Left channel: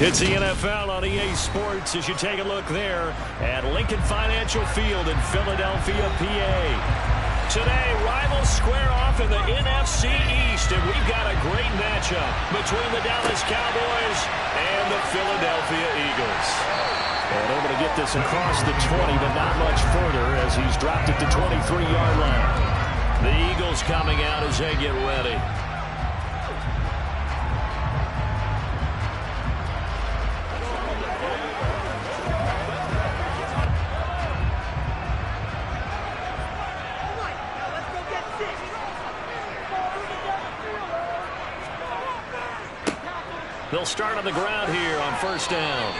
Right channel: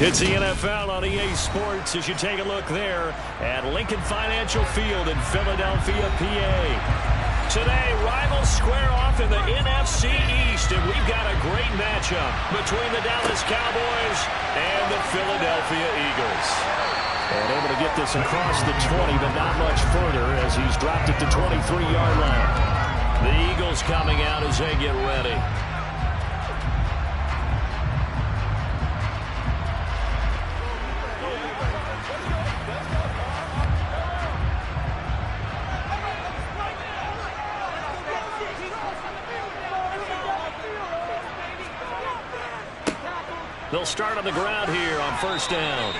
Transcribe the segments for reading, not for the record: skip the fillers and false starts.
It's the NFL on EA Sports as you take a look there at Lincoln Financial Field in Philadelphia, PA. Today, rivals square off in the NFC East, and we've got a great matchup between the Dallas Cowboys and the Philadelphia Eagles. And able to get this across the 20, but not much further as he's dropped it to 23-yard line. The Eagles coming out as they get ready. They'll start on the ground here on first down.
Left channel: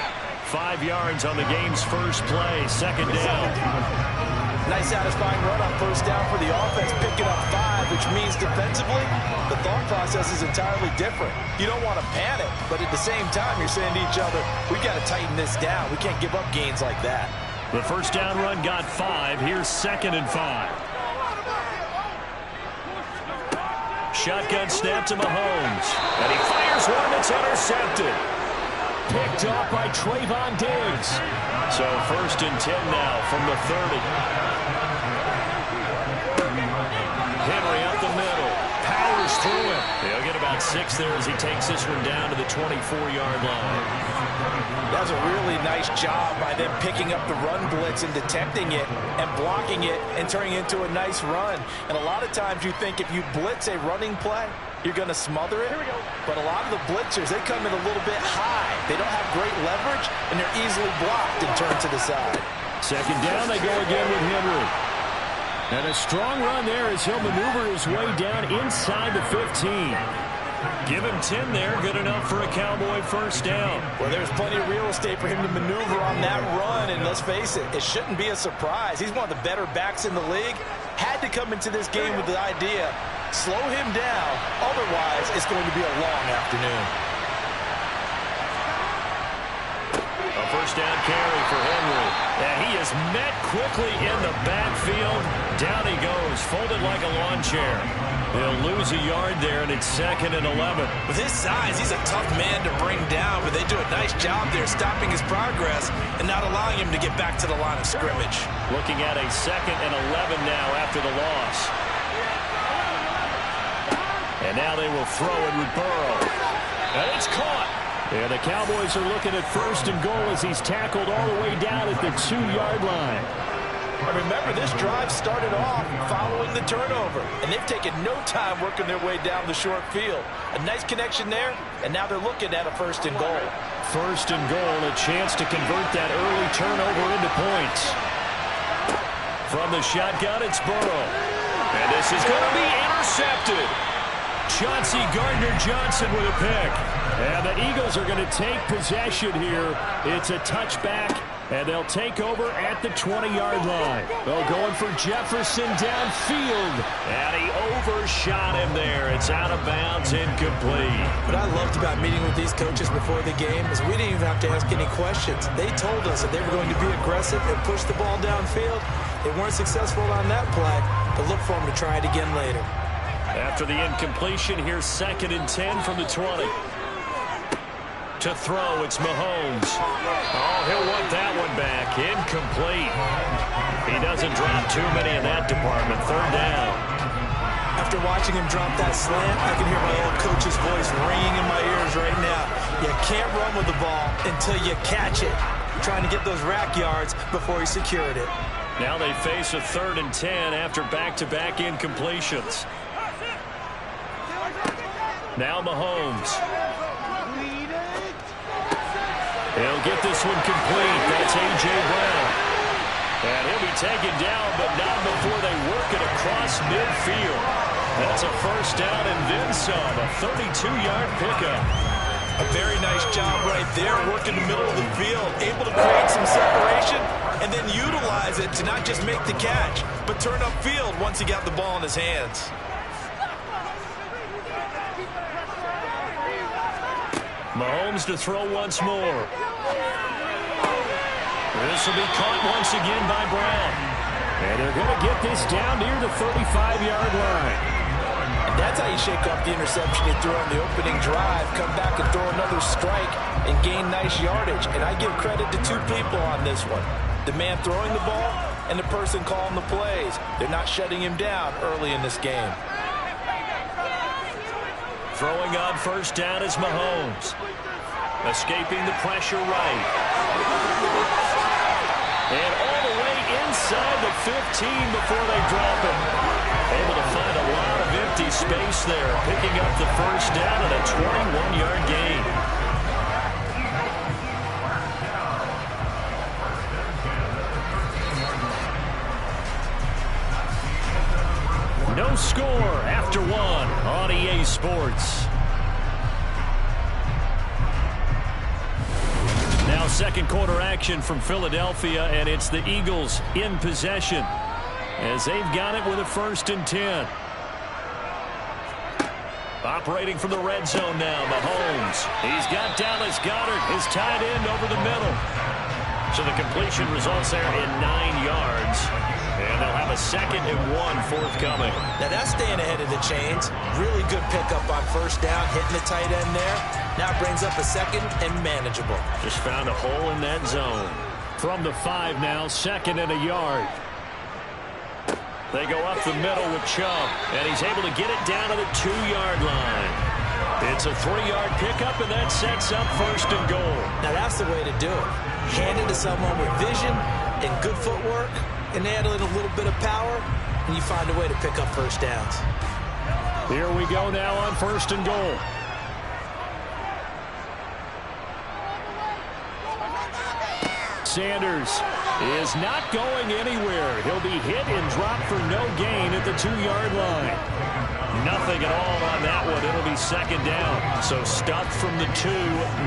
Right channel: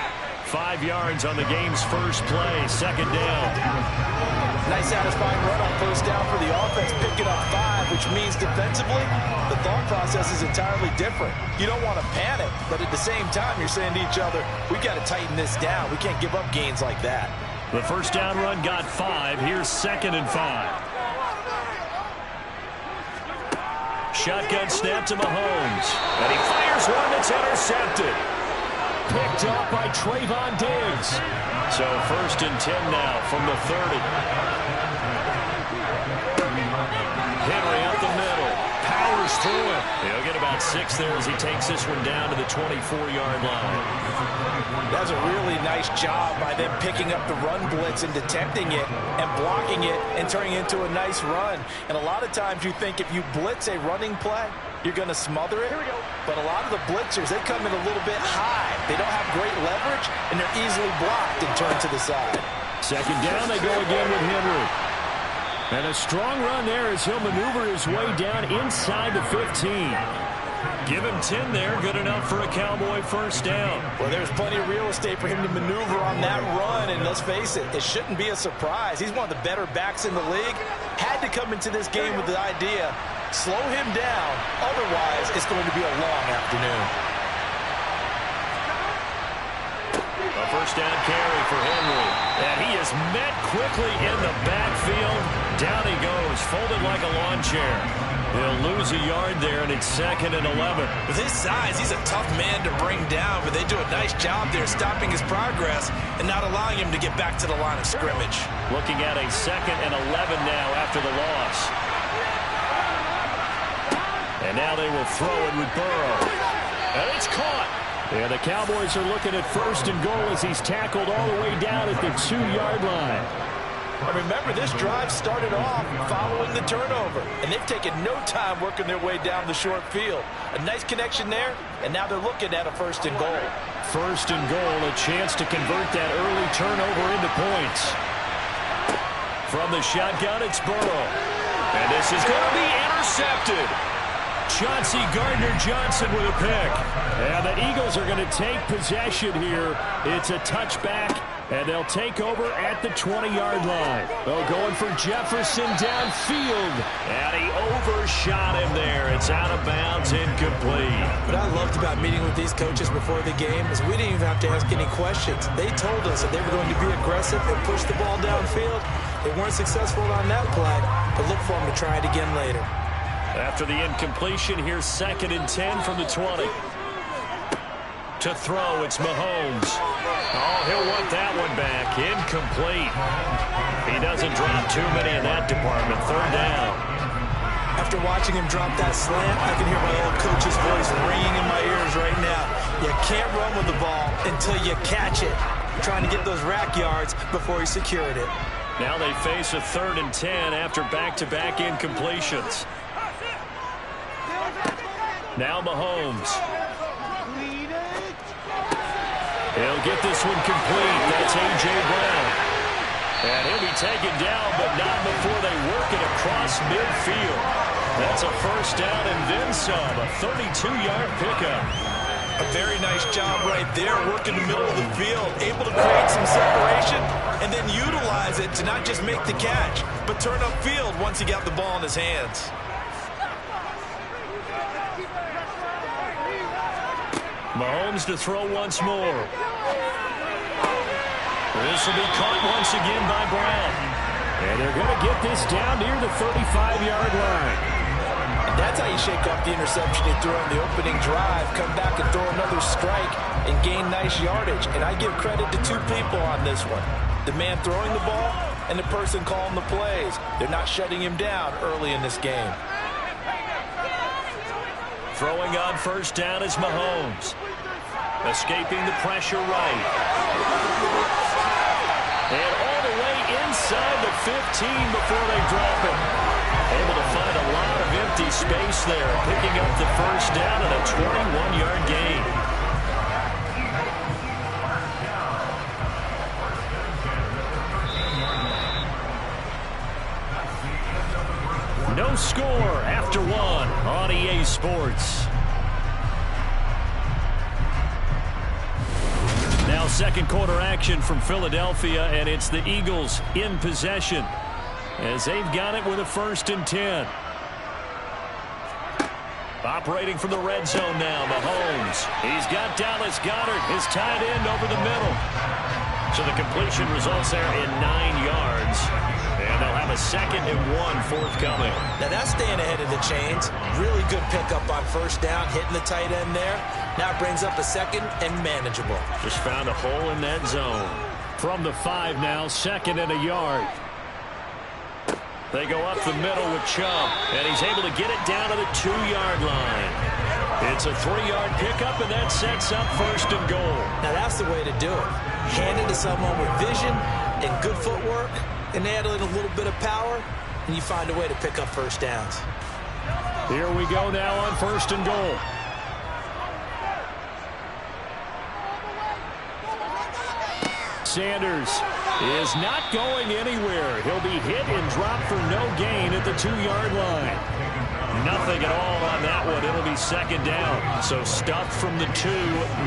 5 yards on the game's first play, second down. Nice satisfying run on first down for the offense, picking up 5, which means defensively, the thought process is entirely different. You don't want to panic, but at the same time, you're saying to each other, we've got to tighten this down. We can't give up gains like that. The first down run got 5. Here's 2nd and 5. Shotgun snap to Mahomes. And he fires one that's intercepted. Picked up by Trayvon Diggs. So 1st and 10 now from the 30. Henry up the middle. Powers through him. He'll get about 6 there as he takes this one down to the 24-yard line. That's a really nice job by them picking up the run blitz and detecting it and blocking it and turning it into a nice run. And a lot of times you think if you blitz a running play, you're going to smother it. But a lot of the blitzers, they come in a little bit high. They don't have great leverage, and they're easily blocked and turned to the side. 2nd down, they go again with Henry. And a strong run there as he'll maneuver his way down inside the 15. Give him 10 there, good enough for a Cowboy first down. Well, there's plenty of real estate for him to maneuver on that run, and let's face it, it shouldn't be a surprise. He's one of the better backs in the league. Had to come into this game with the idea, slow him down, otherwise it's going to be a long afternoon. A first down carry for Henry. And he is met quickly in the backfield. Down he goes, folded like a lawn chair. He'll lose a yard there, and it's 2nd and 11. With his size, he's a tough man to bring down, but they do a nice job there stopping his progress and not allowing him to get back to the line of scrimmage. Looking at a 2nd and 11 now after the loss. And now they will throw it with Burrow. And it's caught. And the Cowboys are looking at 1st and goal as he's tackled all the way down at the 2-yard line. And remember, this drive started off following the turnover, and they've taken no time working their way down the short field. A nice connection there, and now they're looking at a 1st and goal. 1st and goal, a chance to convert that early turnover into points. From the shotgun, it's Burrow. And this is going to be intercepted. Chauncey Gardner-Johnson with a pick. And the Eagles are going to take possession here. It's a touchback, and they'll take over at the 20-yard line. Oh, going for Jefferson downfield. And he overshot him there. It's out of bounds, incomplete. What I loved about meeting with these coaches before the game is we didn't even have to ask any questions. They told us that they were going to be aggressive and push the ball downfield. They weren't successful on that play, but look for them to try it again later. After the incompletion, here's 2nd and 10 from the 20. To throw, it's Mahomes. Oh, he'll want that one back. Incomplete. He doesn't drop too many in that department. 3rd down. After watching him drop that slant, I can hear my old coach's voice ringing in my ears right now. You can't run with the ball until you catch it. Trying to get those rack yards before he secured it. Now they face a 3rd and 10 after back-to-back incompletions. Now Mahomes. He'll get this one complete. That's A.J. Brown. And he'll be taken down, but not before they work it across midfield. That's a first down and then some. A 32-yard pickup. A very nice job right there, working the middle of the field, able to create some separation and then utilize it to not just make the catch, but turn upfield once he got the ball in his hands. Mahomes to throw once more. This will be caught once again by Brown. And they're going to get this down near the 35-yard line. That's how you shake off the interception you threw on the opening drive, come back and throw another strike and gain nice yardage. And I give credit to two people on this one. The man throwing the ball and the person calling the plays. They're not shutting him down early in this game. Throwing on first down is Mahomes. Escaping the pressure right. And all the way inside the 15 before they drop it. Able to find a lot of empty space there. Picking up the first down and a 21-yard gain. No score after one on EA Sports. Now second quarter action from Philadelphia, and it's the Eagles in possession as they've got it with a 1st and 10. Operating from the red zone now, Mahomes. He's got Dallas Goedert, his tight end, over the middle. So the completion results there in 9 yards. And they'll have a 2nd and 1 forthcoming. Now that's staying ahead of the chains. Really good pickup on first down, hitting the tight end there. Now it brings up a 2nd and manageable. Just found a hole in that zone. From the 5 now, 2nd and a yard. They go up the middle with Chubb, and he's able to get it down to the 2-yard line. It's a 3-yard pickup, and that sets up 1st and goal. Now that's the way to do it. Hand it to someone with vision and good footwork, and add in a little bit of power, and you find a way to pick up first downs. Here we go now on 1st and goal. Sanders is not going anywhere. He'll be hit and dropped for no gain at the 2-yard line. Nothing at all on that one. It'll be 2nd down. So stuffed from the 2.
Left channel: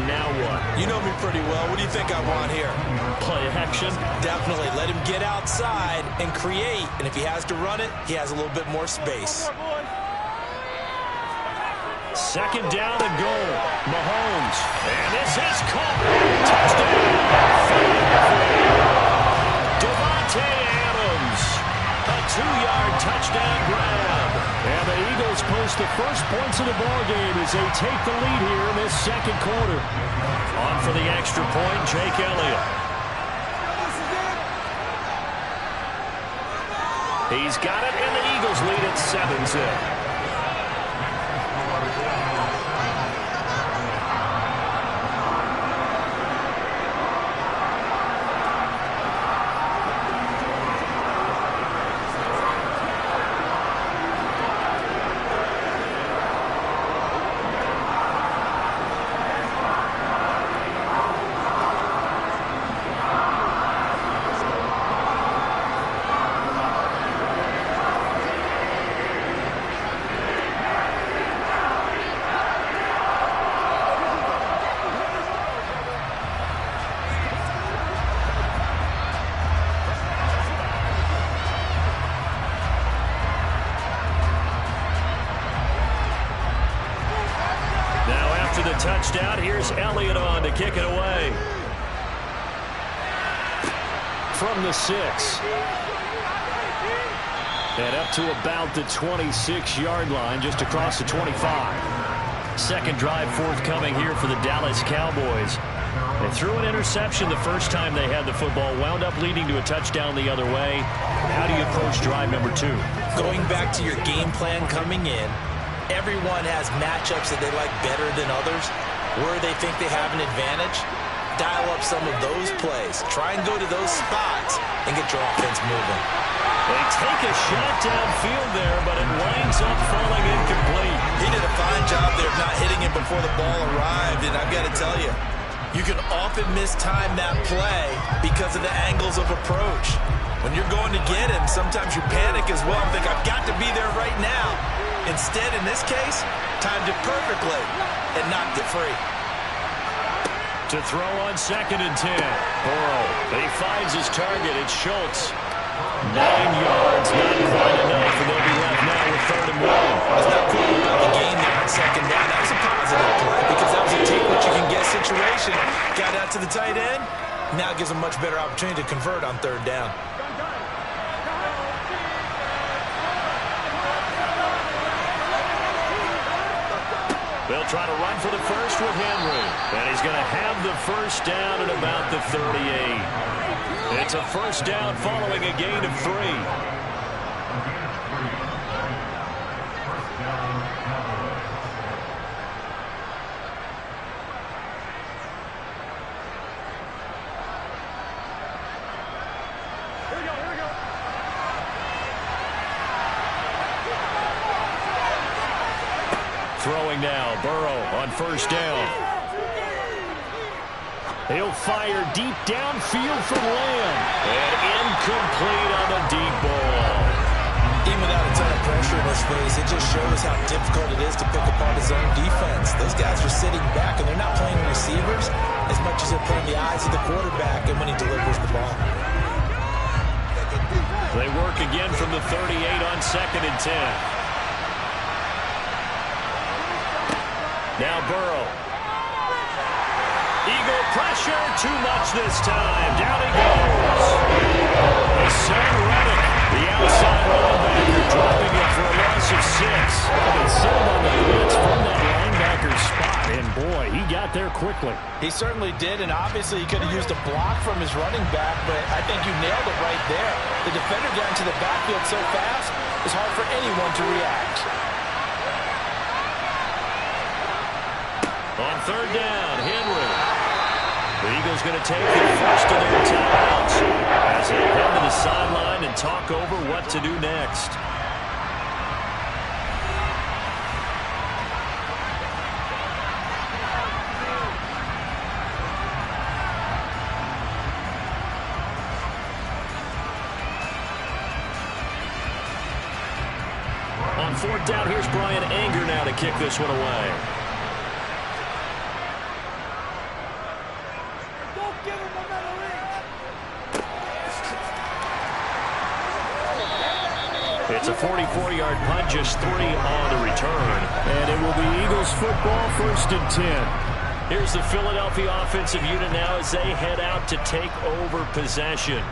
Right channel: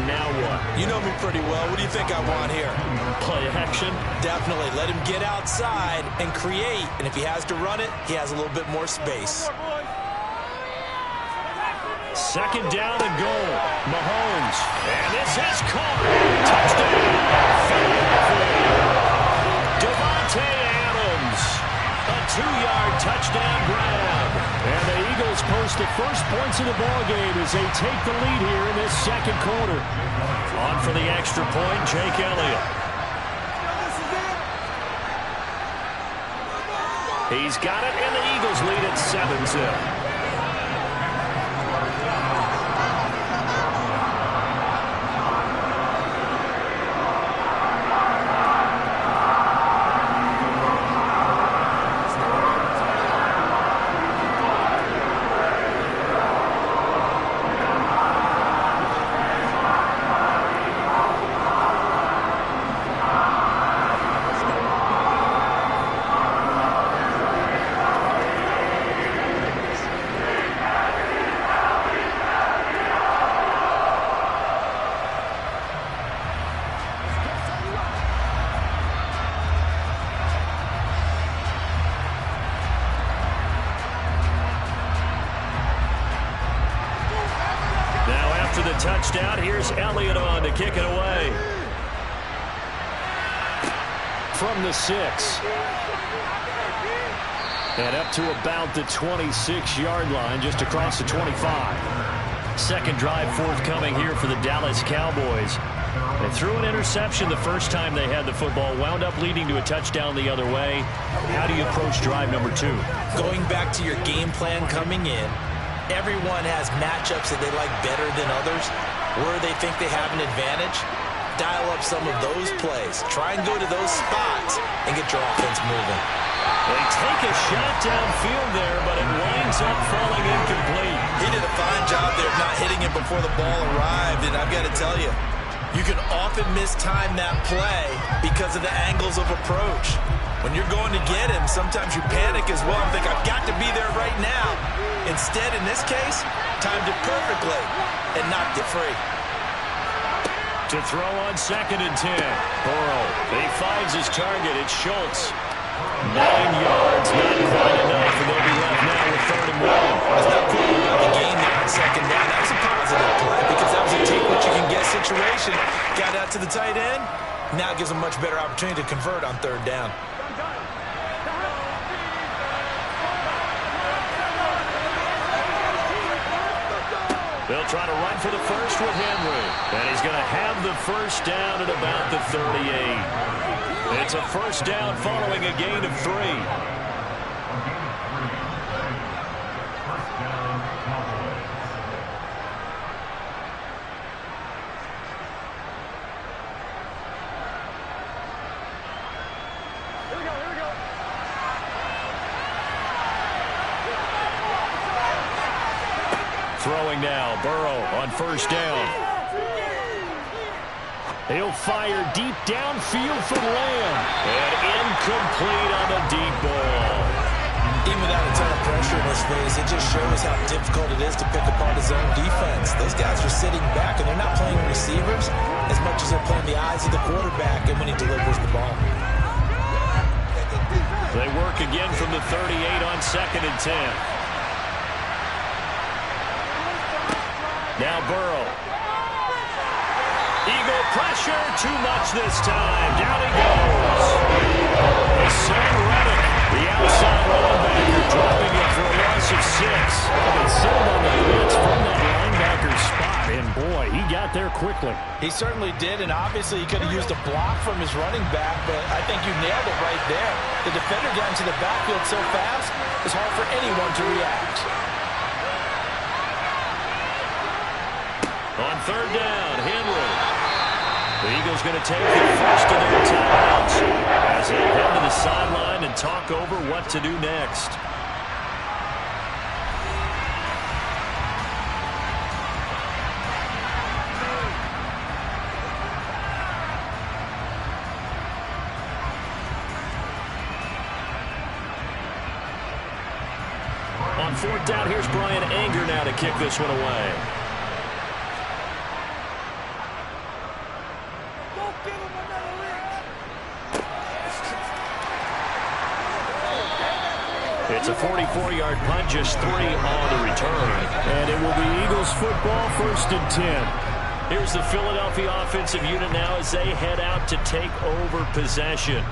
Now what? You know me pretty well. What do you think I want here? Play action? Definitely. Let him get outside and create. And if he has to run it, he has a little bit more space. 2nd down and goal. Mahomes. And this is caught. Touchdown. Davante Adams. A 2-yard touchdown grab. And the Eagles post the first points of the ball game as they take the lead here in this 2nd quarter. On for the extra point, Jake Elliott. He's got it, and the Eagles lead at 7-0. Touchdown. Here's Elliott on to kick it away. From the 6. And up to about the 26-yard line, just across the 25. Second drive forthcoming here for the Dallas Cowboys. They threw an interception the first time they had the football, wound up leading to a touchdown the other way. How do you approach drive number 2? Going back to your game plan coming in, everyone has matchups that they like better than others, where they think they have an advantage. Dial up some of those plays. Try and go to those spots and get your offense moving. They take a shot downfield there, but it winds up falling incomplete. He did a fine job there of not hitting it before the ball arrived, and I've got to tell you, you can often mistime that play because of the angles of approach. When you're going to get him, sometimes you panic as well and think, I've got to be there right now. Instead, in this case, timed it perfectly and knocked it free. To throw on 2nd and 10. Burrow, he finds his target. It's Schultz. 9 yards, not quite enough, and they'll be left now with 3rd and 1. That's not cool about the game there on 2nd down. That was a positive play because that was a take-what-you-can-get situation. Got out to the tight end. Now gives them much better opportunity to convert on 3rd down. They'll try to run for the first with Henry. And he's going to have the first down at about the 38. It's a first down following a gain of 3. First down, Cowboys. Throwing now, Burrow on first down. He'll fire deep downfield from Lamb. And incomplete on the deep ball. Even without a ton of pressure in his face, it just shows how difficult it is to pick apart his own defense. Those guys are sitting back, and they're not playing receivers as much as they're playing the eyes of the quarterback and when he delivers the ball. They work again from the 38 on 2nd and 10. Now Burrow. Eagle pressure, too much this time. Down he goes. Hassan Reddick, the outside linebacker, dropping it for a loss of 6. They settled on the blitz from that linebacker spot, and boy, he got there quickly. He certainly did, and obviously he could have used a block from his running back, but I think you nailed it right there. The defender got into the backfield so fast, it's hard for anyone to react. On 3rd down, Henry. The Eagles going to take the first of their timeouts as they head to the sideline and talk over what to do next. On 4th down, here's Brian Anger now to kick this one away. It's a 44-yard punt, just 3 on the return. And it will be Eagles football, 1st and 10. Here's the Philadelphia offensive unit now as they head out to take over possession.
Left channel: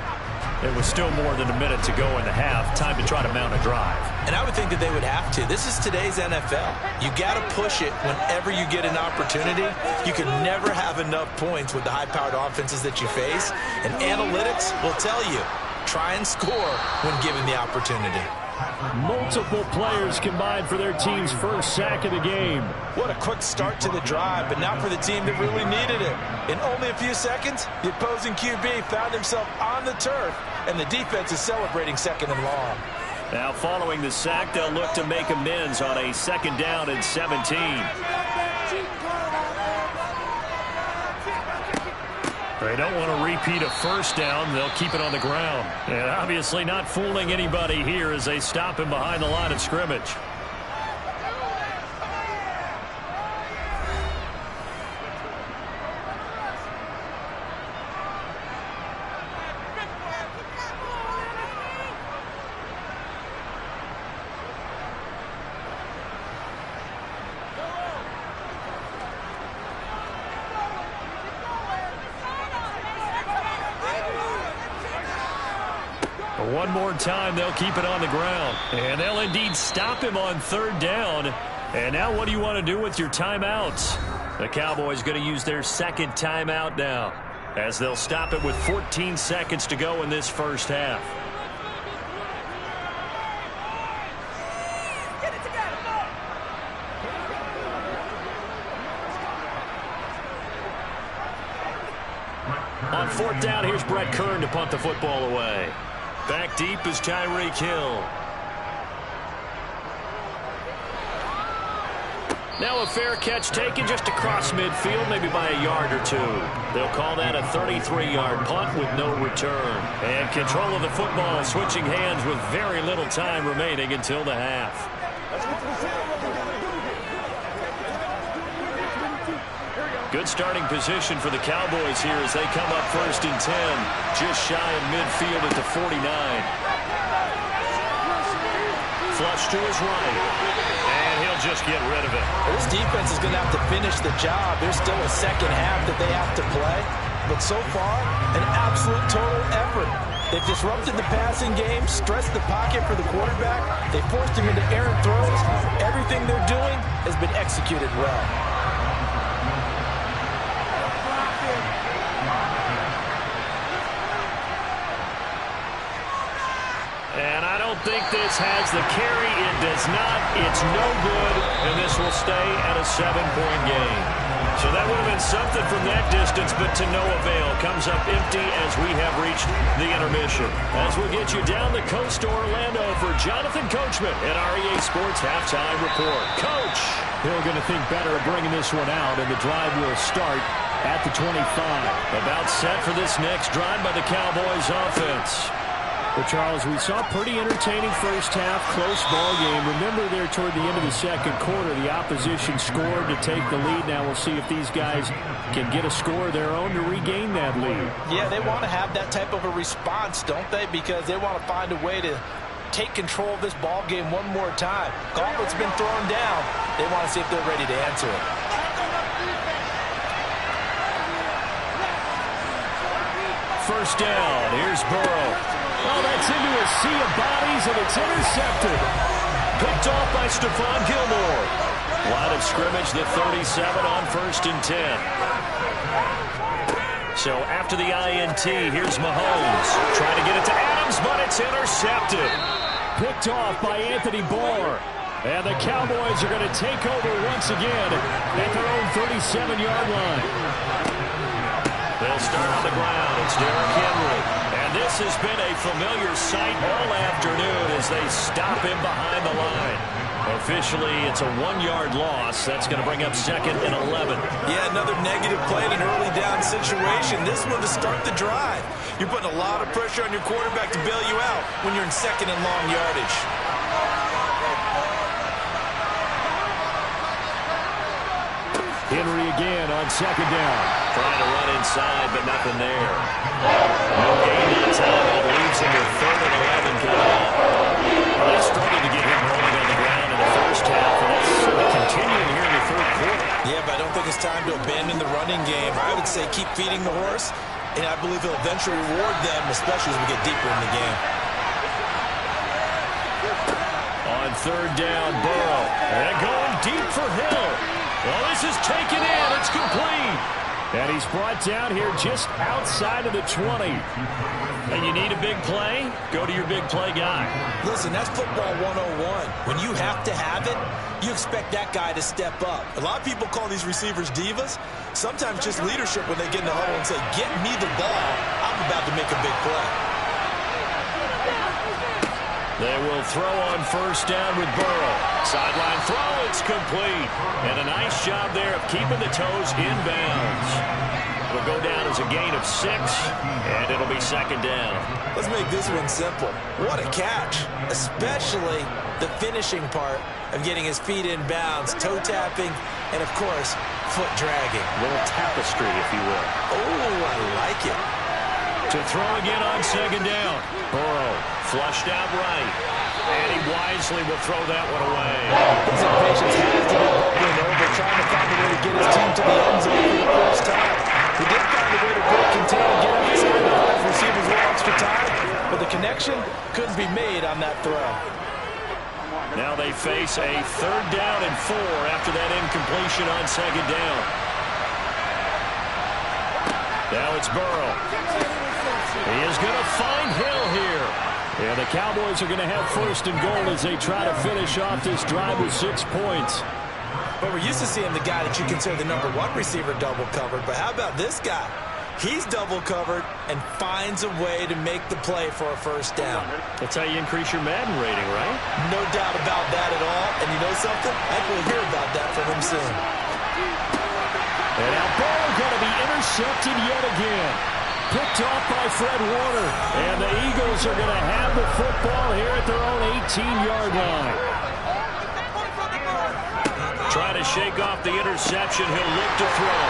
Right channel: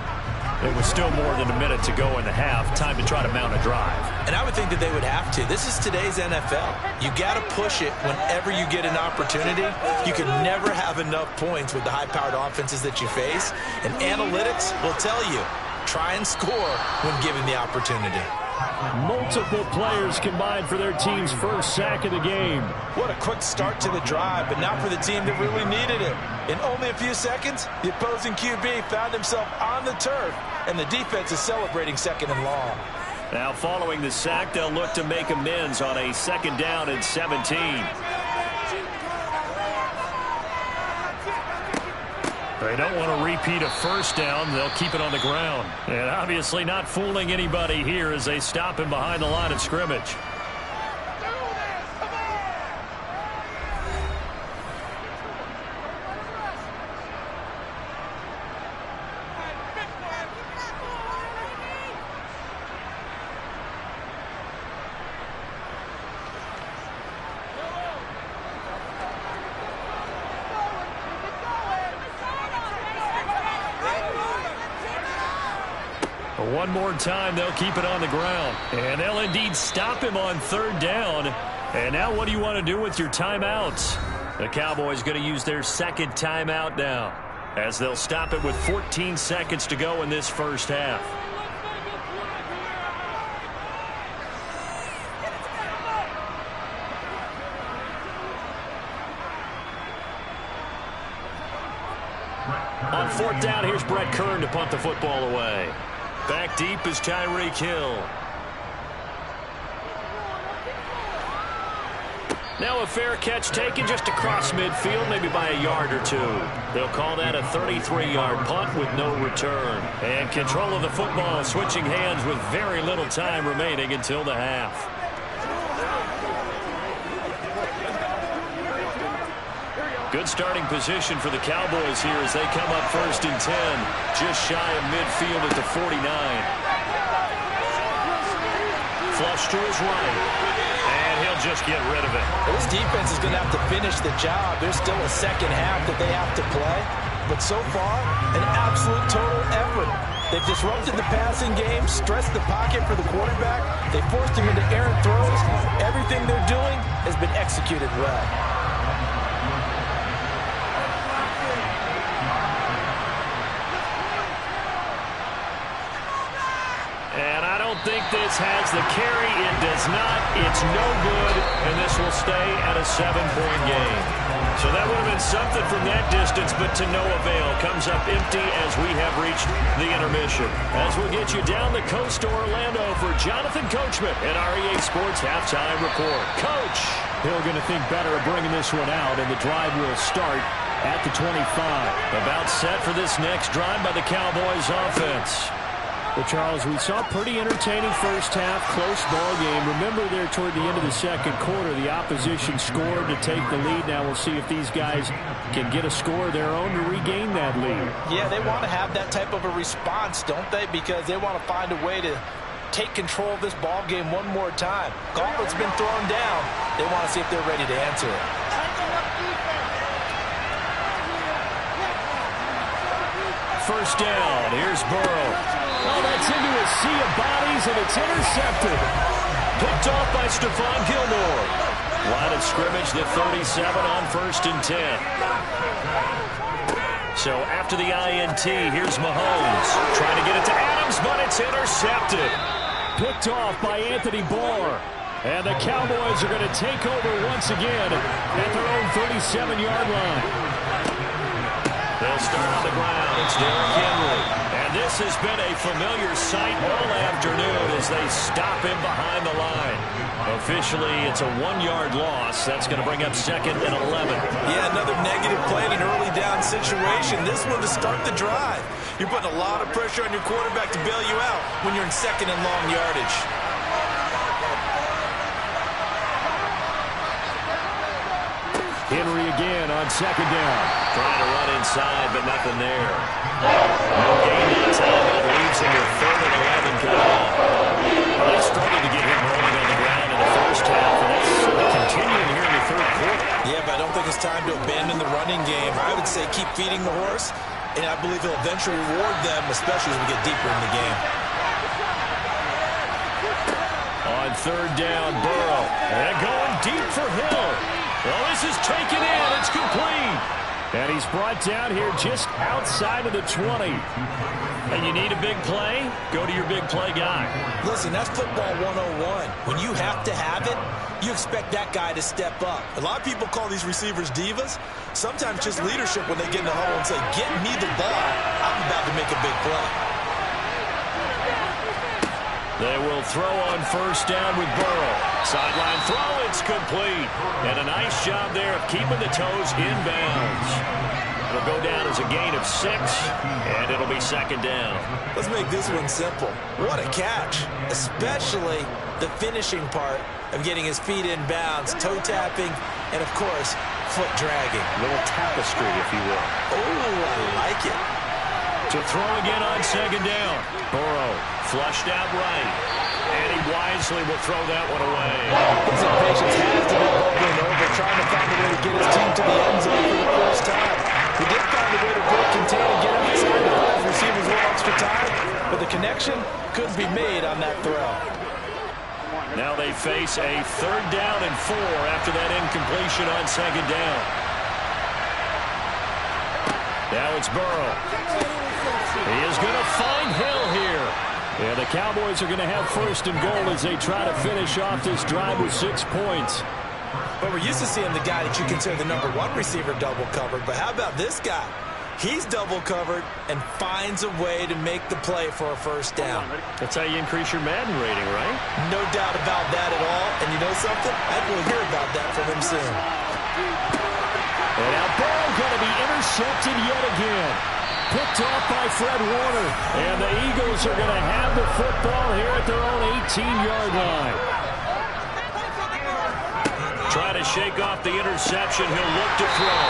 It was still more than a minute to go in the half. Time to try to mount a drive. And I would think that they would have to. This is today's NFL. You got to push it whenever you get an opportunity. You can never have enough points with the high-powered offenses that you face. And analytics will tell you, try and score when given the opportunity. Multiple players combined for their team's first sack of the game. What a quick start to the drive, but not for the team that really needed it. In only a few seconds, the opposing QB found himself on the turf, and the defense is celebrating 2nd and long. Now following the sack, they'll look to make amends on a 2nd down and 17. They don't want to repeat a first down. They'll keep it on the ground. And obviously not fooling anybody here as they stop him behind the line of scrimmage. One more time, they'll keep it on the ground. And they'll indeed stop him on 3rd down. And now what do you want to do with your timeouts? The Cowboys going to use their 2nd timeout now, as they'll stop it with 14 seconds to go in this first half. On 4th down, here's Brett Kern to punt the football away. Back deep is Tyreek Hill. Now a fair catch taken just across midfield, maybe by a yard or 2. They'll call that a 33-yard punt with no return. And control of the football switching hands with very little time remaining until the half. Good starting position for the Cowboys here as they come up 1st and 10, just shy of midfield at the 49. Flush to his right, and he'll just get rid of it. Well, this defense is going to have to finish the job. There's still a 2nd half that they have to play, but so far, an absolute total effort. They've disrupted the passing game, stressed the pocket for the quarterback. They forced him into errant throws. Everything they're doing has been executed well. And I don't think this has the carry. It does not. It's no good, and this will stay at a 7-point game. So that would have been something from that distance, but to no avail. Comes up empty as we have reached the intermission. As we'll get you down the coast to Orlando for Jonathan Coachman at REA Sports Halftime Report. Coach! Hill going to think better of bringing this one out, and the drive will start at the 25. About set for this next drive by the Cowboys offense. Well, Charles, we saw a pretty entertaining first half, close ball game. Remember there toward the end of the second quarter, the opposition scored to take the lead. Now we'll see if these guys can get a score of their own to regain that lead. Yeah, they want to have that type of a response, don't they? Because they want to find a way to take control of this ball game one more time. Gauntlet's been thrown down. They want to see if they're ready to answer it. First down. Here's Burrow. Oh, that's into a sea of bodies, and it's intercepted. Picked off by Stephon Gilmore. Line of scrimmage, the 37 on 1st and 10. So after the INT, here's Mahomes. Trying to get it to Adams, but it's intercepted. Picked off by Anthony Barr. And the Cowboys are going to take over once again at their own 37-yard line. They'll start on the ground. It's Derrick Henry. And this has been a familiar sight all afternoon as they stop him behind the line. Officially, it's a 1-yard loss. That's going to bring up 2nd and 11. Yeah, another negative play in an early down situation. This one to start the drive. You're putting a lot of pressure on your quarterback to bail you out when you're in 2nd and long yardage. Henry again on 2nd down. Trying to run inside, but nothing there. No gain that time. That leaves him with 3rd and 11 coming up. Well, they struggled to get him rolling on the ground in the first half, and that's continuing here in the 3rd quarter. Yeah, but I don't think it's time to abandon the running game. I would say keep feeding the horse, and I believe he'll eventually reward them, especially as we get deeper in the game. On 3rd down, Burrow. And going deep for Hill. Well, this is taken in. It's complete. And he's brought down here just outside of the 20. And you need a big play? Go to your big play guy. Listen, that's football 101. When you have to have it, you expect that guy to step up. A lot of people call these receivers divas. Sometimes just leadership when they get in the huddle and say, get me the ball. I'm about to make a big play. They will throw on 1st down with Burrow. Sideline throw, it's complete. And a nice job there of keeping the toes in bounds. It'll go down as a gain of 6, and it'll be 2nd down. Let's make this one simple. What a catch, especially the finishing part of getting his feet in bounds, toe tapping, and, of course, foot dragging. A little tapestry, if you will. Oh, I like it. To throw again on 2nd down. Burrow flushed out right. And he wisely will throw that one away. His impatience has to be bubbling over, trying to find a way to get his team to the end zone for the first time. He did find a way to break contain and get outside to buy his receivers one extra time, but the connection couldn't be made on that throw. Now they face a 3rd down and 4 after that incompletion on 2nd down. Now it's Burrow. He is going to find Hill here. And the Cowboys are going to have 1st and goal as they try to finish off this drive with 6 points. But we're used to seeing the guy that you consider the #1 receiver double covered. But how about this guy? He's double covered and finds a way to make the play for a 1st down. That's how you increase your Madden rating, right? No doubt about that at all. And you know something? I think we'll hear about that from him soon. And now Burrow going to be intercepted yet again. Picked off by Fred Warner. And the Eagles are going to have the football here at their own 18-yard line. Try to shake off the interception. He'll look to throw.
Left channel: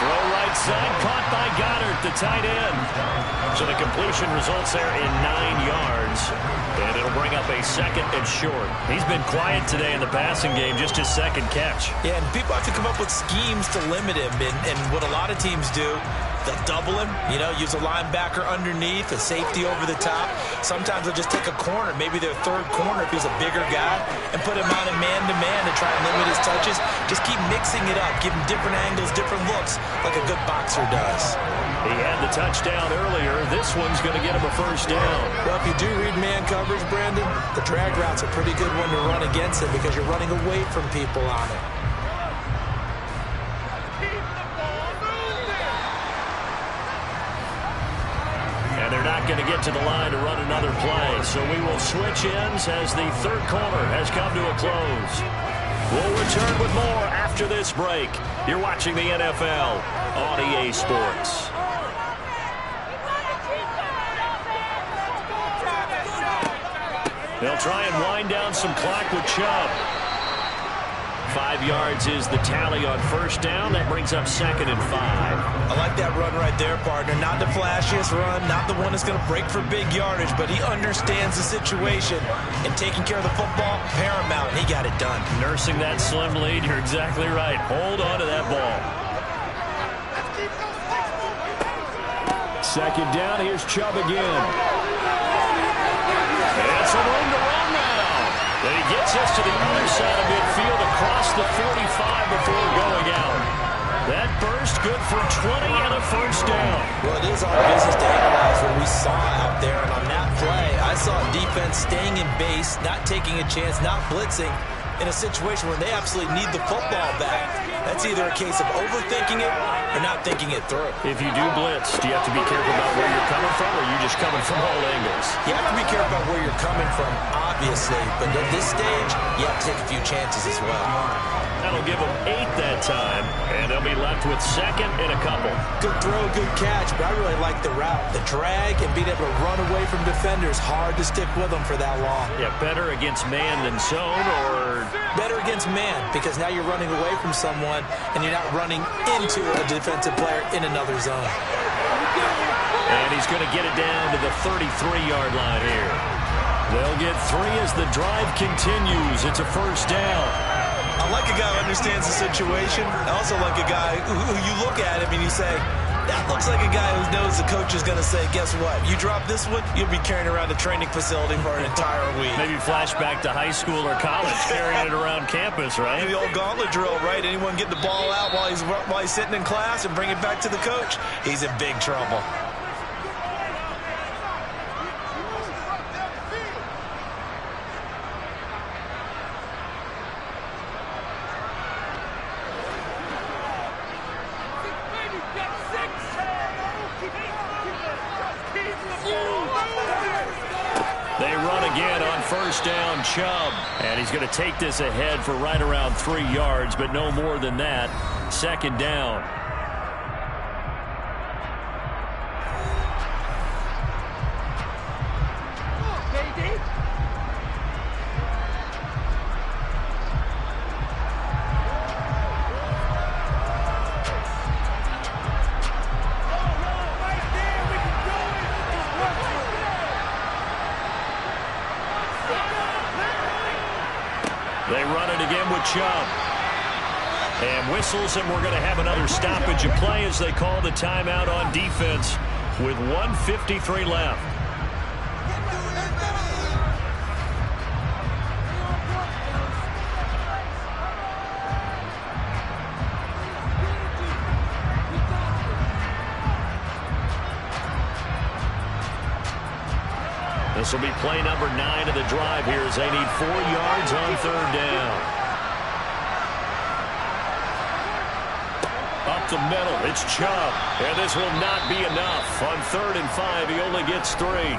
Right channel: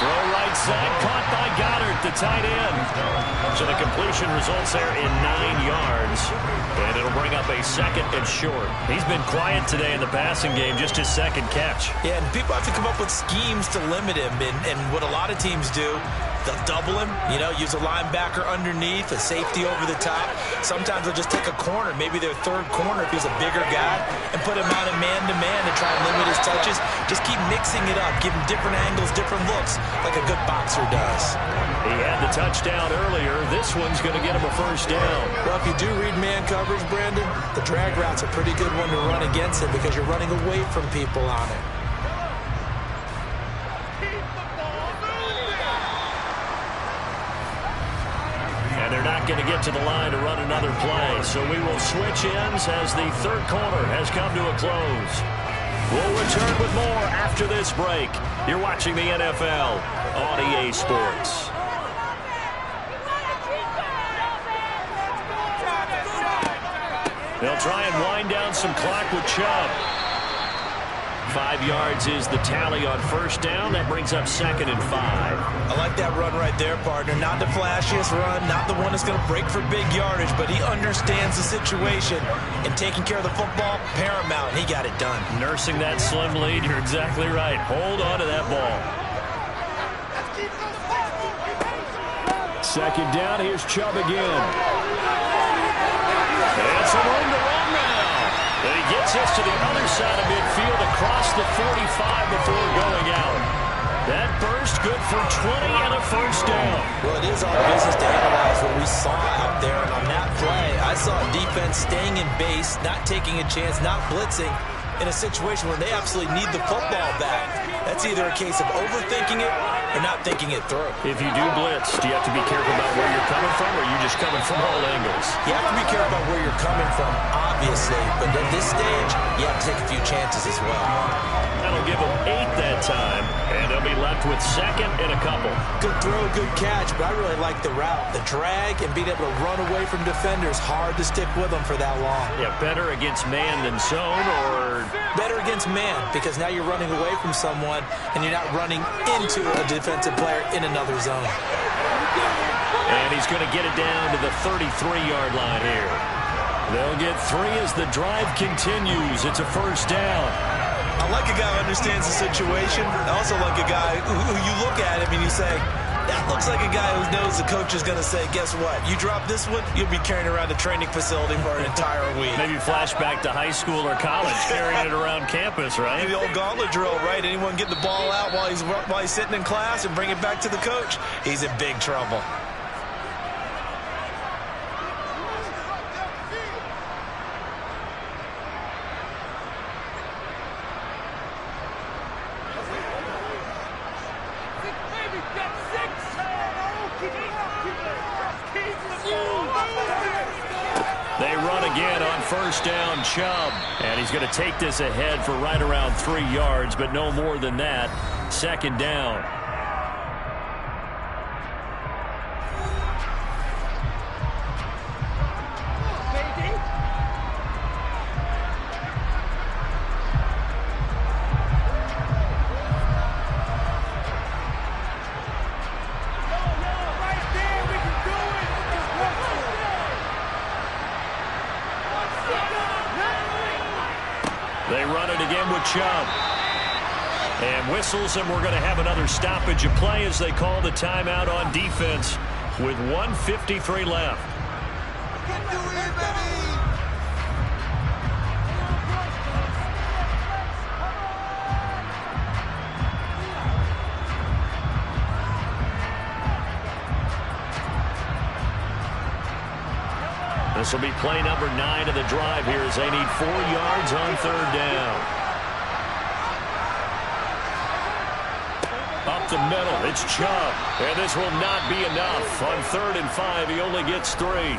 Throw right side. Caught by Goddard, the tight end. So the completion results there in 9 yards. And it'll bring up a 2nd and short. He's been quiet today in the passing game, just his 2nd catch. Yeah, and people have to come up with schemes to limit him. And what a lot of teams do They'll double him, use a linebacker underneath, a safety over the top. Sometimes they'll just take a corner, maybe their third corner if he's a bigger guy, and put him on a man-to-man to try and limit his touches. Just keep mixing it up, give him different angles, different looks, like a good boxer does. He had the touchdown earlier. This one's going to get him a first down. Well, if you do read man coverage, Brandon, the drag route's a pretty good one to run against it because you're running away from people on it. And they're not going to get to the line to run another play. So we will switch ends as the third quarter has come to a close. We'll return with more after this break. You're watching the NFL on EA Sports. They'll try and wind down some clock with Chubb. 5 yards is the tally on first down. That brings up 2nd and 5. I like that run right there, partner. Not the flashiest run, not the one that's going to break for big yardage, but he understands the situation, and taking care of the football, paramount, and he got it done. Nursing that slim lead, you're exactly right. Hold on to that ball. 2nd down, here's Chubb again. And some room to run now. And he gets us to the other side of midfield across the 45 before going out. That burst good for 20 and a first down. Well, it is our business to analyze what we saw out there. And on that play, I saw defense staying in base, not taking a chance, not blitzing in a situation where they absolutely need the football back. That's either a case of overthinking it or not thinking it through. If you do blitz, do you have to be careful about where you're coming from, or are you just coming from all angles? You have to be careful about where you're coming from, obviously, but at this stage, you have to take a few chances as well. That'll give them 8 that time, and they'll be left with 2nd and a couple. Good throw, good catch, but I really like the route. The drag and being able to run away from defenders, hard to stick with them for that long. Yeah, better against man than zone, or... Better against man, because now you're running away from someone, and you're not running into a defensive player in another zone. And he's going to get it down to the 33-yard line here. They'll get 3 as the drive continues. It's a first down. I like a guy who understands the situation. I also like a guy who you look at him and you say, that looks like a guy who knows the coach is going to say, guess what? You drop this one, you'll be carrying around a training facility for an entire week. Maybe flashback to high school or college, carrying it around campus, right? The old gauntlet drill, right? Anyone get the ball out while he's sitting in class and bring it back to the coach, he's in big trouble. They run again on first down, Chubb. And he's going to take this ahead for right around 3 yards, but no more than that. 2nd down. They run it again with Chubb. And whistles, and we're going to have another stoppage of play as they call the timeout on defense with 1:53 left. This will be play number 9 of the drive here as they need 4 yards on 3rd down. Up the middle, it's Chubb. And this will not be enough. On 3rd and 5, he only gets 3.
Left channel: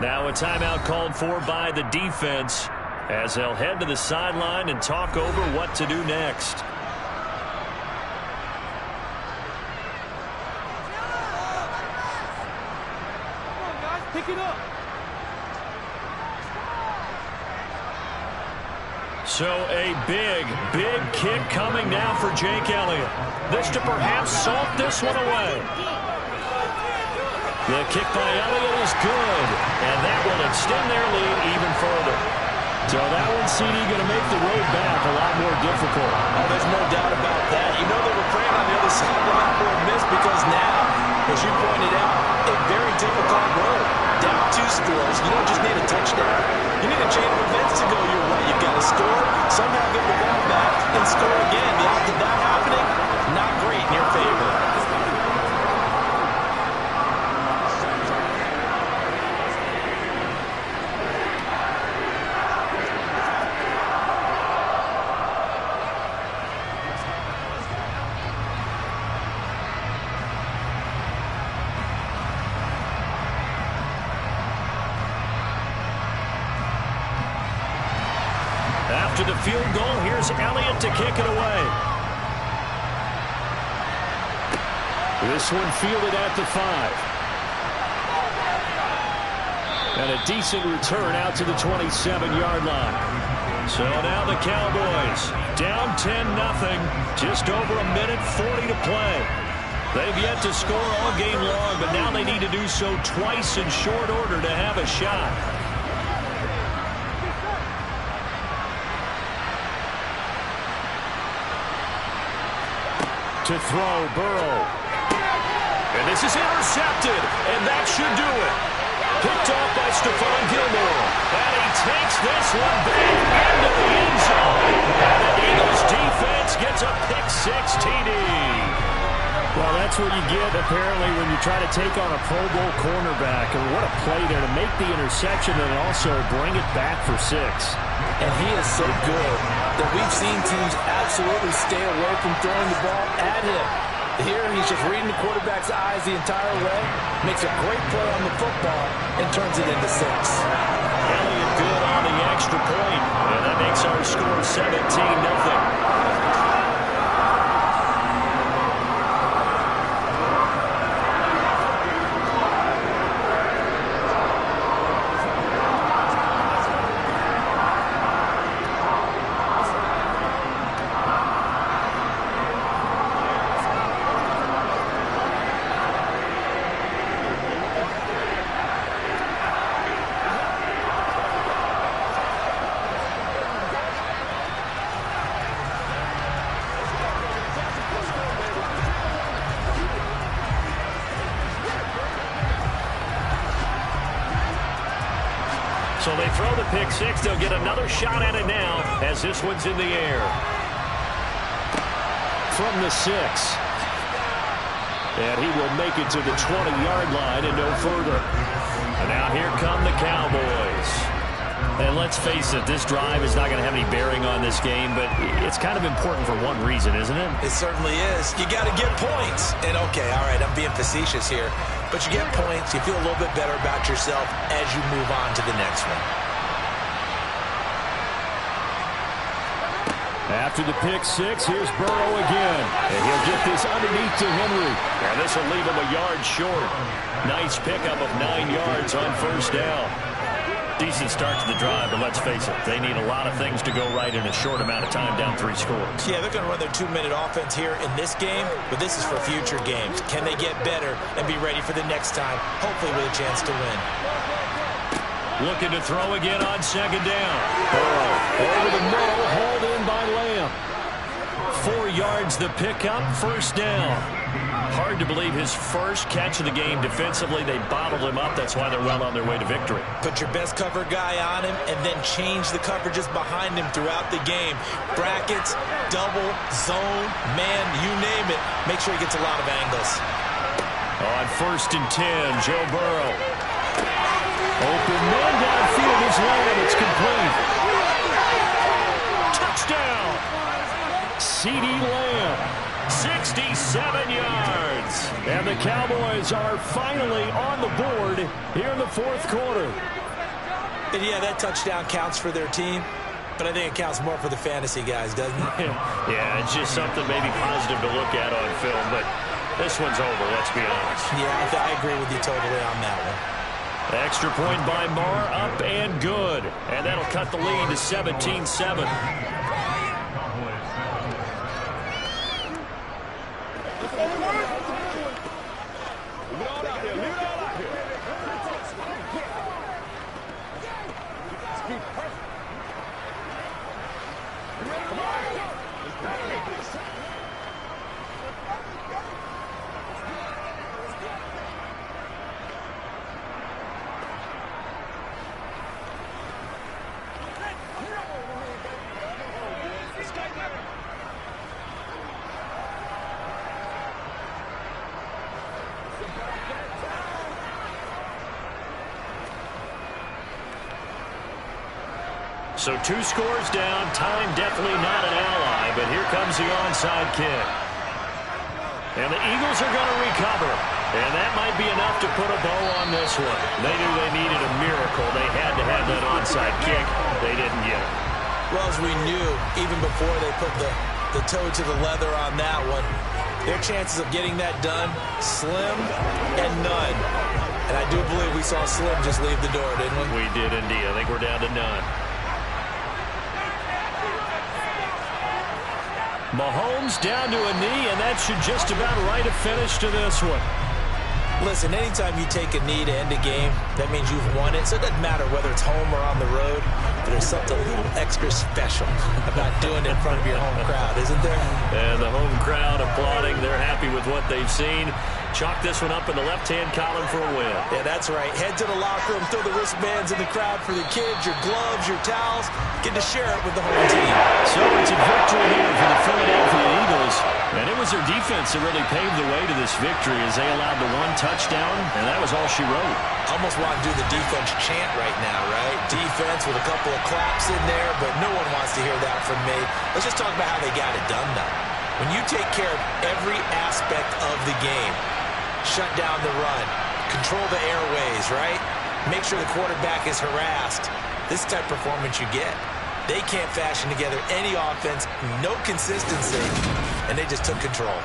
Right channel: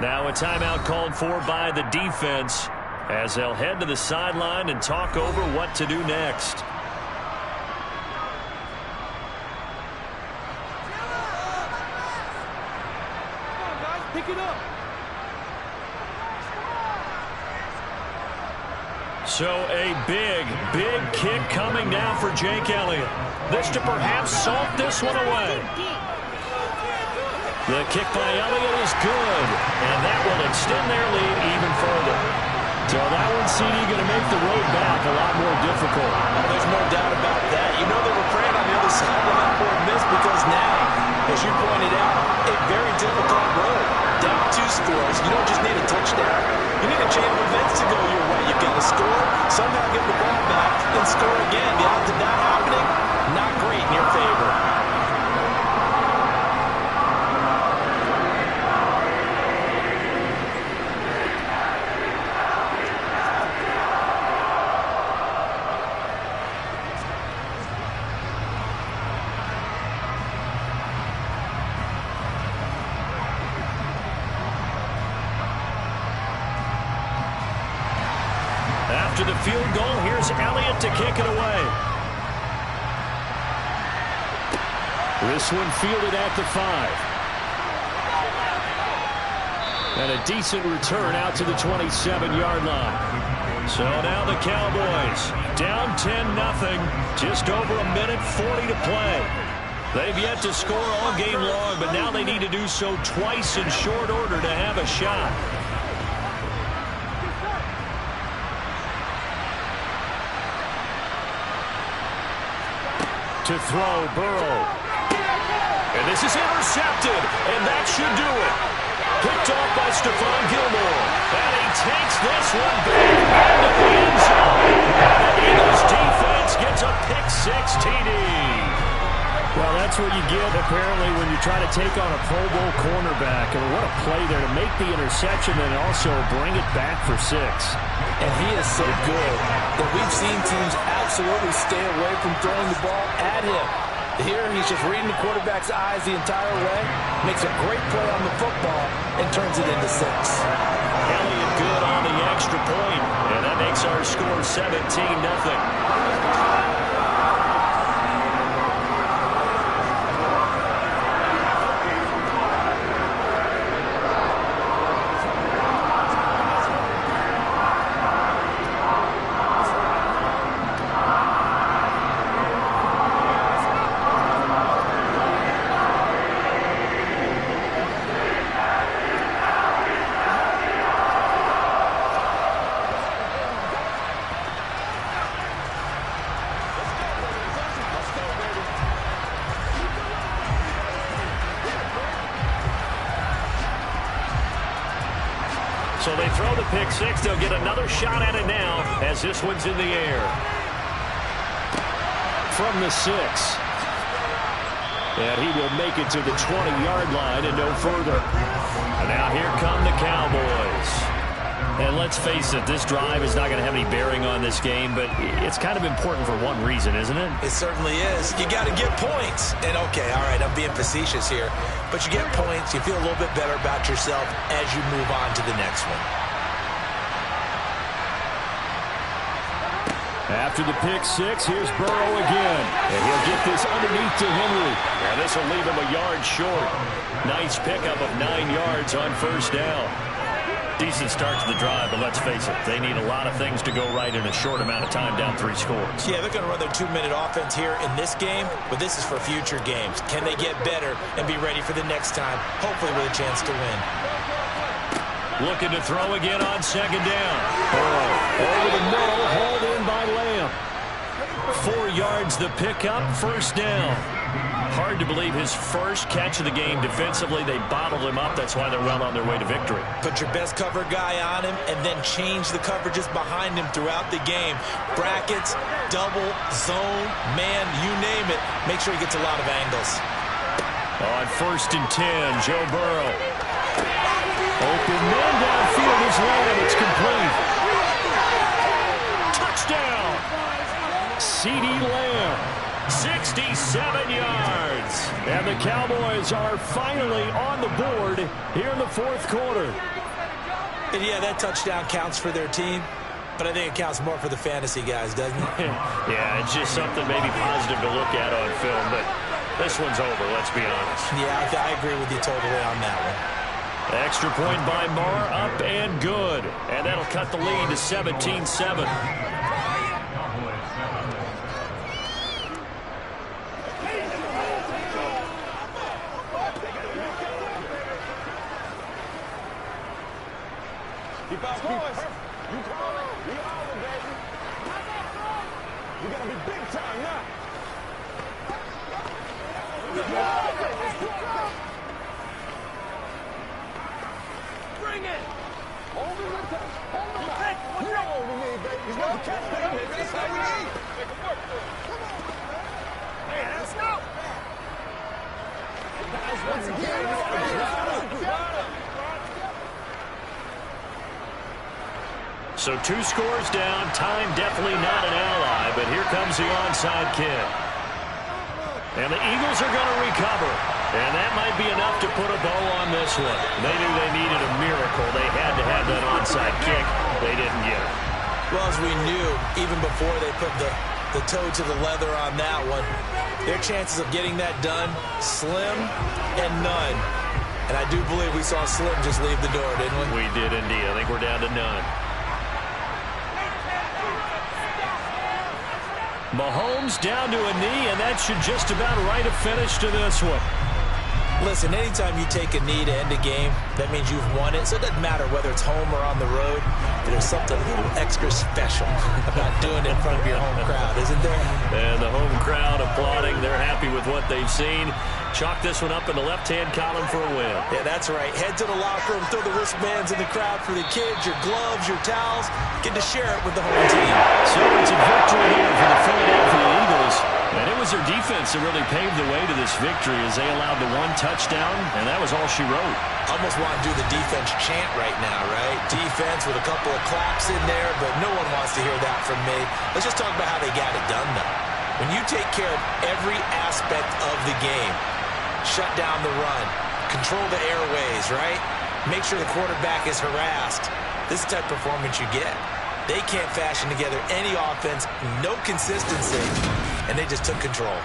Now a timeout called for by the defense as they'll head to the sideline and talk over what to do next. Come on, guys, pick it up. So a big, big kick coming now for Jake Elliott. This to perhaps salt this one away. The kick by Elliott is good, and that will extend their lead even further. So that one, CD, going to make the road back a lot more difficult. Oh, there's no doubt about that. You know they were praying on the other side of that miss because now, as you pointed out, a very difficult road. Down 2 scores. You don't just need a touchdown. You need a chain of events to go your way. You've got to score, somehow get the ball back, and score again. The odds of that happening, not great in your favor. After the field goal, here's Elliott to kick it away. This one fielded at the 5. And a decent return out to the 27-yard line. So now the Cowboys down 10-0. Just over a minute 40 to play. They've yet to score all game long, but now they need to do so twice in short order to have a shot. To throw, Burrow. And this is intercepted, and that should do it. Picked off by Stephon Gilmore. And he takes this one back into the end zone. And the Eagles defense gets a pick-6 TD. Well, that's what you get, apparently, when you try to take on a Pro Bowl cornerback. And what a play there to make the interception and also bring it back for 6. And he is so good that we've seen teams absolutely stay away from throwing the ball at him. Here, he's just reading the quarterback's eyes the entire way, makes a great play on the football, and turns it into 6. Elliott good on the extra point, and that makes our score 17-0. So they throw the pick-6. They'll get another shot at it now as this one's in the air. From the 6. And he will make it to the 20-yard line and no further. And now here come the Cowboys. And let's face it, this drive is not going to have any bearing on this game, but it's kind of important for one reason, isn't it? It certainly is. You got to get points. And, okay, all right, I'm being facetious here. But you get points, you feel a little bit better about yourself as you move on to the next one. After the pick-6, here's Burrow again. And he'll get this underneath to Henry. And this will leave him a yard short. Nice pickup of 9 yards on first down. Decent start to the drive, but let's face it, they need a lot of things to go right in a short amount of time, down 3 scores. Yeah, they're going to run their 2-minute offense here in this game, but this is for future games. Can they get better and be ready for the next time, hopefully with a chance to win? Looking to throw again on second down. Burrow over the middle, hauled in by Lamb. 4 yards the pickup, first down. Hard to believe his first catch of the game defensively. They bottled him up. That's why they're well on their way to victory. Put your best cover guy on him and then change the coverages behind him throughout the game. Brackets, double, zone, man, you name it. Make sure he gets a lot of angles. On 1st and 10, Joe Burrow. Open man downfield is Lamb. It's complete. Touchdown. CeeDee Lamb. 67 yards. And the Cowboys are finally on the board here in the 4th quarter. And yeah, that touchdown counts for their team, but I think it counts more for the fantasy guys, doesn't it? Yeah, it's just something maybe positive to look at on film, but this one's over, let's be honest. Yeah, I agree with you totally on that one. Extra point by Marr, up and good. And that'll cut the lead to 17-7. So 2 scores down. Time definitely not an ally, but here comes the onside kick. And the Eagles are going to recover. And that might be enough to put a bow on this one. They knew they needed a miracle. They had to have that onside kick. They didn't get it. Well, as we knew, even before they put the toe to the leather on that one, their chances of getting that done, slim and none. And I do believe we saw Slim just leave the door, didn't we? We did indeed. I think we're down to none. Mahomes down to a knee, and that should just about write a finish to this one. Listen, anytime you take a knee to end a game, that means you've won it. So it doesn't matter whether it's home or on the road. But there's something a little extra special about doing it in front of your home crowd, isn't there? And the home crowd applauding. They're happy with what they've seen. Chalk this one up in the left-hand column for a win. Yeah, that's right. Head to the locker room, throw the wristbands in the crowd for the kids, your gloves, your towels. Get to share it with the home team. So it's a victory here for the Philadelphia Eagles. And it was their defense that really paved the way to this victory as they allowed the 1 touchdown, and that was all she wrote. Almost want to do the defense chant right now, right? Defense with a couple of claps in there, but no one wants to hear that from me. Let's just talk about how they got it done, though. When you take care of every aspect of the game, shut down the run, control the airways, right? Make sure the quarterback is harassed. This type of performance you get. They can't fashion together any offense, no consistency, and they just took control.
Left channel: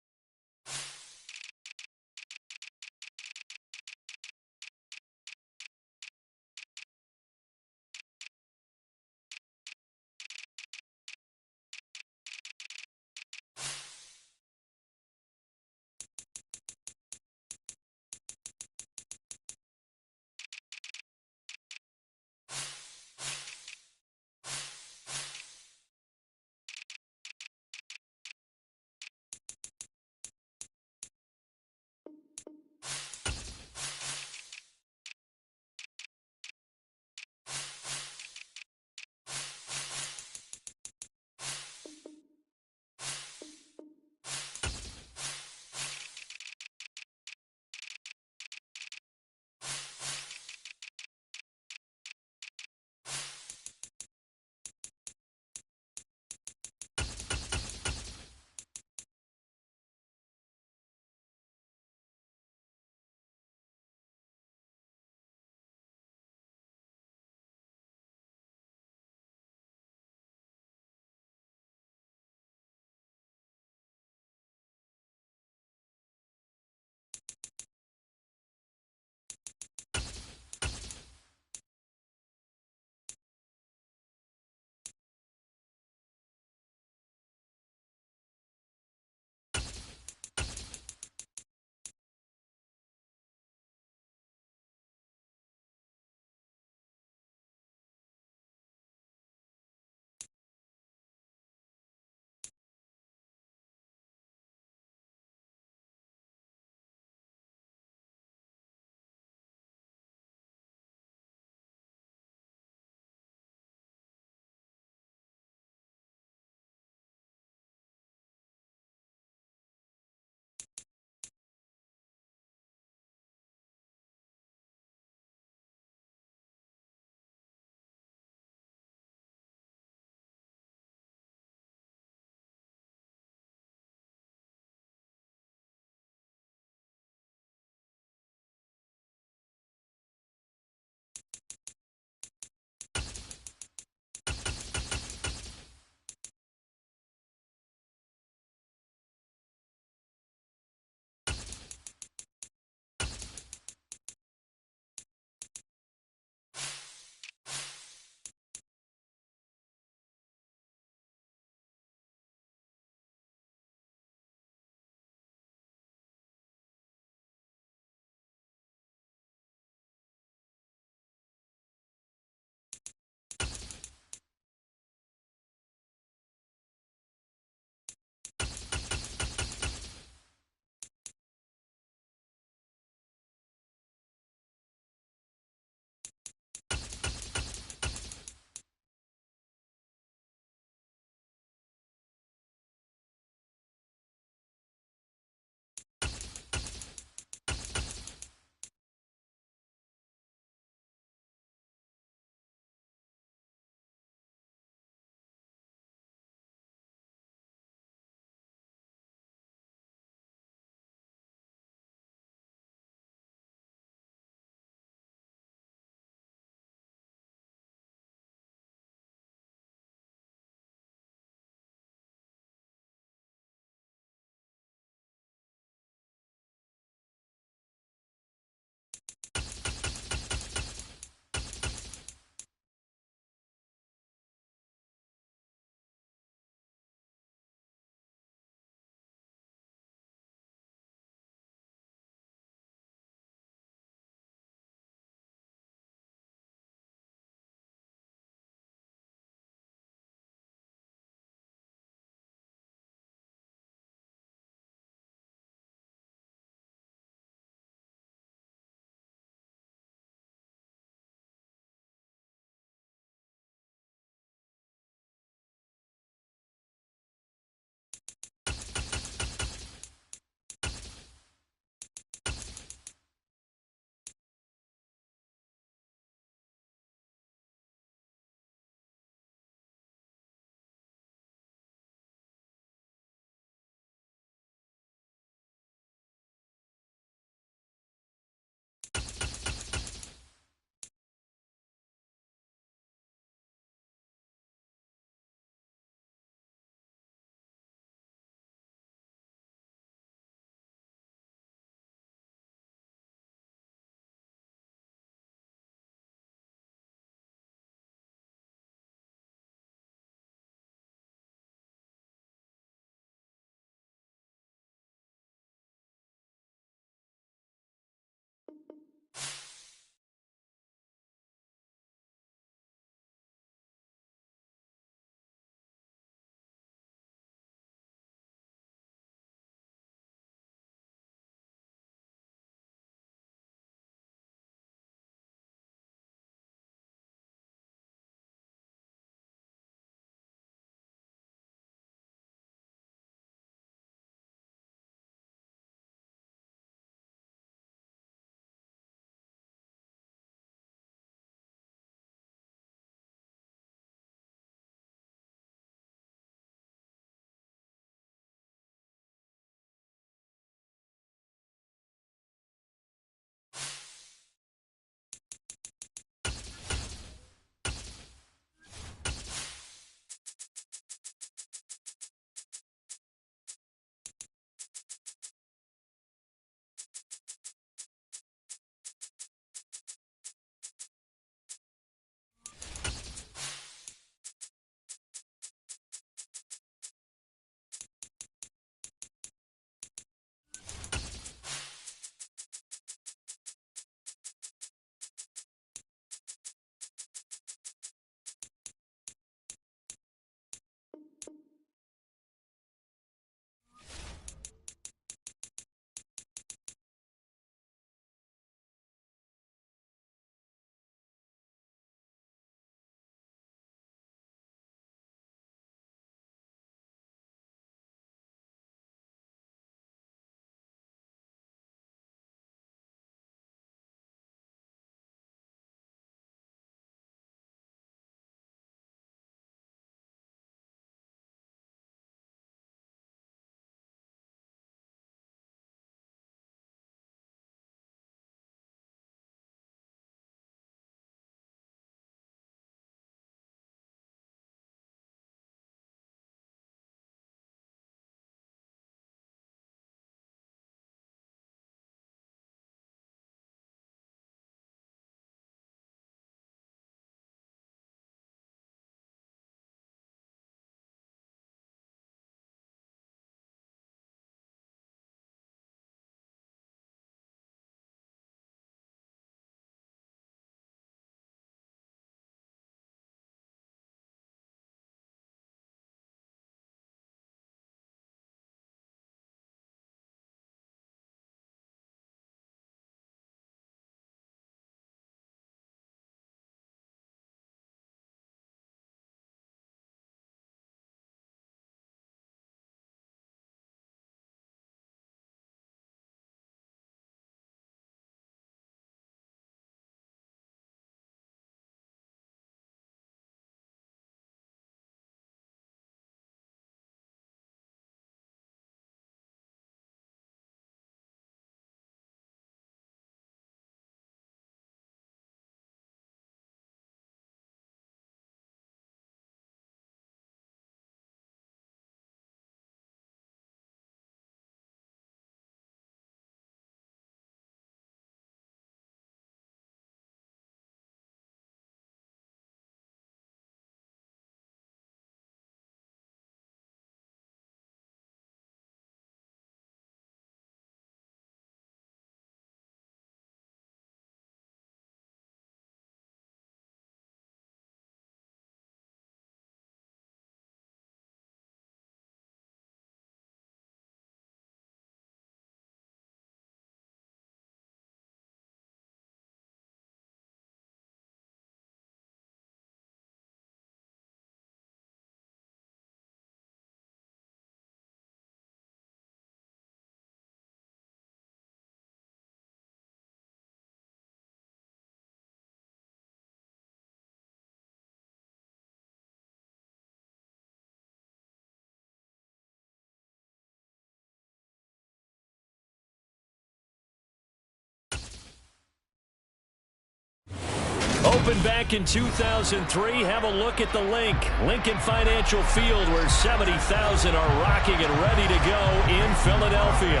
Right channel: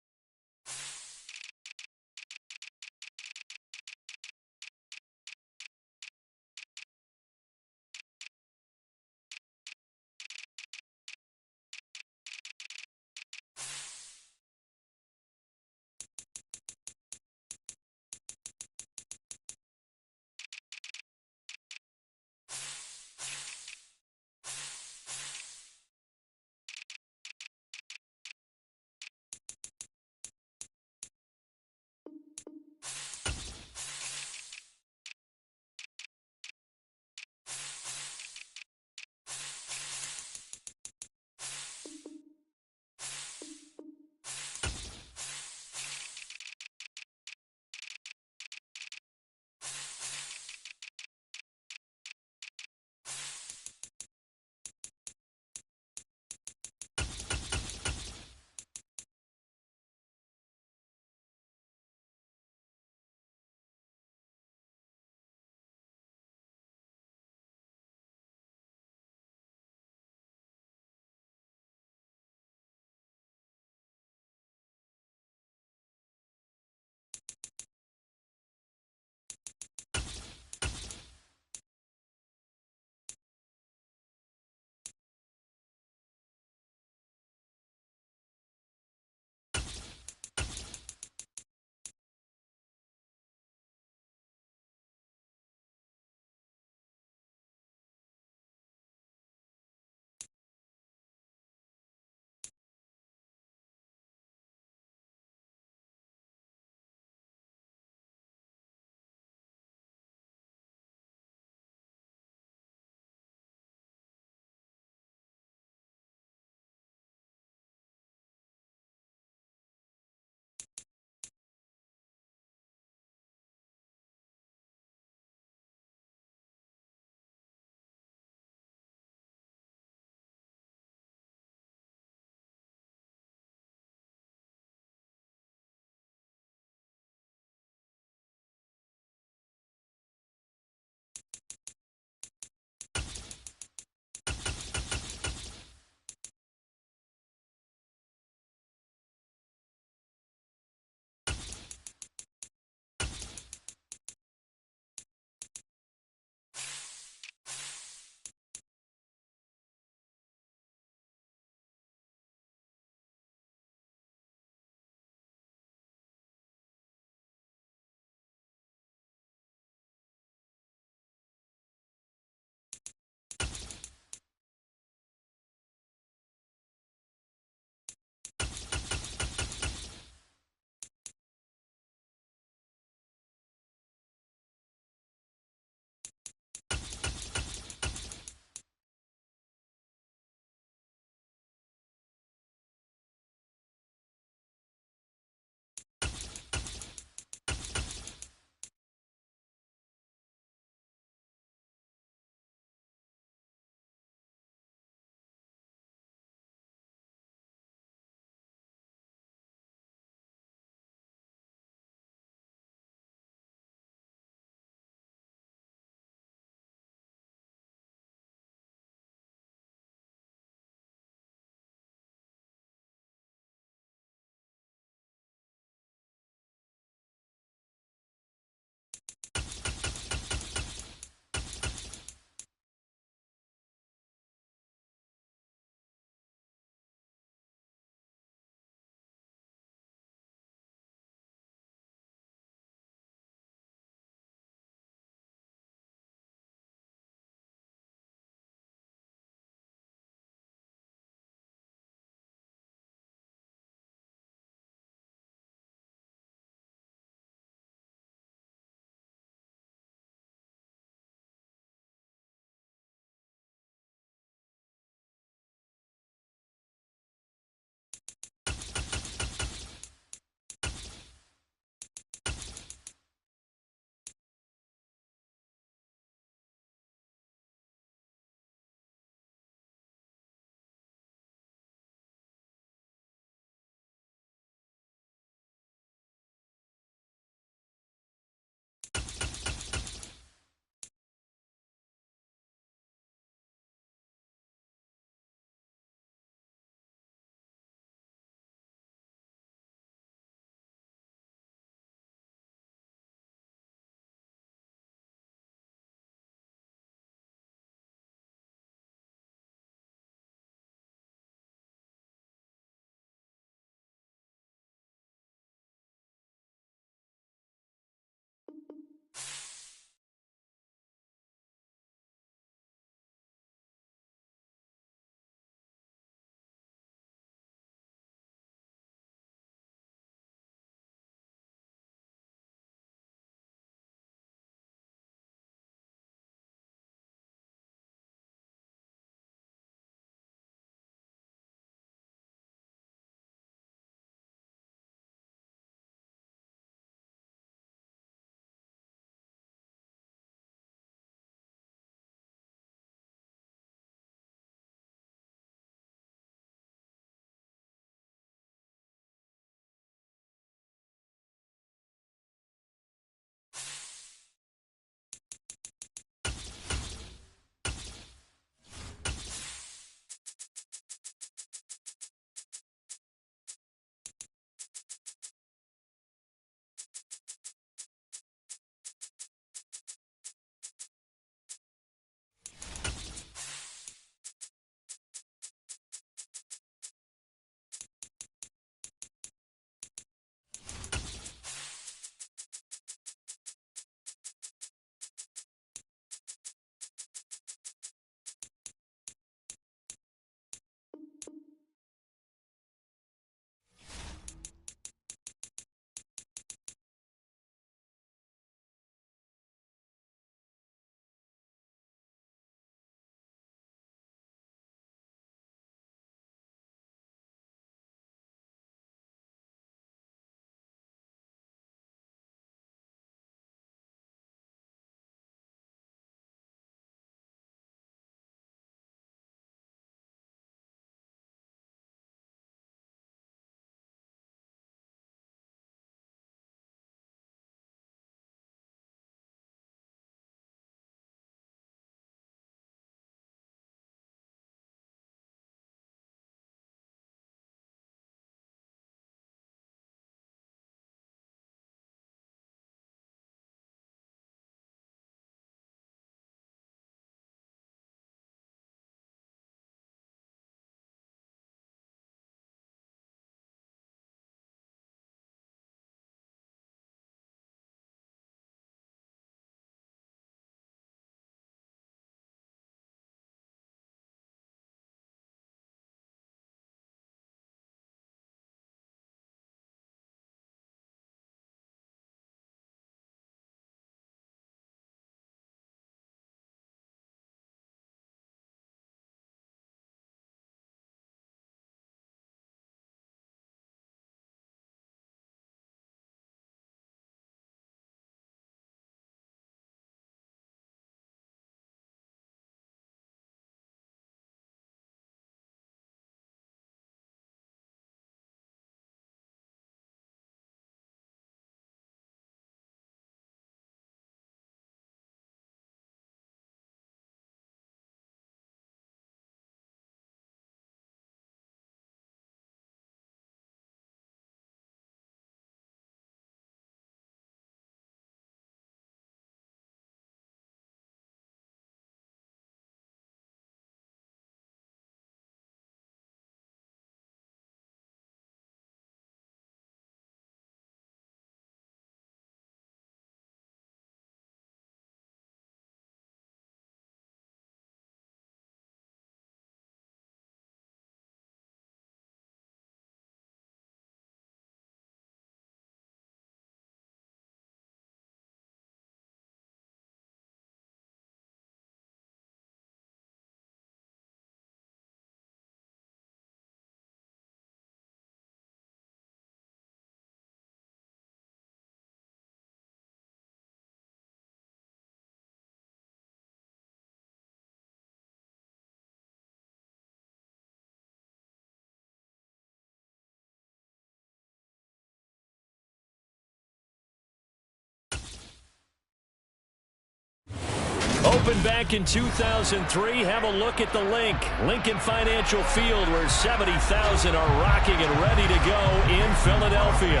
Opened back in 2003, have a look at the link. Lincoln Financial Field, where 70,000 are rocking and ready to go in Philadelphia.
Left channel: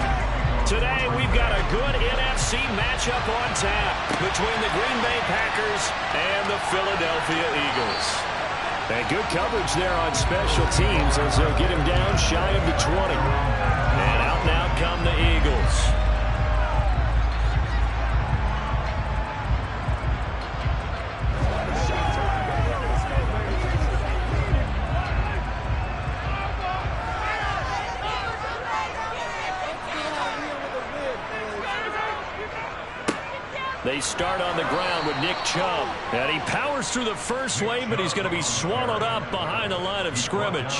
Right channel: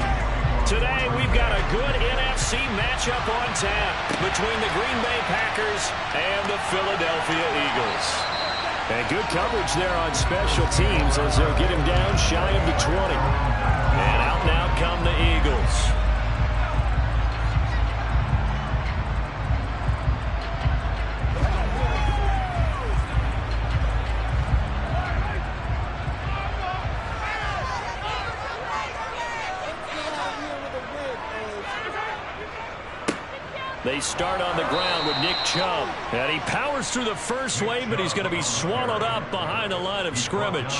Today, we've got a good NFC matchup on tap between the Green Bay Packers and the Philadelphia Eagles. And good coverage there on special teams as they'll get him down shy of the 20. And out now come the Eagles. They start on the ground with Nick Chubb. And he powers through the first wave, but he's going to be swallowed up behind the line of scrimmage.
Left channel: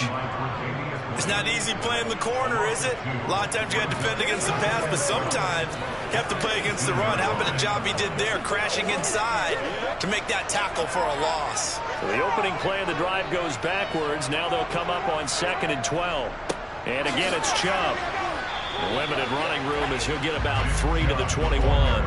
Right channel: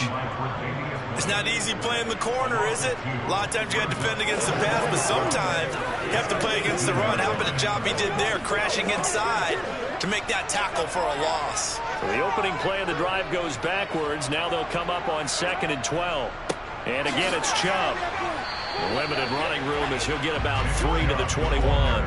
It's not easy playing the corner, is it? A lot of times you got to defend against the pass, but sometimes you have to play against the run. How about the job he did there, crashing inside to make that tackle for a loss? So the opening play of the drive goes backwards. Now they'll come up on 2nd and 12. And again, it's Chubb. Limited running room as he'll get about 3 to the 21.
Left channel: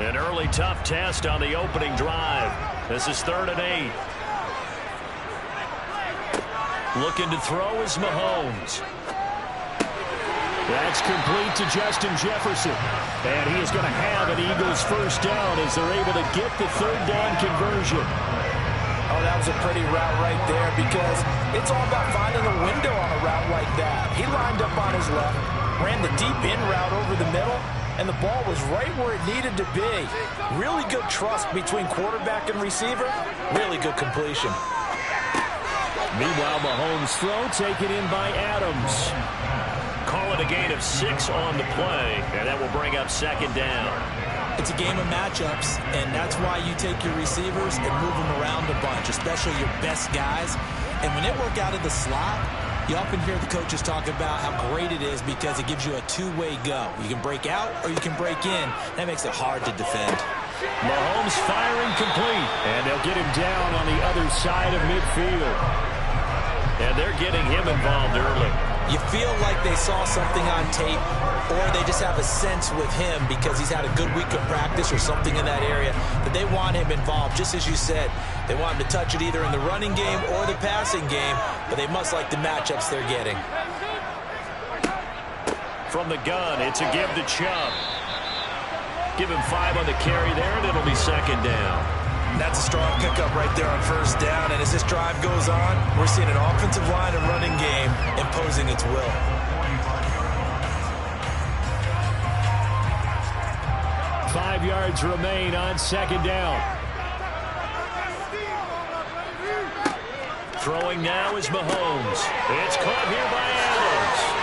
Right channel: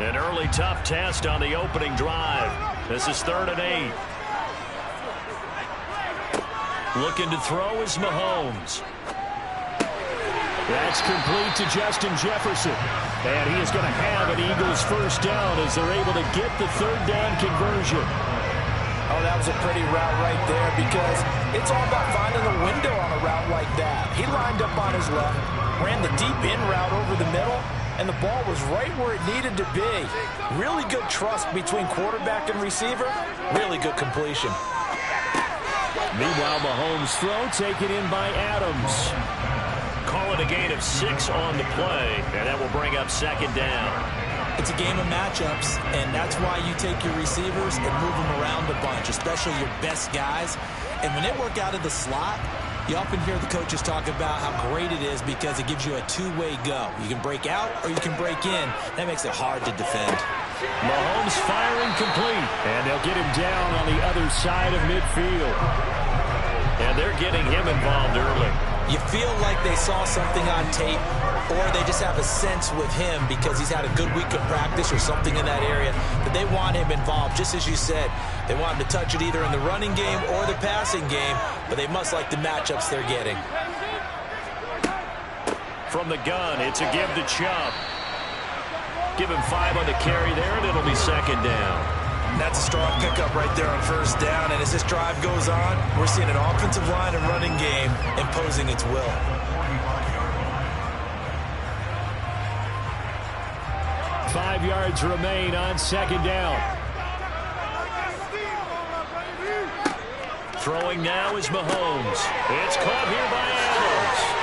An early tough test on the opening drive. This is 3rd and 8. Looking to throw is Mahomes. That's complete to Justin Jefferson. And he is going to have an Eagles first down as they're able to get the 3rd down conversion. Oh, that was a pretty route right there because it's all about finding a window on a route like that. He lined up on his left, ran the deep in route over the middle, and the ball was right where it needed to be. Really good trust between quarterback and receiver. Really good completion. Meanwhile, Mahomes' throw taken in by Adams. Call it a gain of 6 on the play, and that will bring up 2nd down. It's a game of matchups, and that's why you take your receivers and move them around a bunch, especially your best guys. And when they work out of the slot, you often hear the coaches talk about how great it is because it gives you a two-way go. You can break out or you can break in. That makes it hard to defend. Mahomes firing complete, and they'll get him down on the other side of midfield. And they're getting him involved early. You feel like they saw something on tape, or they just have a sense with him because he's had a good week of practice or something in that area that they want him involved. Just as you said, they want him to touch it either in the running game or the passing game, but they must like the matchups they're getting. From the gun, it's a give to Chubb. Give him 5 on the carry there, and it'll be 2nd down. That's a strong pickup right there on 1st down, and as this drive goes on, we're seeing an offensive line and running game imposing its will. Five yards remain on 2nd down. Throwing now is Mahomes. It's caught here by Adams.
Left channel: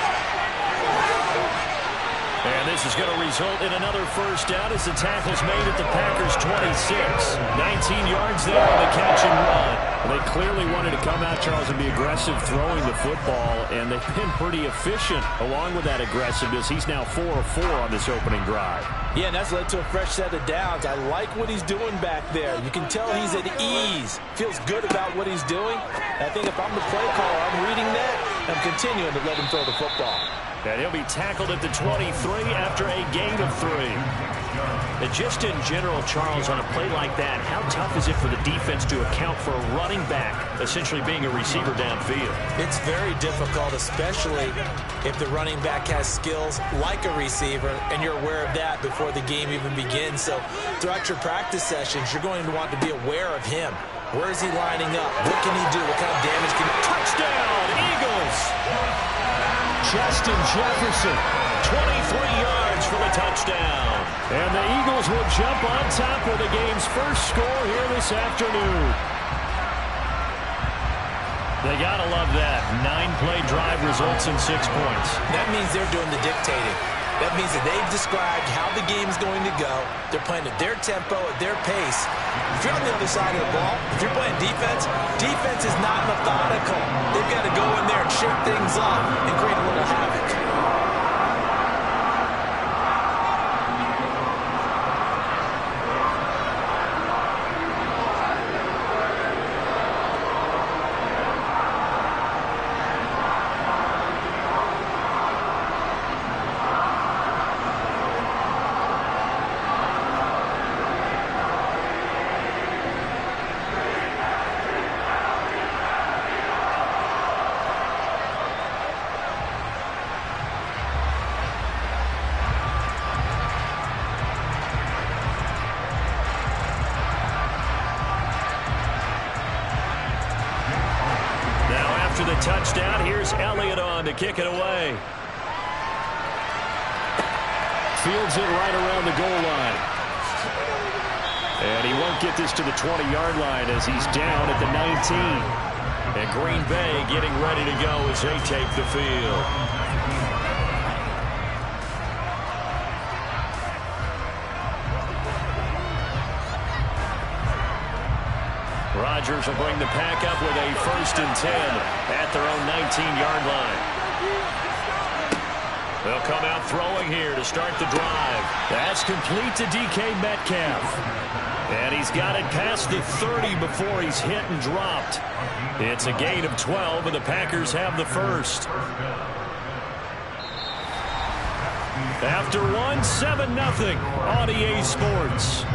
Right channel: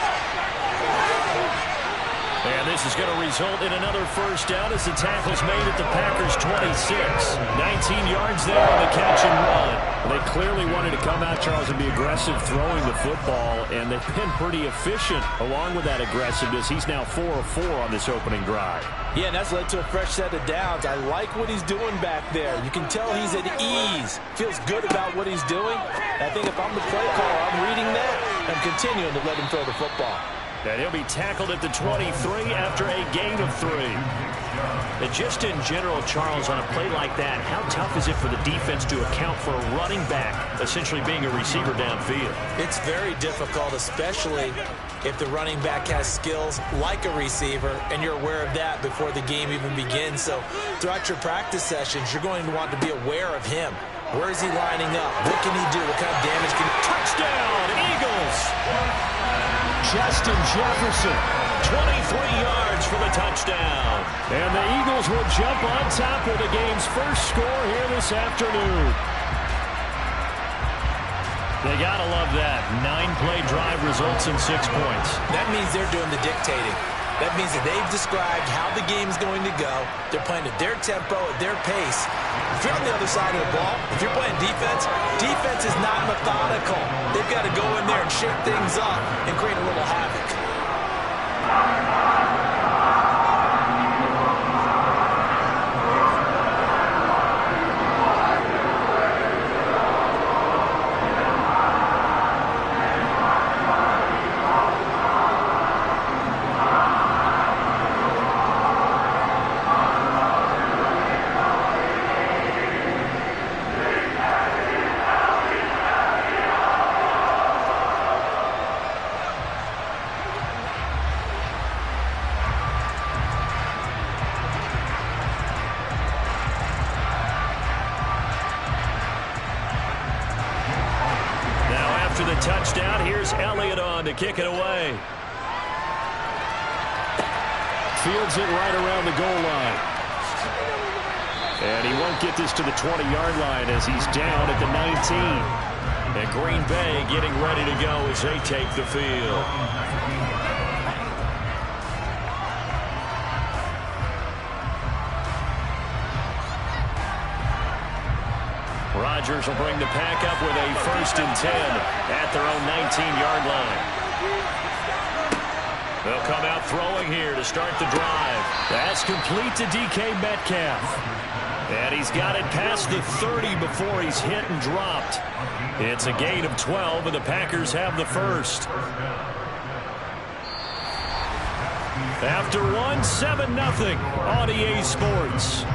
And this is going to result in another first down as the tackle's made at the Packers' 26. 19 yards there on the catch and run. They clearly wanted to come out, Charles, and be aggressive throwing the football, and they've been pretty efficient along with that aggressiveness. He's now 4 of 4 on this opening drive. Yeah, and that's led to a fresh set of downs. I like what he's doing back there. You can tell he's at ease. Feels good about what he's doing. And I think if I'm the play caller, I'm reading that, and I'm continuing to let him throw the football. And he'll be tackled at the 23 after a gain of 3. And just in general, Charles, on a play like that, how tough is it for the defense to account for a running back essentially being a receiver downfield? It's very difficult, especially if the running back has skills like a receiver, and you're aware of that before the game even begins. So throughout your practice sessions, you're going to want to be aware of him. Where is he lining up? What can he do? What kind of damage can he... Touchdown, Eagles! Justin Jefferson, 23 yards for the touchdown. And the Eagles will jump on top with the game's first score here this afternoon. They got to love that. 9-play drive results in 6 points. That means they're doing the dictating. That means that they've described how the game's going to go. They're playing at their tempo, at their pace. If you're on the other side of the ball, if you're playing defense, defense is not methodical. They've got to go in there and shake things up and create a little havoc. after the touchdown. Here's Elliott on to kick it away. Fields it right around the goal line. And he won't get this to the 20-yard line as he's down at the 19. And Green Bay getting ready to go as they take the field. Rodgers will bring the pack up with a 1st and 10 at their own 19-yard line. They'll come out throwing here to start the drive. That's complete to DK Metcalf. And he's got it past the 30 before he's hit and dropped. It's a gain of 12, and the Packers have the first. After one, 7-0 on EA Sports.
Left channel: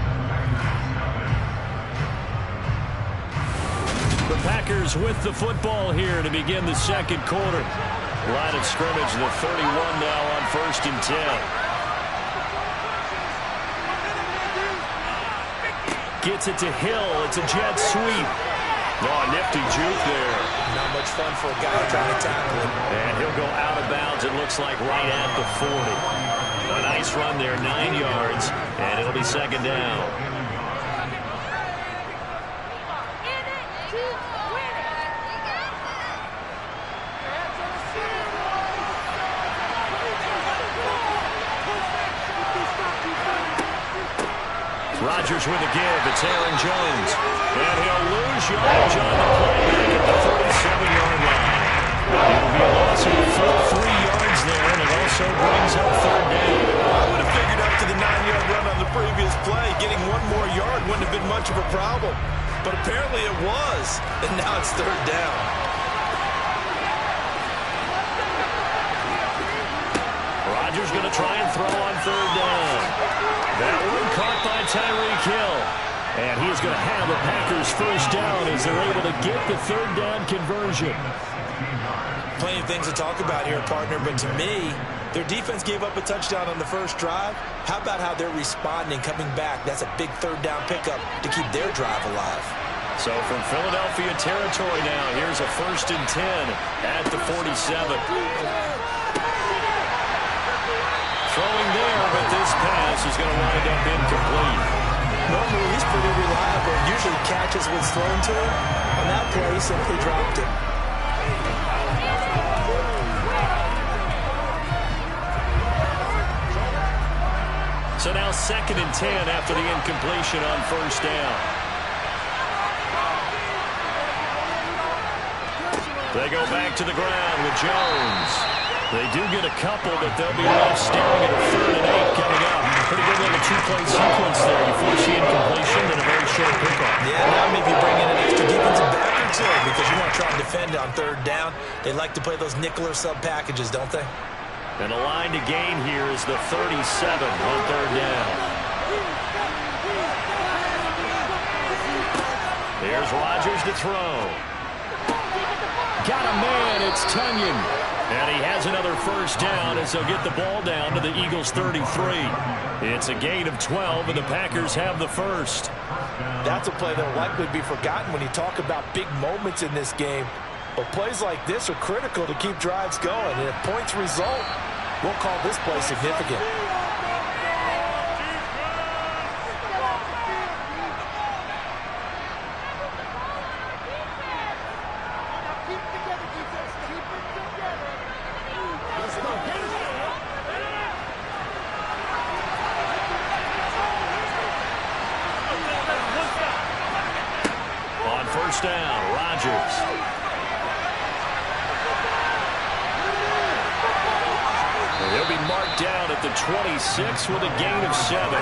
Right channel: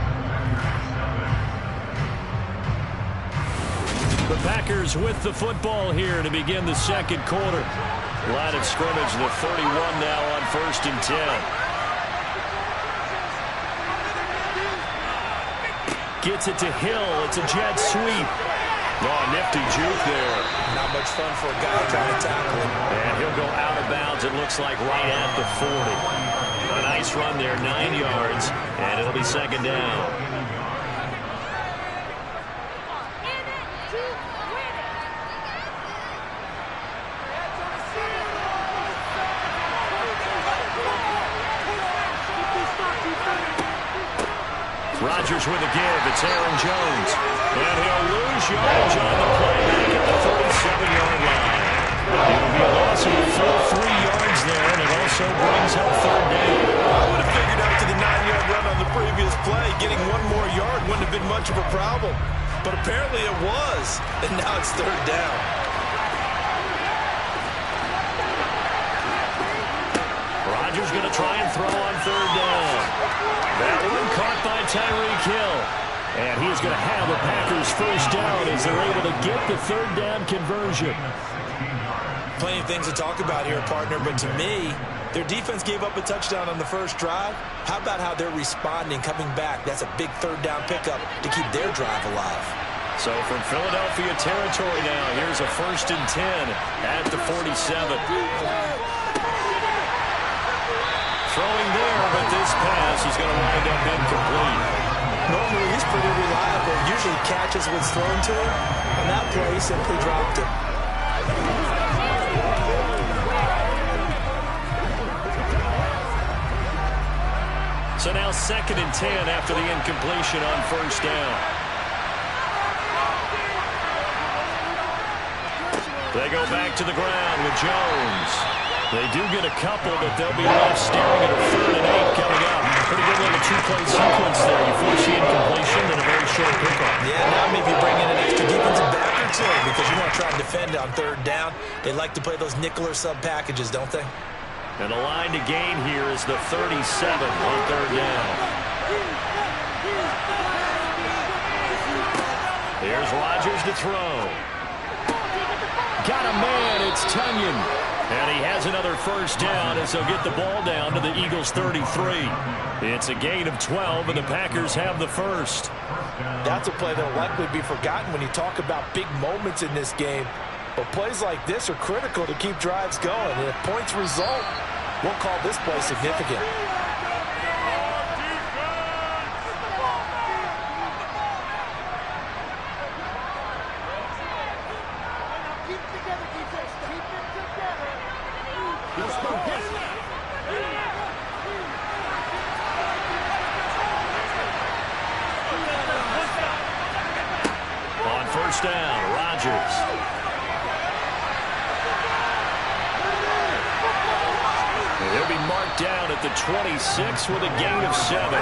The Packers with the football here to begin the second quarter. Line of scrimmage, the 31 now on 1st and 10. Gets it to Hill. It's a jet sweep. Oh, nifty juke there. Not much fun for a guy trying to tackle him. And he'll go out of bounds, it looks like, right at the 40. A nice run there, 9 yards, and it'll be second down. Rodgers with a give. It's Aaron Jones. And he'll lose yardage on the play back at the 37-yard line. It'll be a loss of a full 3 yards there, and it also brings up 3rd down. I would have figured after the 9-yard run on the previous play, getting 1 more yard wouldn't have been much of a problem. But apparently it was, and now it's 3rd down. Rodgers going to try and throw on 3rd down. That one caught by Tyreek Hill. And he is going to have the Packers first down as they're able to get the 3rd down conversion. Plenty of things to talk about here, partner, but to me, their defense gave up a touchdown on the first drive. How about how they're responding, coming back? That's a big 3rd down pickup to keep their drive alive. So from Philadelphia territory now, here's a 1st and 10 at the 47. Throwing there, but this pass is going to wind up incomplete. Normally, he's pretty reliable. Usually catches what's thrown to him. On that play, he simply dropped it. So now 2nd and 10 after the incompletion on 1st down. They go back to the ground with Jones. They do get a couple, but they'll be left staring at a 3rd and 8 coming up. Pretty good little 2-play sequence there. You force the incompletion and a very short pickup. Yeah, now maybe bring in an extra defensive back or two because you want to try and defend on 3rd down. They like to play those nickel or sub packages, don't they? And the line to gain here is the 37 on 3rd down. Here's Rodgers to throw. Got a man, it's Tunyon. And he has another first down as they'll get the ball down to the Eagles' 33. It's a gain of 12, and the Packers have the first. That's a play that will likely be forgotten when you talk about big moments in this game. But plays like this are critical to keep drives going. And if points result, we'll call this play significant. On 1st down, Rodgers. He'll be marked down at the 26 with a gain of 7.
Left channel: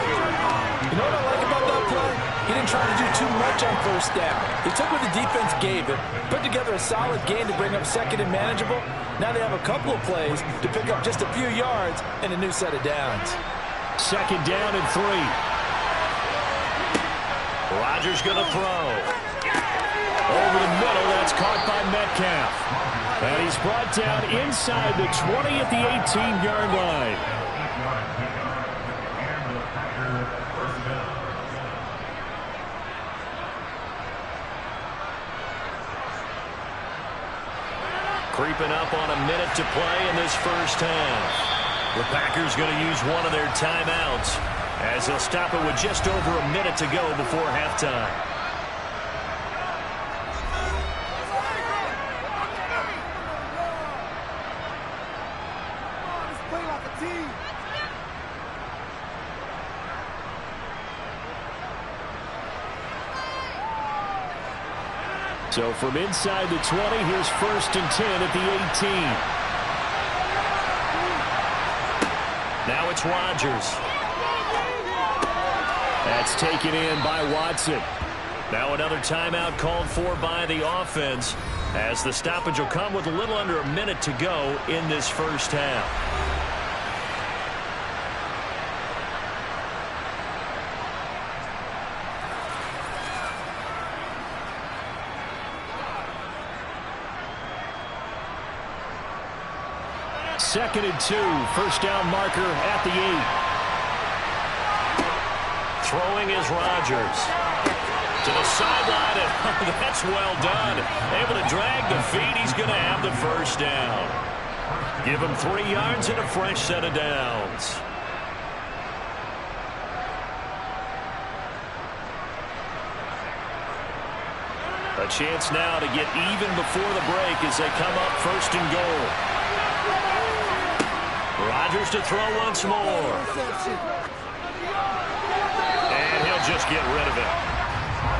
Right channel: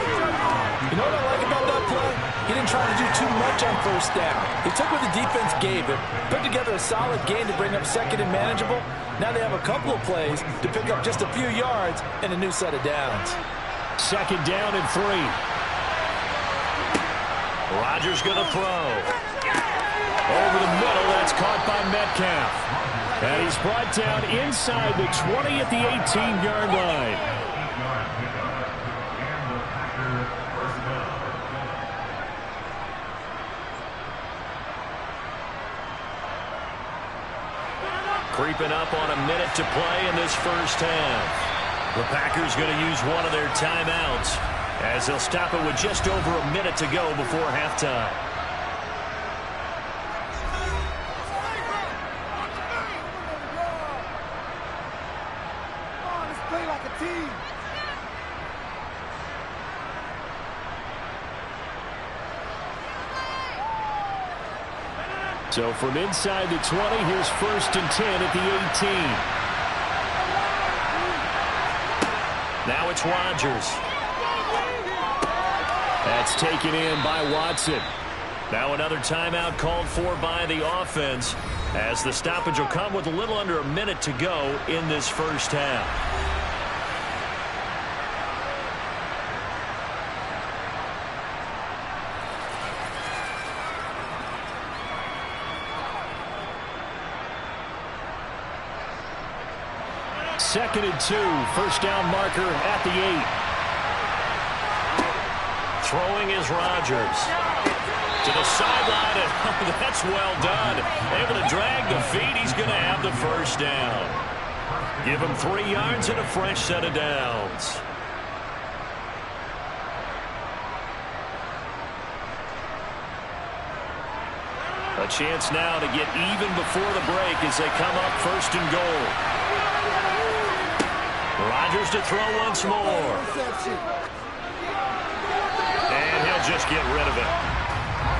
You know what I like about that play? He didn't try to do too much on 1st down. He took what the defense gave him, put together a solid gain to bring up 2nd and manageable. Now they have a couple of plays to pick up just a few yards and a new set of downs. 2nd down and 3. Rodgers going to throw. Over the middle, that's caught by Metcalf. And he's brought down inside the 20 at the 18-yard line. And the Packers first down. Creeping up on a minute to play in this first half. The Packers going to use one of their timeouts as they'll stop it with just over a minute to go before halftime. Play like a team. So from inside the 20, here's 1st and 10 at the 18. Now it's Rodgers. That's taken in by Watson. Now another timeout called for by the offense as the stoppage will come with a little under a minute to go in this first half. Second and 2, first down marker at the 8. Throwing is Rodgers. To the sideline, and that's well done. Able to drag the feet. He's going to have the first down. Give him 3 yards and a fresh set of downs. A chance now to get even before the break as they come up 1st and goal. Rodgers to throw once more. And he'll just get rid of it.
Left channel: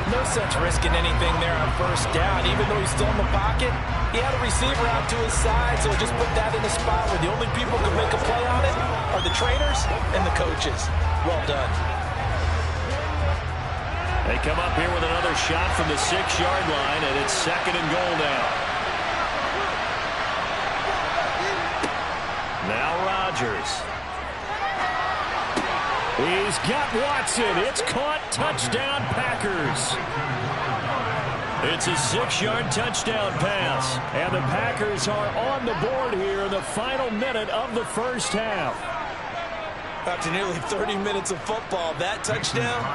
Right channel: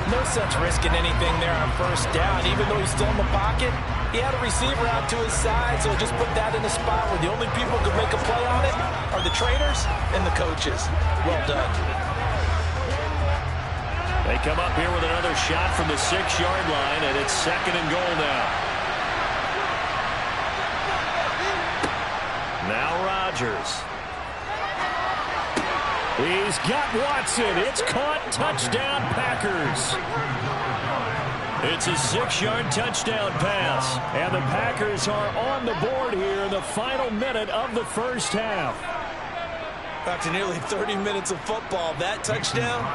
No sense risking anything there on 1st down. Even though he's still in the pocket, he had a receiver out to his side, so just put that in a spot where the only people who can make a play on it are the trainers and the coaches. Well done. They come up here with another shot from the 6-yard line, and it's 2nd and goal now. Now Rodgers. He's got Watson. It's caught. Touchdown, Packers. It's a 6-yard touchdown pass. And the Packers are on the board here in the final minute of the first half. After nearly 30 minutes of football, that touchdown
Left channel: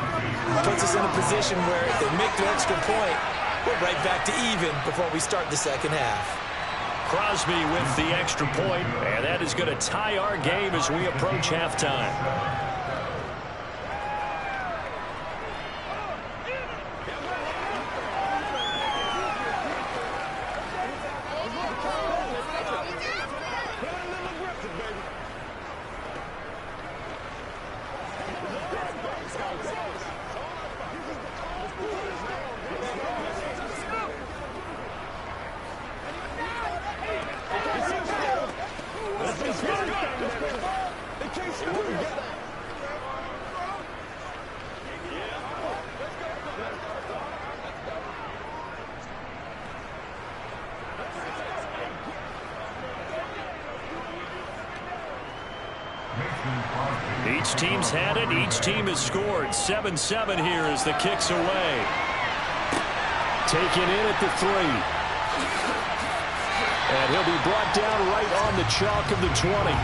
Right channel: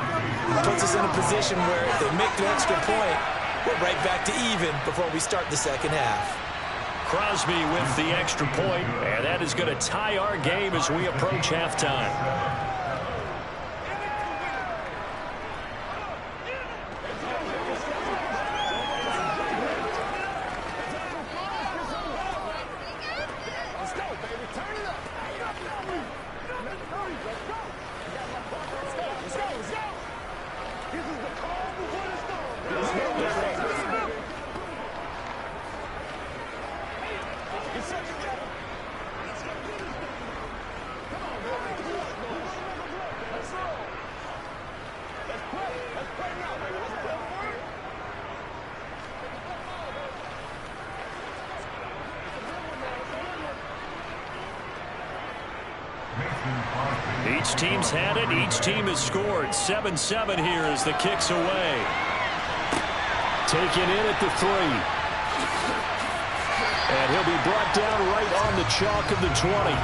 puts us in a position where if they make the extra point, we're right back to even before we start the second half. Crosby with the extra point, and that is going to tie our game as we approach halftime. Each team's had it. Each team has scored. 7-7 here as the kick's away. Taken in at the 3. And he'll be brought down right on the chalk of the 20.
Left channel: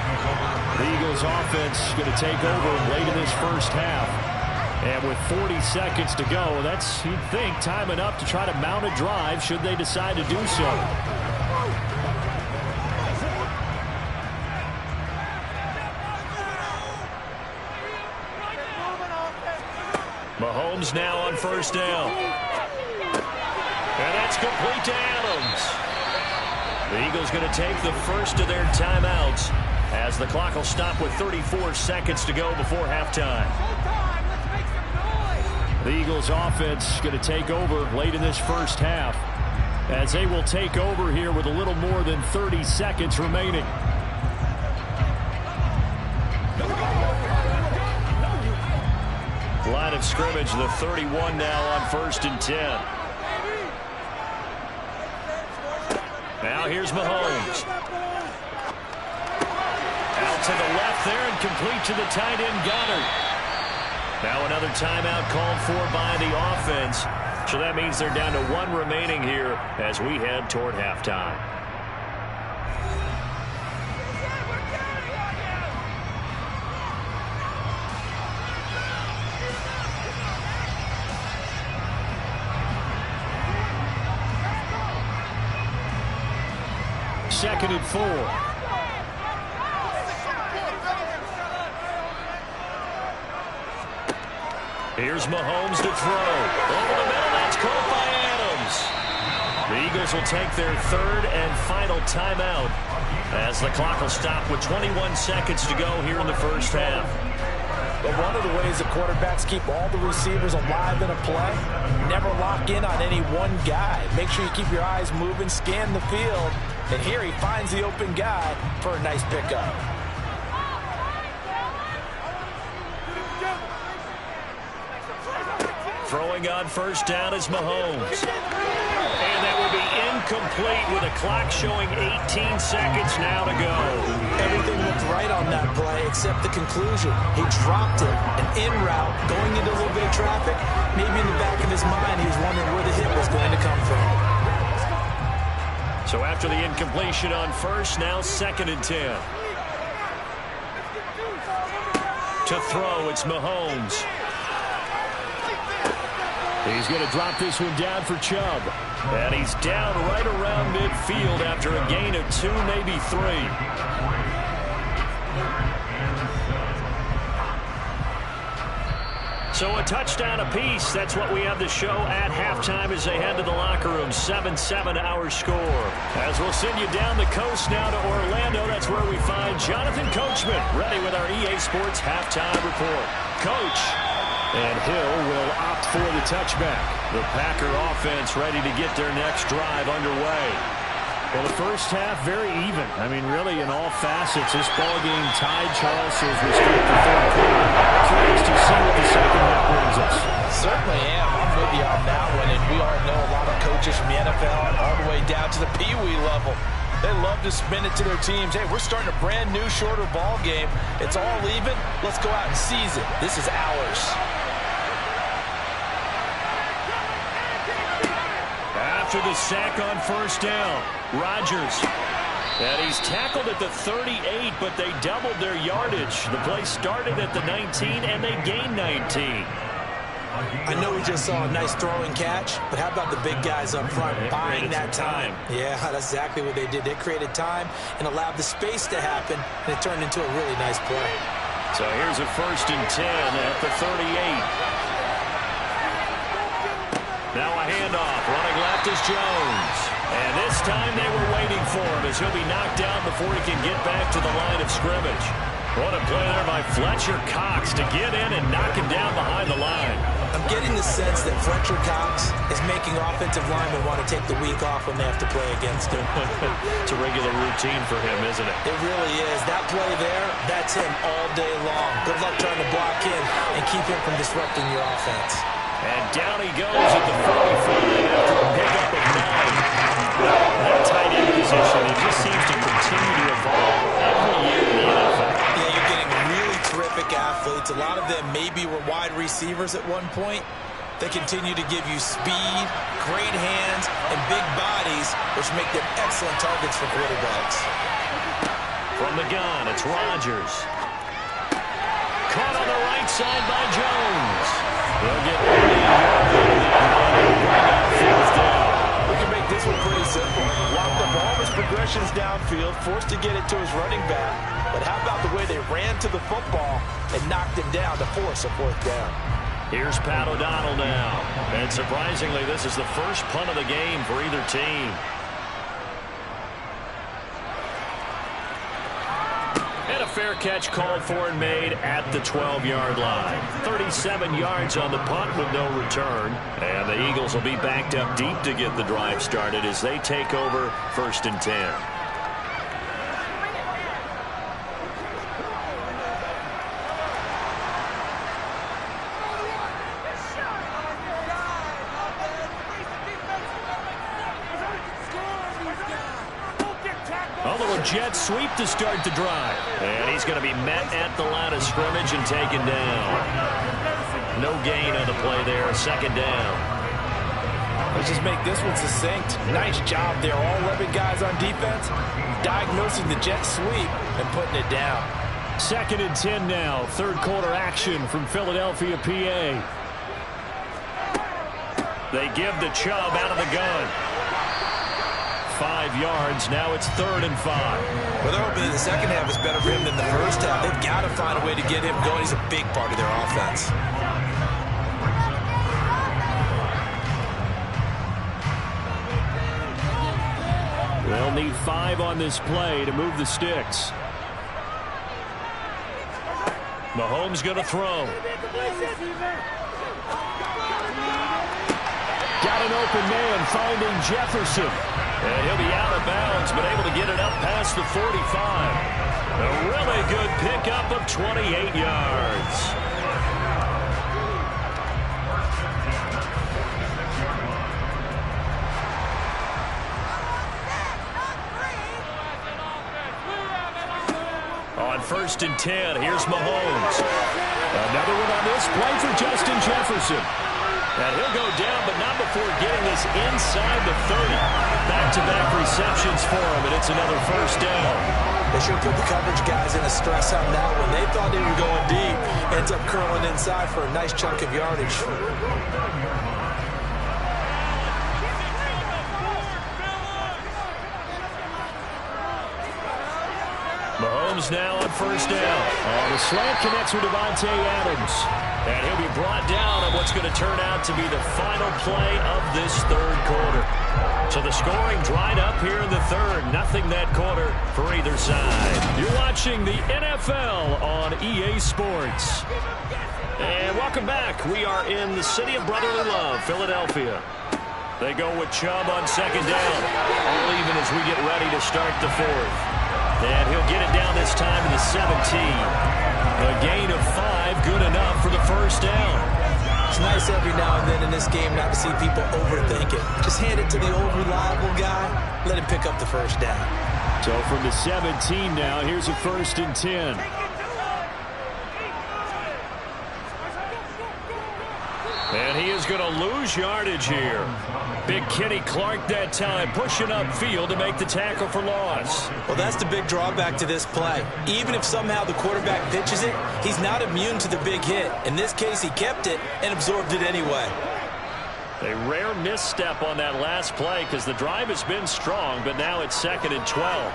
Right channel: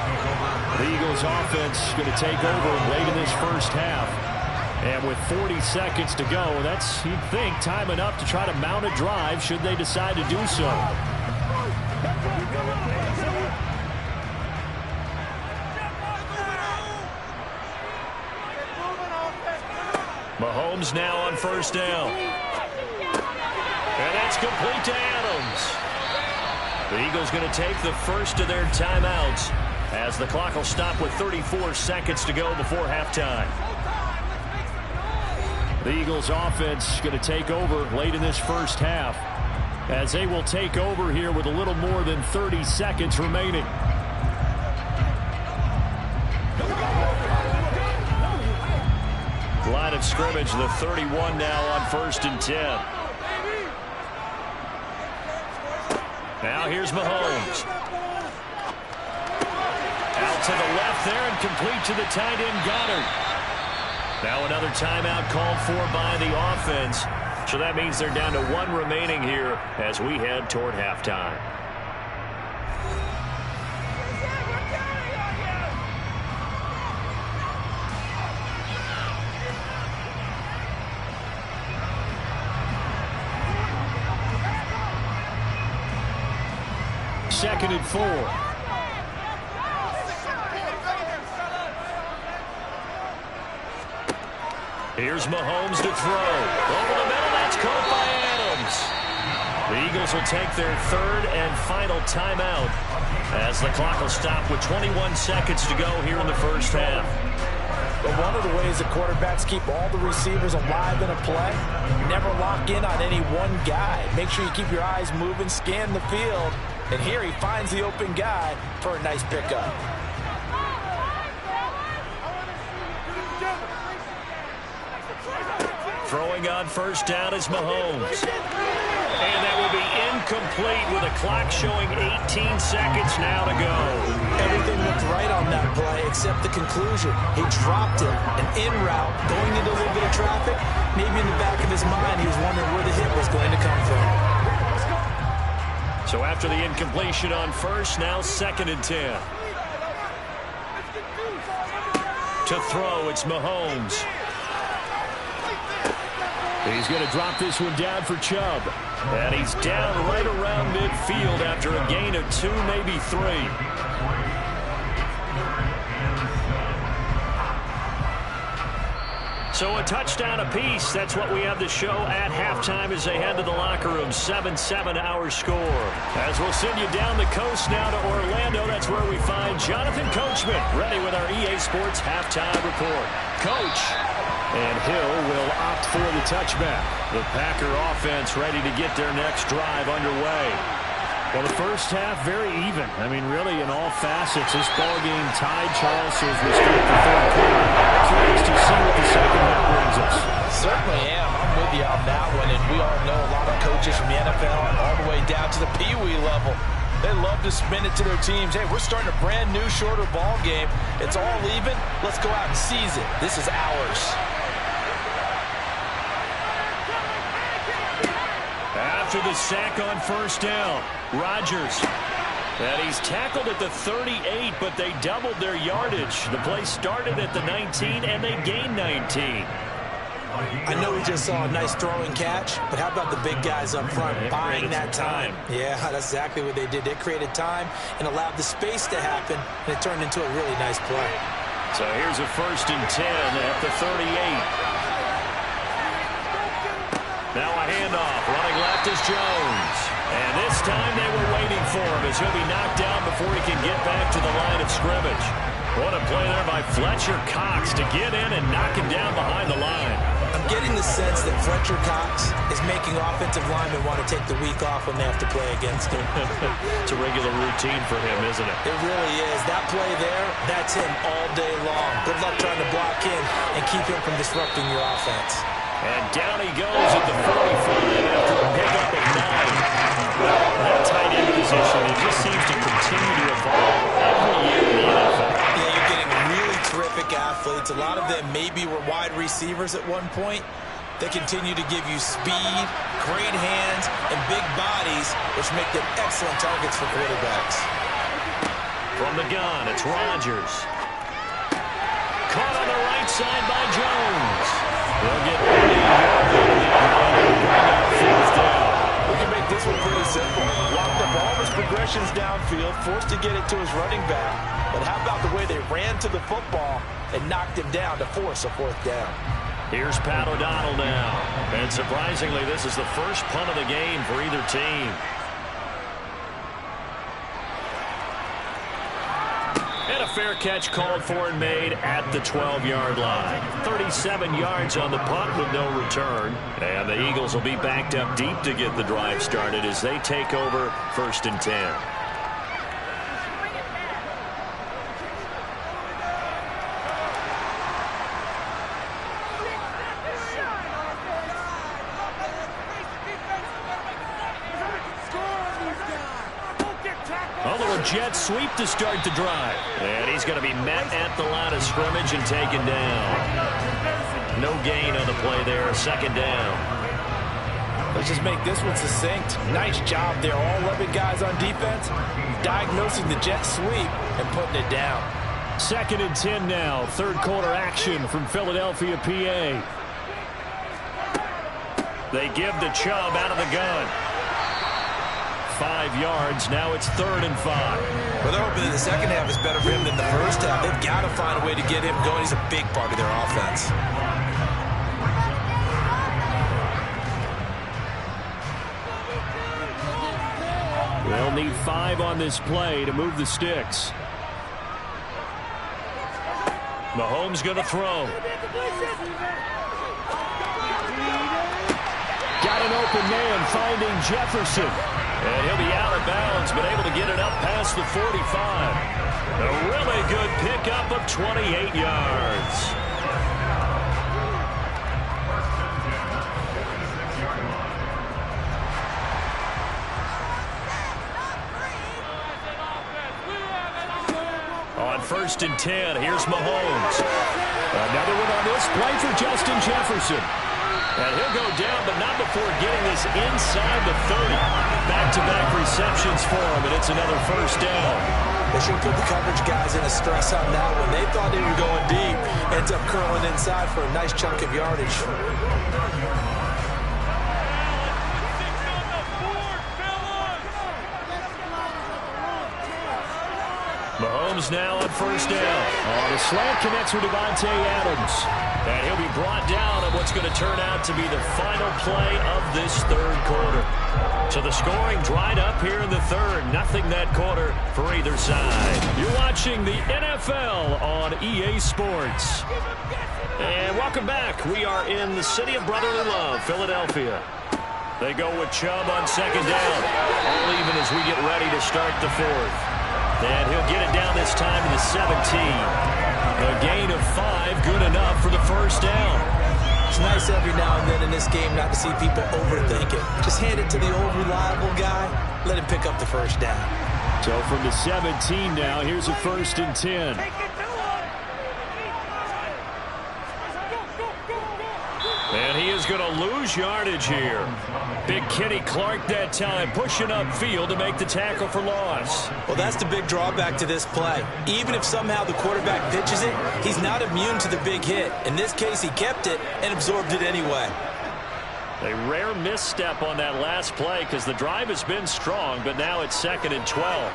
The Eagles offense going to take over late in this first half. And with 40 seconds to go, that's, you'd think, time enough to try to mount a drive should they decide to do so. Mahomes now on 1st down. And that's complete to Adams. The Eagles going to take the first of their timeouts as the clock will stop with 34 seconds to go before halftime. The Eagles offense going to take over late in this first half as they will take over here with a little more than 30 seconds remaining. Line of scrimmage, the 31 now on 1st and 10. Now here's Mahomes. Out to the left there and complete to the tight end Goddard. Now another timeout called for by the offense. So that means they're down to 1 remaining here as we head toward halftime. 2nd and 4. Here's Mahomes to throw. Over the middle, that's caught by Adams. The Eagles will take their 3rd and final timeout as the clock will stop with 21 seconds to go here in the first half. But one of the ways the quarterbacks keep all the receivers alive in a play, never lock in on any one guy. Make sure you keep your eyes moving, scan the field, and here he finds the open guy for a nice pickup. Throwing on first down is Mahomes. And that will be incomplete with a clock showing 18 seconds now to go. Everything looked right on that play except the conclusion. He dropped it, an in route, going into a little bit of traffic. Maybe in the back of his mind he was wondering where the hit was going to come from. So after the incompletion on first, now 2nd and 10. To throw, it's Mahomes. He's going to drop this one down for Chubb. And he's down right around midfield after a gain of 2, maybe 3. So a touchdown apiece. That's what we have the show at halftime as they head to the locker room. 7-7 our score. As we'll send you down the coast now to Orlando. That's where we find Jonathan Coachman ready with our EA Sports halftime report. Coach. And Hill will opt for the touchback. The Packer offense ready to get their next drive underway. Well, the first half very even. I mean, really in all facets. This ball game tied, Charles, as we start the 3rd quarter. Curious to see what the 2nd half brings us. Certainly am. I'm with you on that one. And we all know a lot of coaches from the NFL all the way down to the Pee Wee level. They love to spin it to their teams. Hey, we're starting a brand new, shorter ball game. It's all even. Let's go out and seize it. This is ours. After the sack on first down, Rodgers. And he's tackled at the 38, but they doubled their yardage. The play started at the 19, and they gained 19. I know we just saw a nice throwing catch, but how about the big guys up front buying that time? Yeah, that's exactly what they did. They created time and allowed the space to happen, and it turned into a really nice play. So here's a 1st and 10 at the 38. Now a handoff. Running left is Jones. And this time they were waiting for him as he'll be knocked down before he can get back to the line of scrimmage. What a play there by Fletcher Cox to get in and knock him down behind the line. I'm getting the sense that Fletcher Cox is making offensive linemen want to take the week off when they have to play against him. It's a regular routine for him, isn't it? It really is. That play there, that's him all day long. Good luck trying to block him and keep him from disrupting your offense. And down he goes at the 45 after a pickup of 9. That tight end position, it just seems to continue to evolve every year in the NFL. Yeah, you're getting really terrific athletes. A lot of them maybe were wide receivers at one point. They continue to give you speed, great hands, and big bodies, which make them excellent targets for quarterbacks. From the gun, it's Rodgers. Caught on the right side by Jones. They'll get fourth down. We can make this one pretty simple. Locked up all his progressions downfield, forced to get it to his running back. But how about the way they ran to the football and knocked him down to force a 4th down? Here's Pat O'Donnell now. And surprisingly, this is the first punt of the game for either team. And a fair catch called for and made at the 12-yard line. 37 yards on the punt with no return. And the Eagles will be backed up deep to get the drive started as they take over 1st and 10. Although a jet sweep to start the drive. And he's going to be met at the line of scrimmage and taken down. No gain on the play there. 2nd down. Let's just make this one succinct. Nice job there. All 11 guys on defense diagnosing the jet sweep and putting it down. 2nd and 10 now. 3rd quarter action from Philadelphia, PA. They give the Chubb out of the gun. 5 yards. Now it's 3rd and 5. Well, they're hoping that the second half is better for him than the first half. They've got to find a way to get him going. He's a big part of their offense. They'll need 5 on this play to move the sticks. Mahomes going to throw. Got an open man finding Jefferson. And he'll be out of bounds, but able to get it up past the 45. A really good pickup of 28 yards. On 1st and 10, here's Mahomes. Another one on this play for Justin Jefferson. And he'll go down, but not before getting this inside the 30. Back-to-back receptions for him, and it's another 1st down. They should put the coverage guys in a stress on that one. They thought they were going deep. Ends up curling inside for a nice chunk of yardage. Mahomes now on 1st down. Oh, the slant connects with Davante Adams. And he'll be brought down on what's going to turn out to be the final play of this 3rd quarter. So the scoring dried up here in the 3rd. Nothing that quarter for either side. You're watching the NFL on EA Sports. And welcome back. We are in the city of brotherly love, Philadelphia. They go with Chubb on 2nd down. All even as we get ready to start the 4th. And he'll get it down this time to the 17. A gain of 5, good enough for the 1st down. It's nice every now and then in this game not to see people overthink it. Just hand it to the old reliable guy. Let him pick up the 1st down. So from the 17 now, here's a 1st and 10. And he is going to lose yardage here. Big Kenny Clark that time, pushing upfield to make the tackle for loss. Well, that's the big drawback to this play. Even if somehow the quarterback pitches it, he's not immune to the big hit. In this case, he kept it and absorbed it anyway. A rare misstep on that last play because the drive has been strong, but now it's 2nd and 12.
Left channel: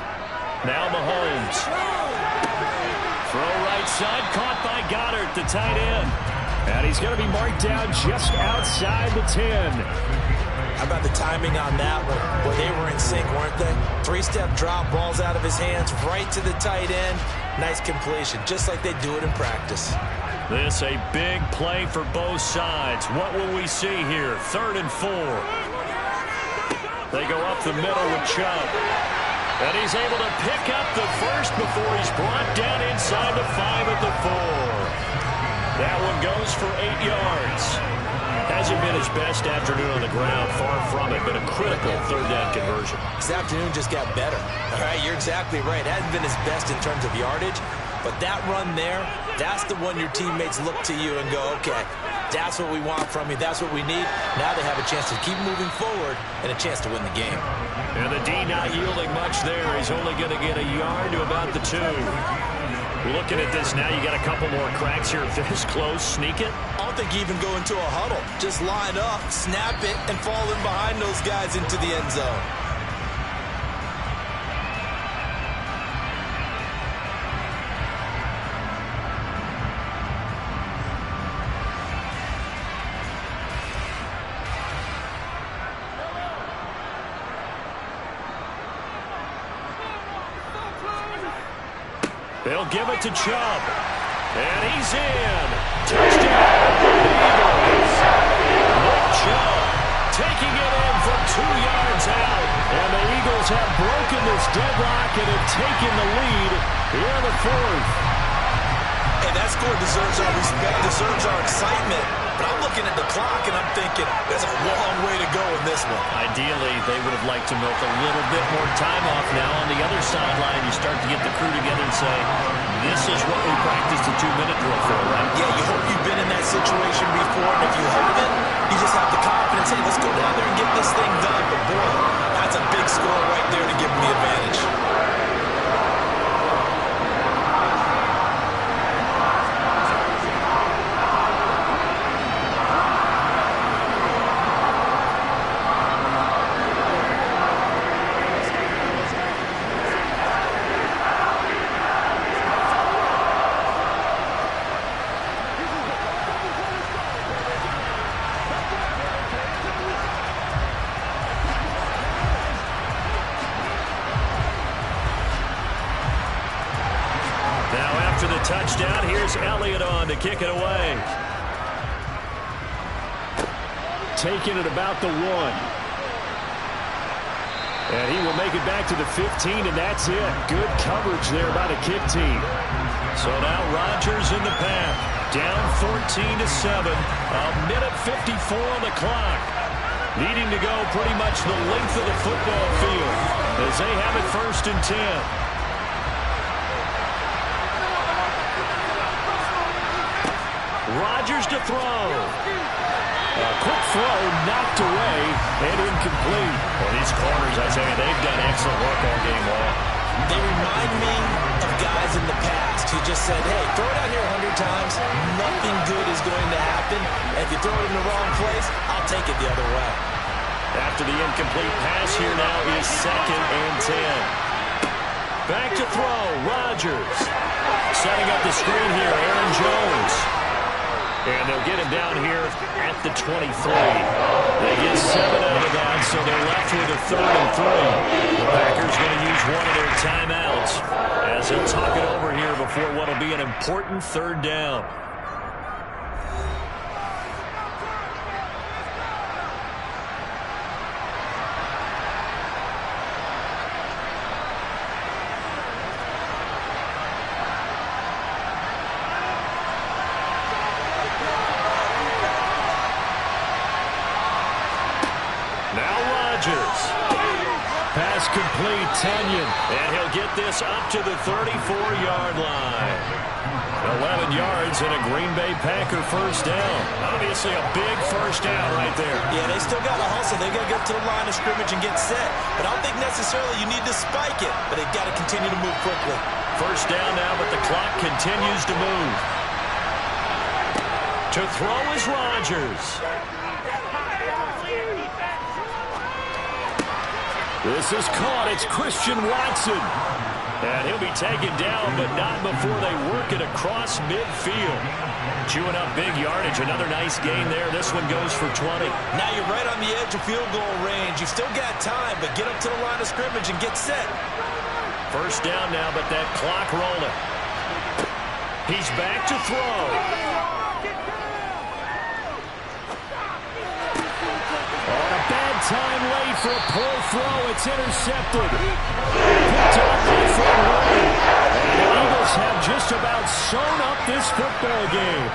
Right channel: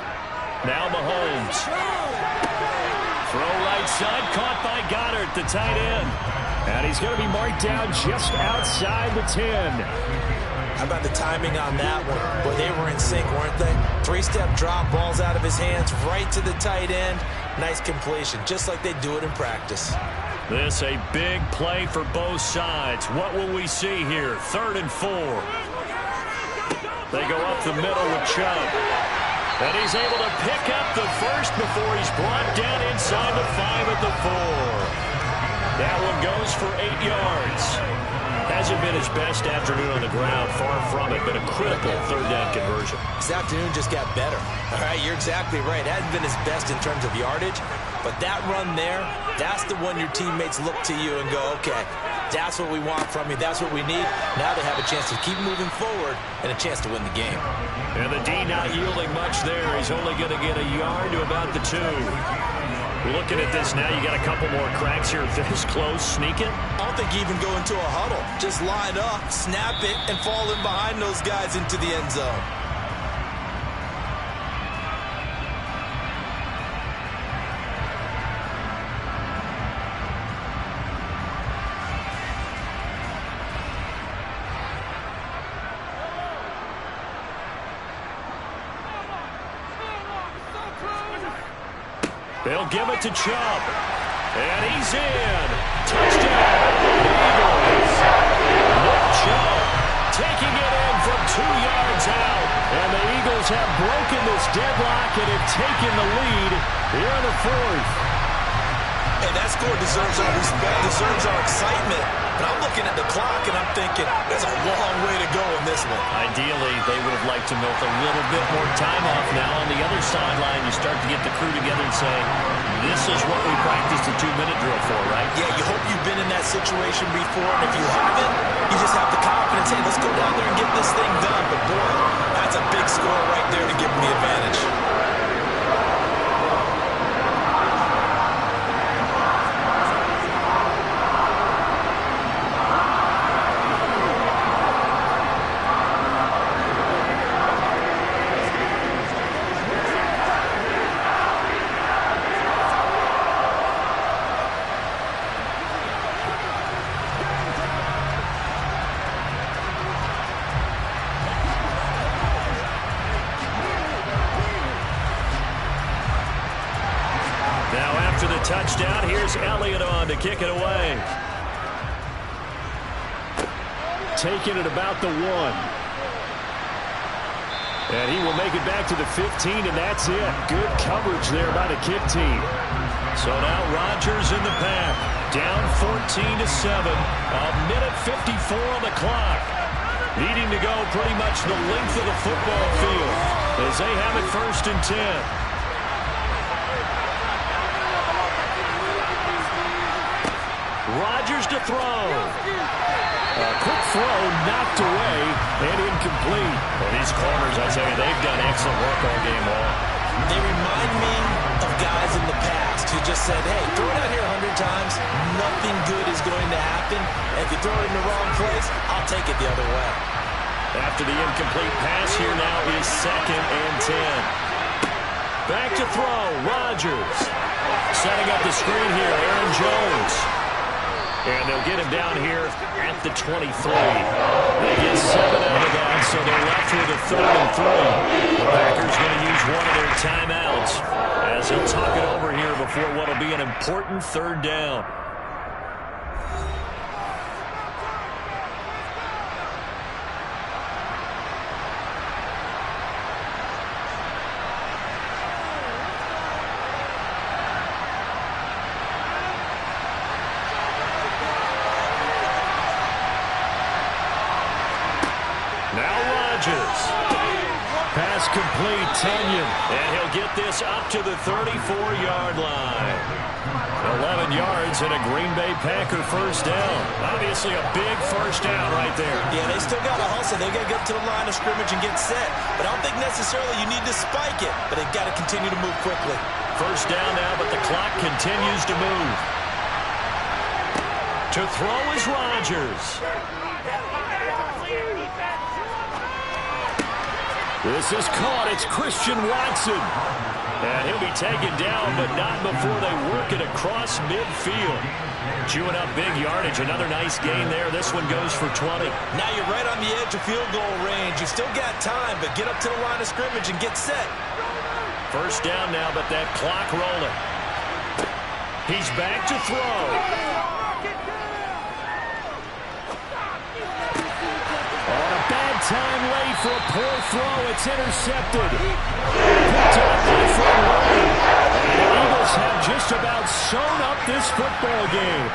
Now Mahomes. Throw right side, caught by Goddard, the tight end. And he's going to be marked down just outside the 10. How about the timing on that one? Boy, they were in sync, weren't they? 3-step drop, balls out of his hands, right to the tight end. Nice completion, just like they do it in practice. This a big play for both sides. What will we see here? 3rd and 4. They go up the middle with Chubb. And he's able to pick up the 1st before he's brought down inside the 5 at the 4. That one goes for 8 yards. Hasn't been his best afternoon on the ground. Far from it, but a critical 3rd down conversion. This afternoon just got better. All right, you're exactly right. Hasn't been his best in terms of yardage, but that run there, that's the one your teammates look to you and go, okay, that's what we want from you. That's what we need. Now they have a chance to keep moving forward and a chance to win the game. And the D not yielding much there. He's only going to get a yard to about the 2. Looking at this now, you got a couple more cracks here. This close, sneak it. I don't think you even go into a huddle. Just line up, snap it, and fall in behind those guys into the end zone. They'll give it to Chubb. And he's in. Touchdown, Eagles. Nick Chubb taking it in from 2 yards out. And the Eagles have broken this deadlock and have taken the lead here in the 4th. Hey, that score deserves our respect, deserves our excitement. But I'm looking at the clock, and I'm thinking, there's a long way to go in this one. Ideally, they would have liked to milk a little bit more time off now. On the other sideline, you start to get the crew together and say, this is what we practiced the 2-minute drill for, right? Yeah, you hope you've been in that situation before, and if you haven't, you just have the confidence, hey, let's go down there and get this thing done. But, boy, that's a big score right there to give them the advantage. After the touchdown, here's Elliott on to kick it away. Taking it about the 1. And he will make it back to the 15, and that's it. Good coverage there by the kick team. So now Rodgers in the pack. Down 14-7. A minute 54 on the clock. Needing to go pretty much the length of the football field as they have it 1st and 10. Rodgers to throw. A quick throw knocked away and incomplete. Well, these corners, I tell you, they've done excellent work all game long. They remind me of guys in the past who just said, hey, throw it out here 100 times. Nothing good is going to happen. And if you throw it in the wrong place, I'll take it the other way. After the incomplete pass, here now is 2nd and 10. Back to throw, Rodgers. Setting up the screen here, Aaron Jones. And they'll get him down here at the 23. They get 7 out of that, so they're left with a 3rd and 3. The Packers going to use one of their timeouts as he'll talk it over here before what will be an important 3rd down. Pass complete, Tonyan, and he'll get this up to the 34-yard line. 11 yards and a Green Bay Packer 1st down. Obviously a big 1st down right there. Yeah, they still got to hustle. They've got to get up to the line of scrimmage and get set. But I don't think necessarily you need to spike it, but they've got to continue to move quickly. 1st down now, but the clock continues to move. To throw is Rodgers. This is caught. It's Christian Watson. And he'll be taken down, but not before they work it across midfield. Chewing up big yardage. Another nice gain there. This one goes for 20. Now you're right on the edge of field goal range. You've still got time, but get up to the line of scrimmage and get set. 1st down now, but that clock rolling. He's back to throw. On a bad time late for a poor throw. It's intercepted. Picked up by Fred Warner. And the Eagles have just about sewn up this football game.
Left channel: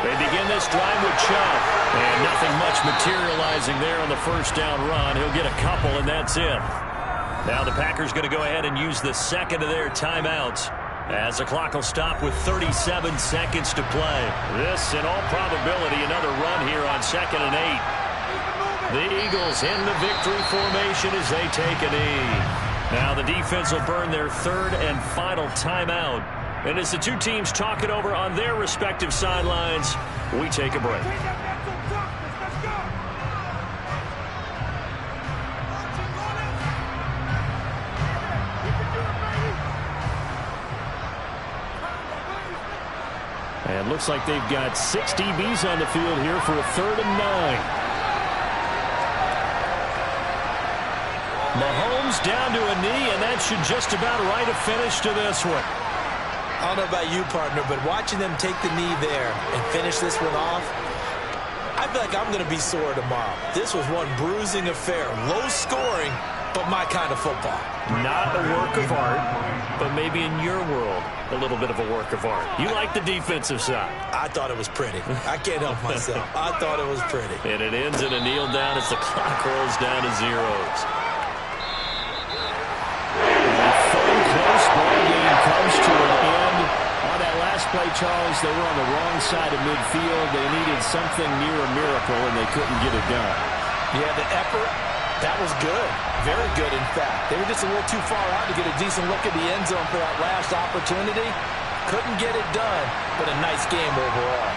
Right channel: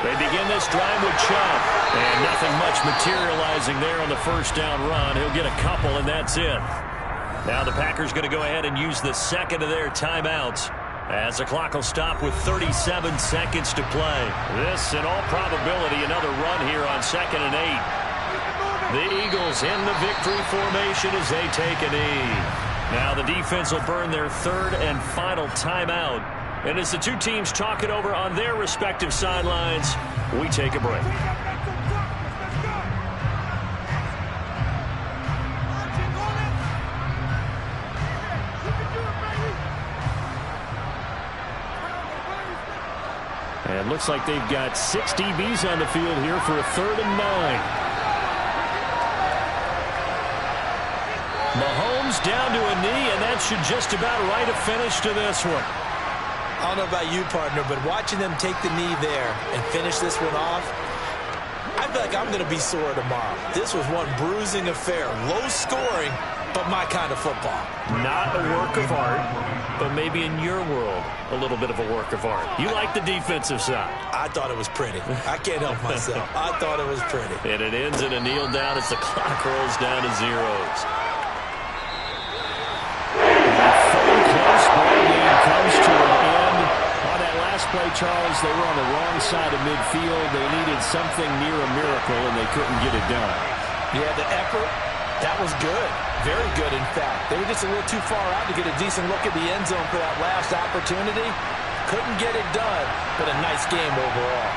They begin this drive with Chubb. And nothing much materializing there on the 1st down run. He'll get a couple, and that's it. Now the Packers going to go ahead and use the 2nd of their timeouts, as the clock will stop with 37 seconds to play. This, in all probability, another run here on 2nd and 8. The Eagles in the victory formation as they take a knee. Now the defense will burn their 3rd and final timeout. And as the two teams talk it over on their respective sidelines, we take a break. And looks like they've got 6 DBs on the field here for a 3rd and 9. Mahomes down to a knee, and that should just about write a finish to this one. I don't know about you, partner, but watching them take the knee there and finish this one off, I feel like I'm going to be sore tomorrow. This was one bruising affair. Low scoring, but my kind of football. Not a work of art, but maybe in your world, a little bit of a work of art. You like the defensive side. I thought it was pretty. I can't help myself. I thought it was pretty. And it ends in a kneel down as the clock rolls down to zeros. Close ball game comes to an end. On that last play, Charles, they were on the wrong side of midfield. They needed something near a miracle, and they couldn't get it done. Yeah, the effort, that was good. Very good, in fact. They were just a little too far out to get a decent look at the end zone for that last opportunity. Couldn't get it done, but a nice game overall.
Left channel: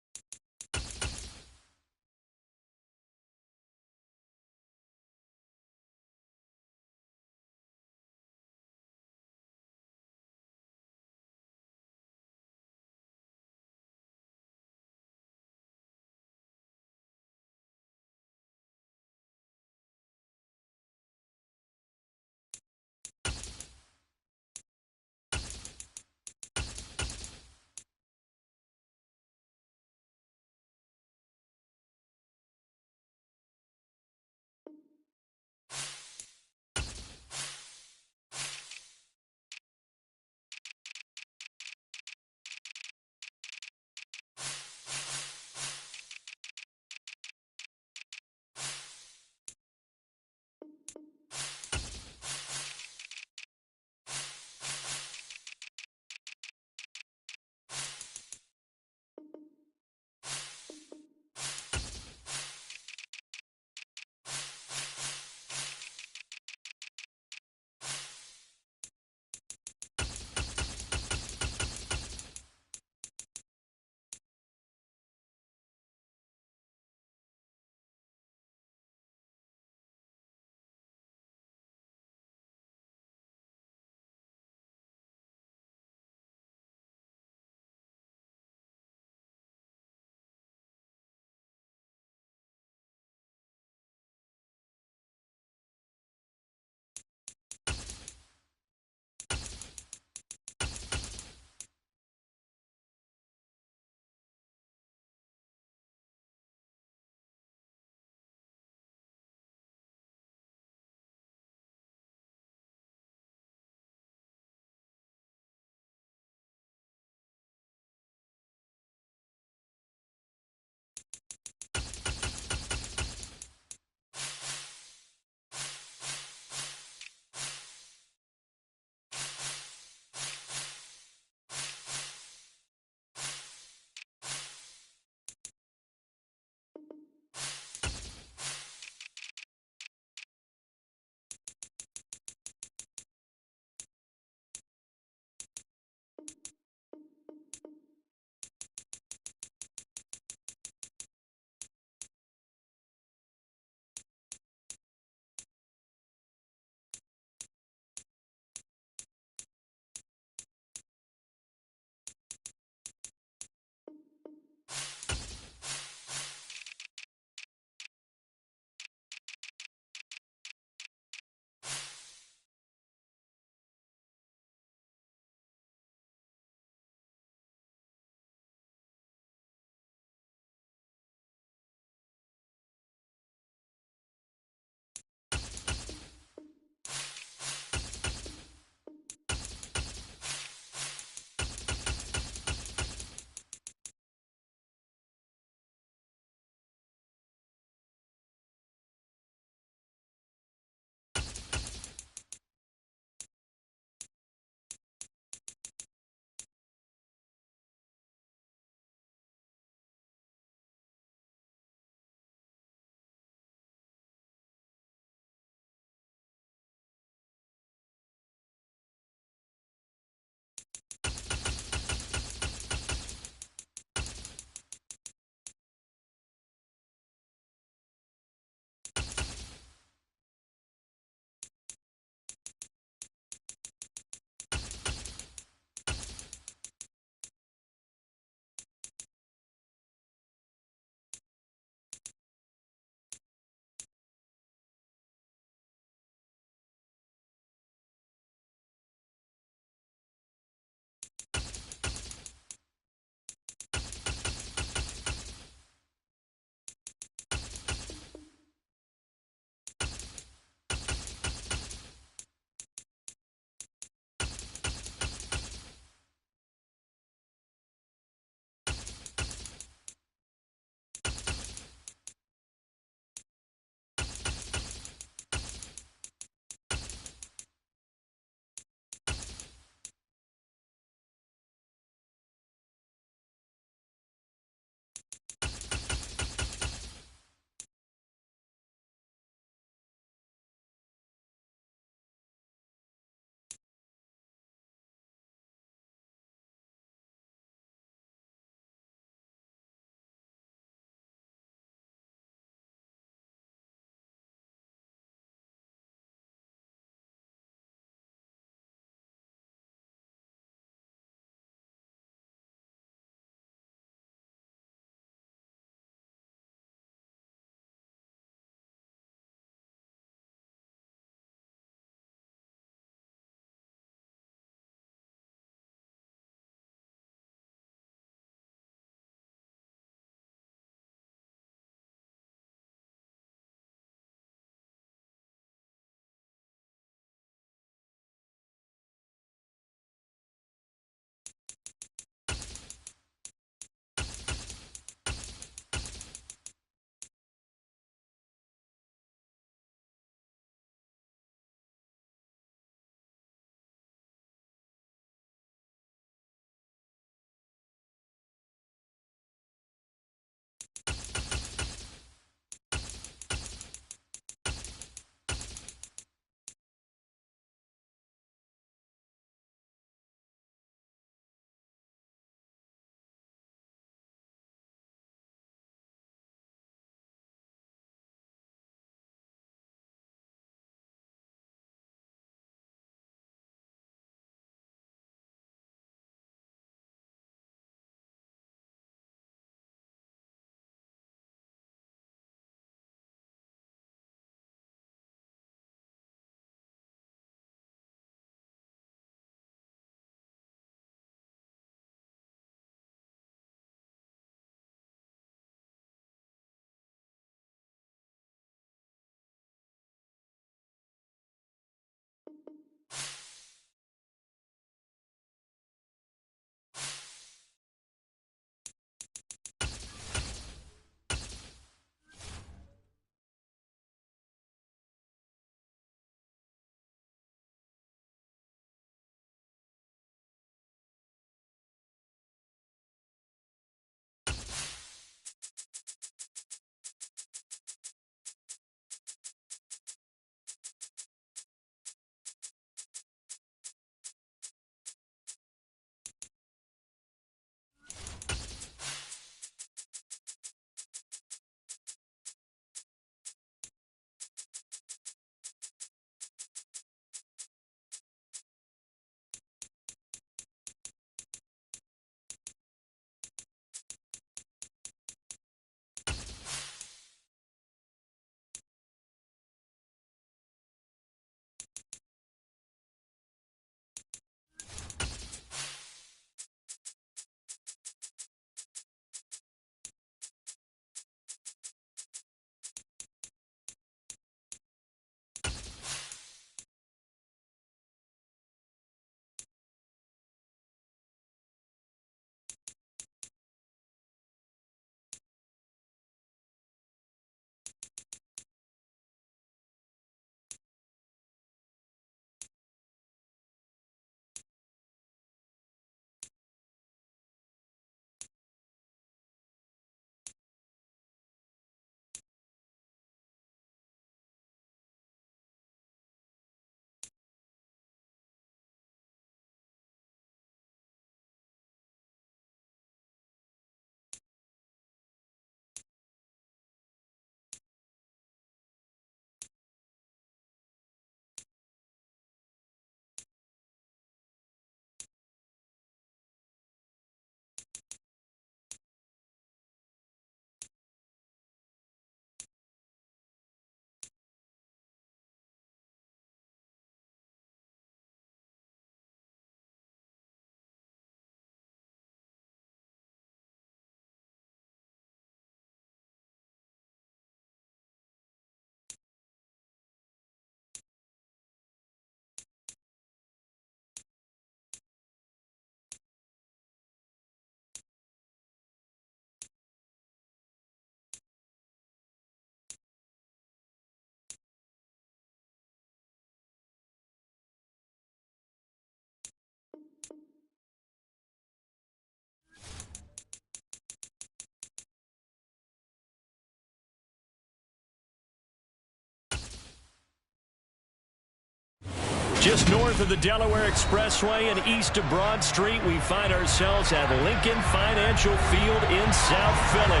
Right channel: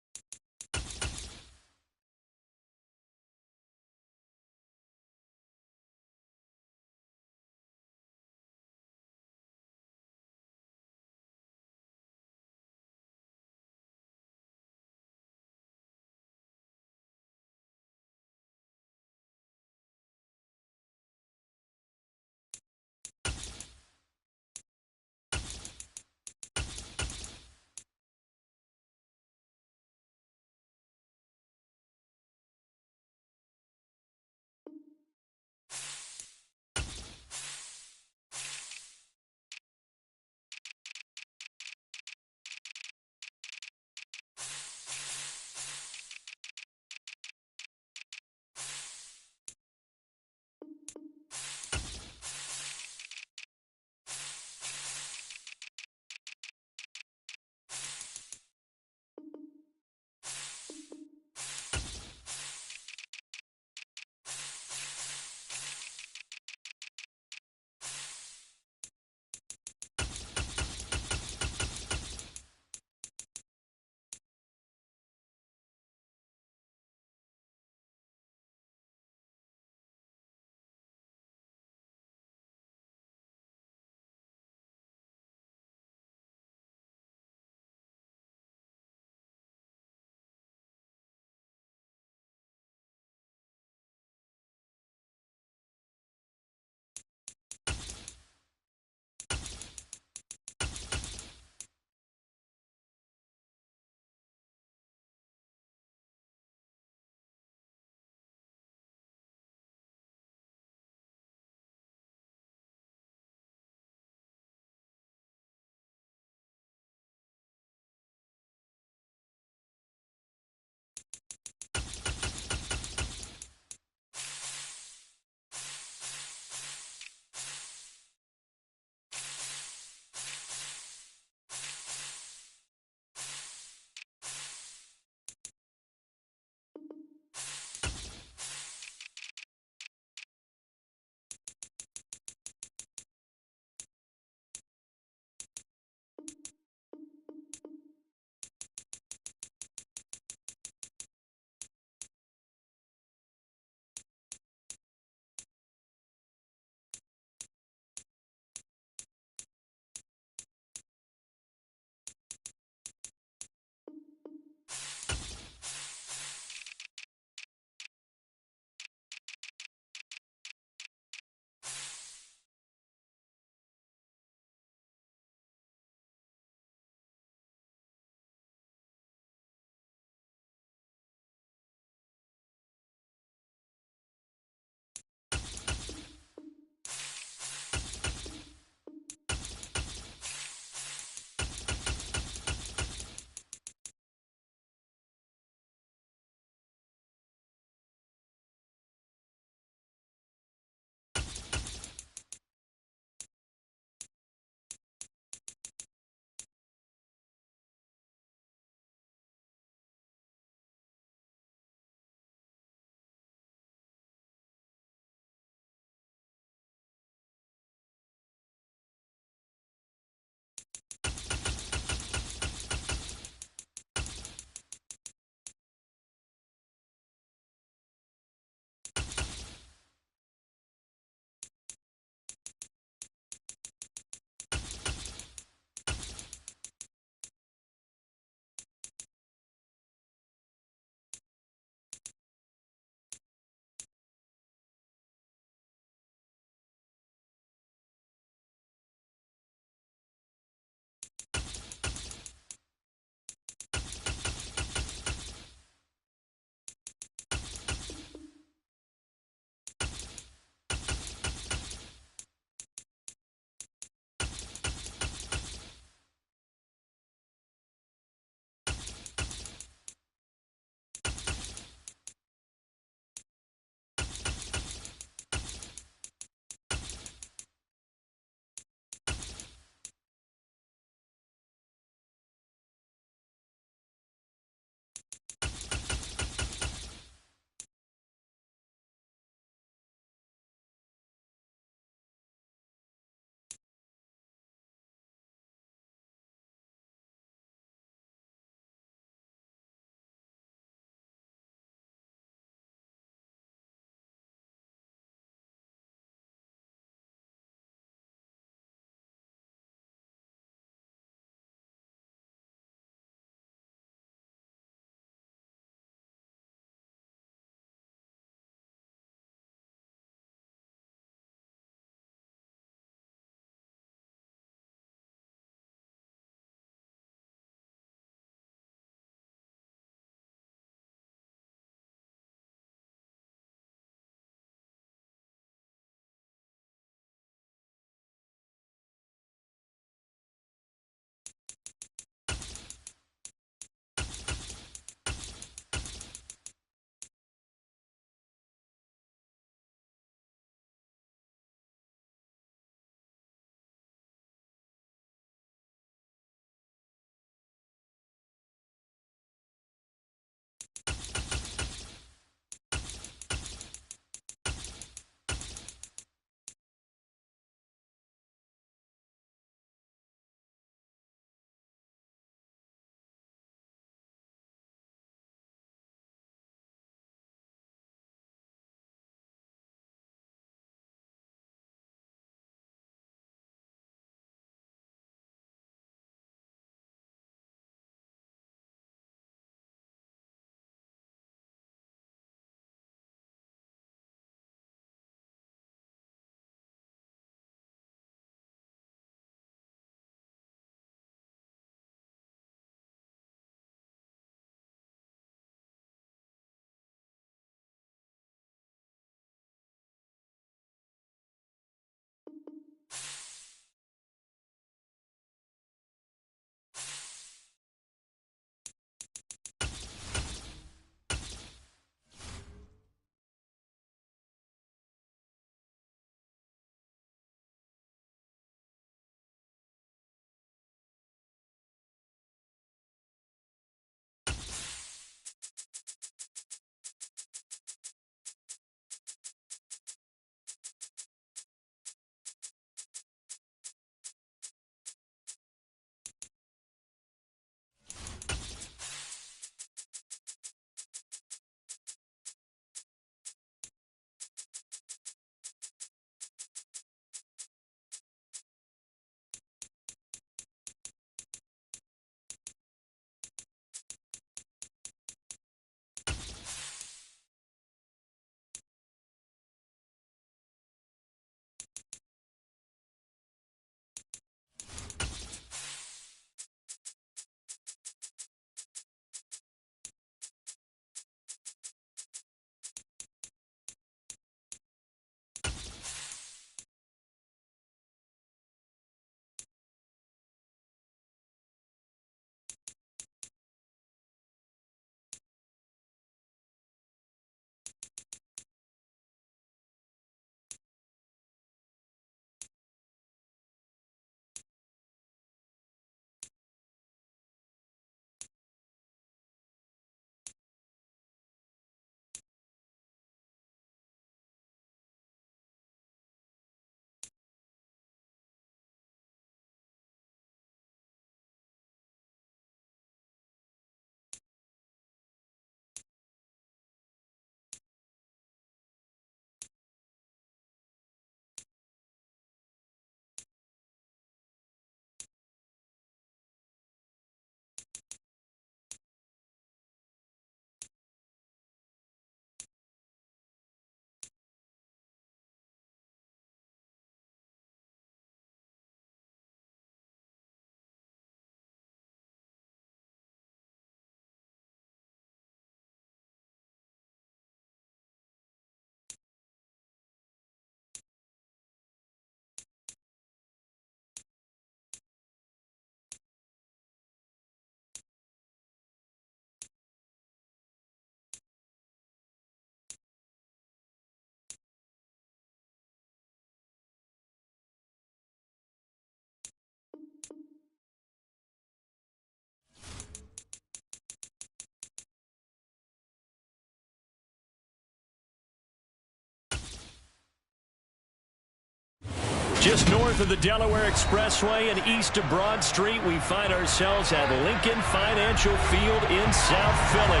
Just north of the Delaware Expressway and east of Broad Street, we find ourselves at Lincoln Financial Field in South Philly.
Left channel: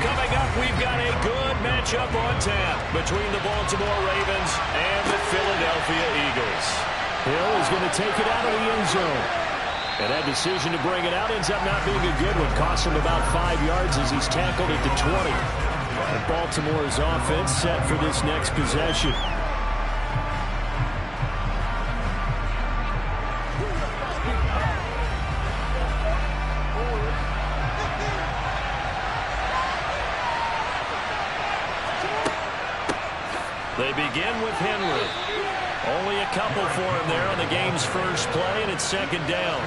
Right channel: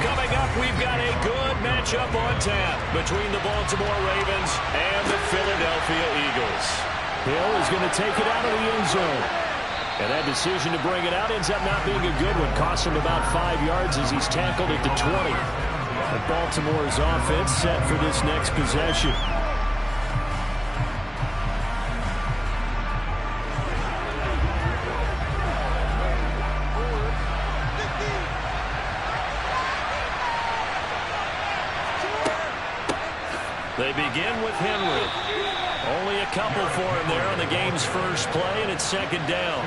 Coming up, we've got a good matchup on tap between the Baltimore Ravens and the Philadelphia Eagles. Hill is going to take it out of the end zone. And that decision to bring it out ends up not being a good one. Costs him about 5 yards as he's tackled at the 20. And Baltimore's offense set for this next possession. They begin with Henry. Only a couple for him there on the game's first play, and it's second down.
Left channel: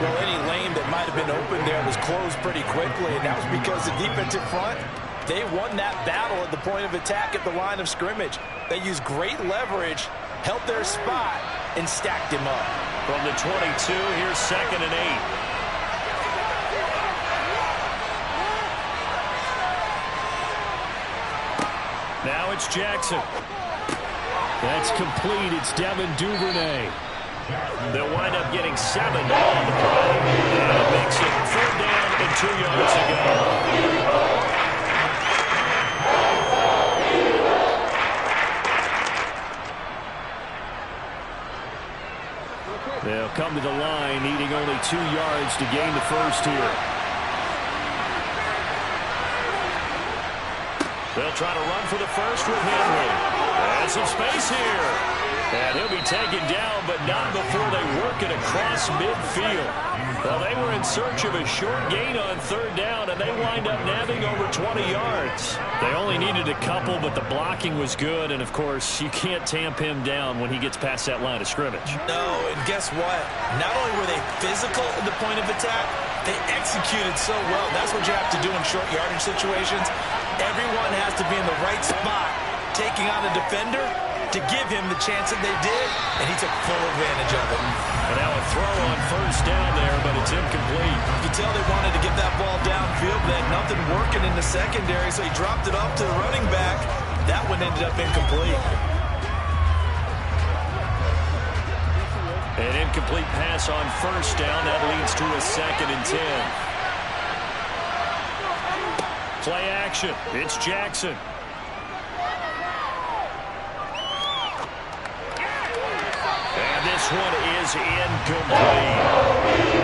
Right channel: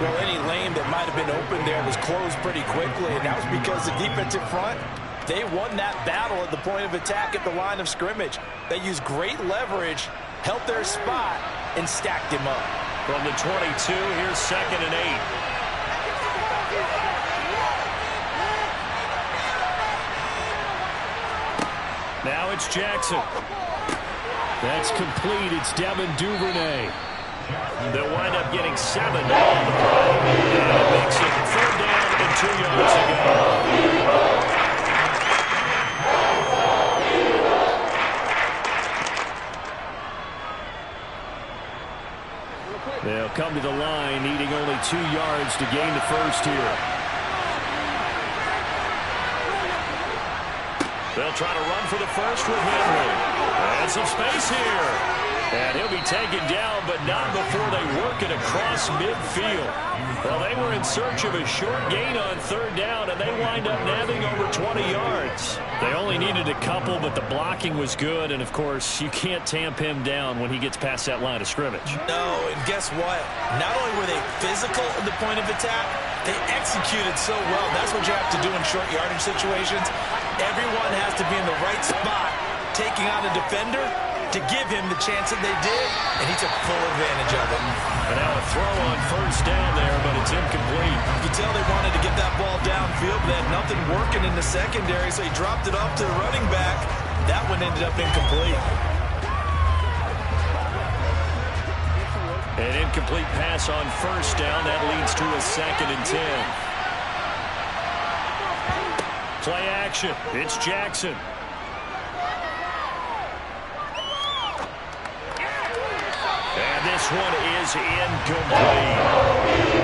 Well, any lane that might have been open there was closed pretty quickly, and that was because the defensive front, they won that battle at the point of attack at the line of scrimmage. They used great leverage, held their spot, and stacked him up. From the 22, here's 2nd and 8. Now it's Jackson. That's complete. It's Devin Duvernay. They'll wind up getting 7 on the play. And it makes it 4th down and 2 yards to go. They'll come to the line, needing only 2 yards to gain the first here. They'll try to run for the first with Henry. And some space here. And he'll be taken down, but not before they work it across midfield. Well, they were in search of a short gain on 3rd down, and they wind up nabbing over 20 yards. They only needed a couple, but the blocking was good. And, of course, you can't tamp him down when he gets past that line of scrimmage. No, and guess what? Not only were they physical at the point of attack, they executed so well. That's what you have to do in short yardage situations. Everyone has to be in the right spot, taking on a defender to give him the chance that they did, and he took full advantage of it. And now a throw on 1st down there, but it's incomplete. You could tell they wanted to get that ball downfield, but they had nothing working in the secondary, so he dropped it off to the running back. That one ended up incomplete. An incomplete pass on 1st down. That leads to a 2nd and 10. Play action. It's Jackson. And this one is incomplete.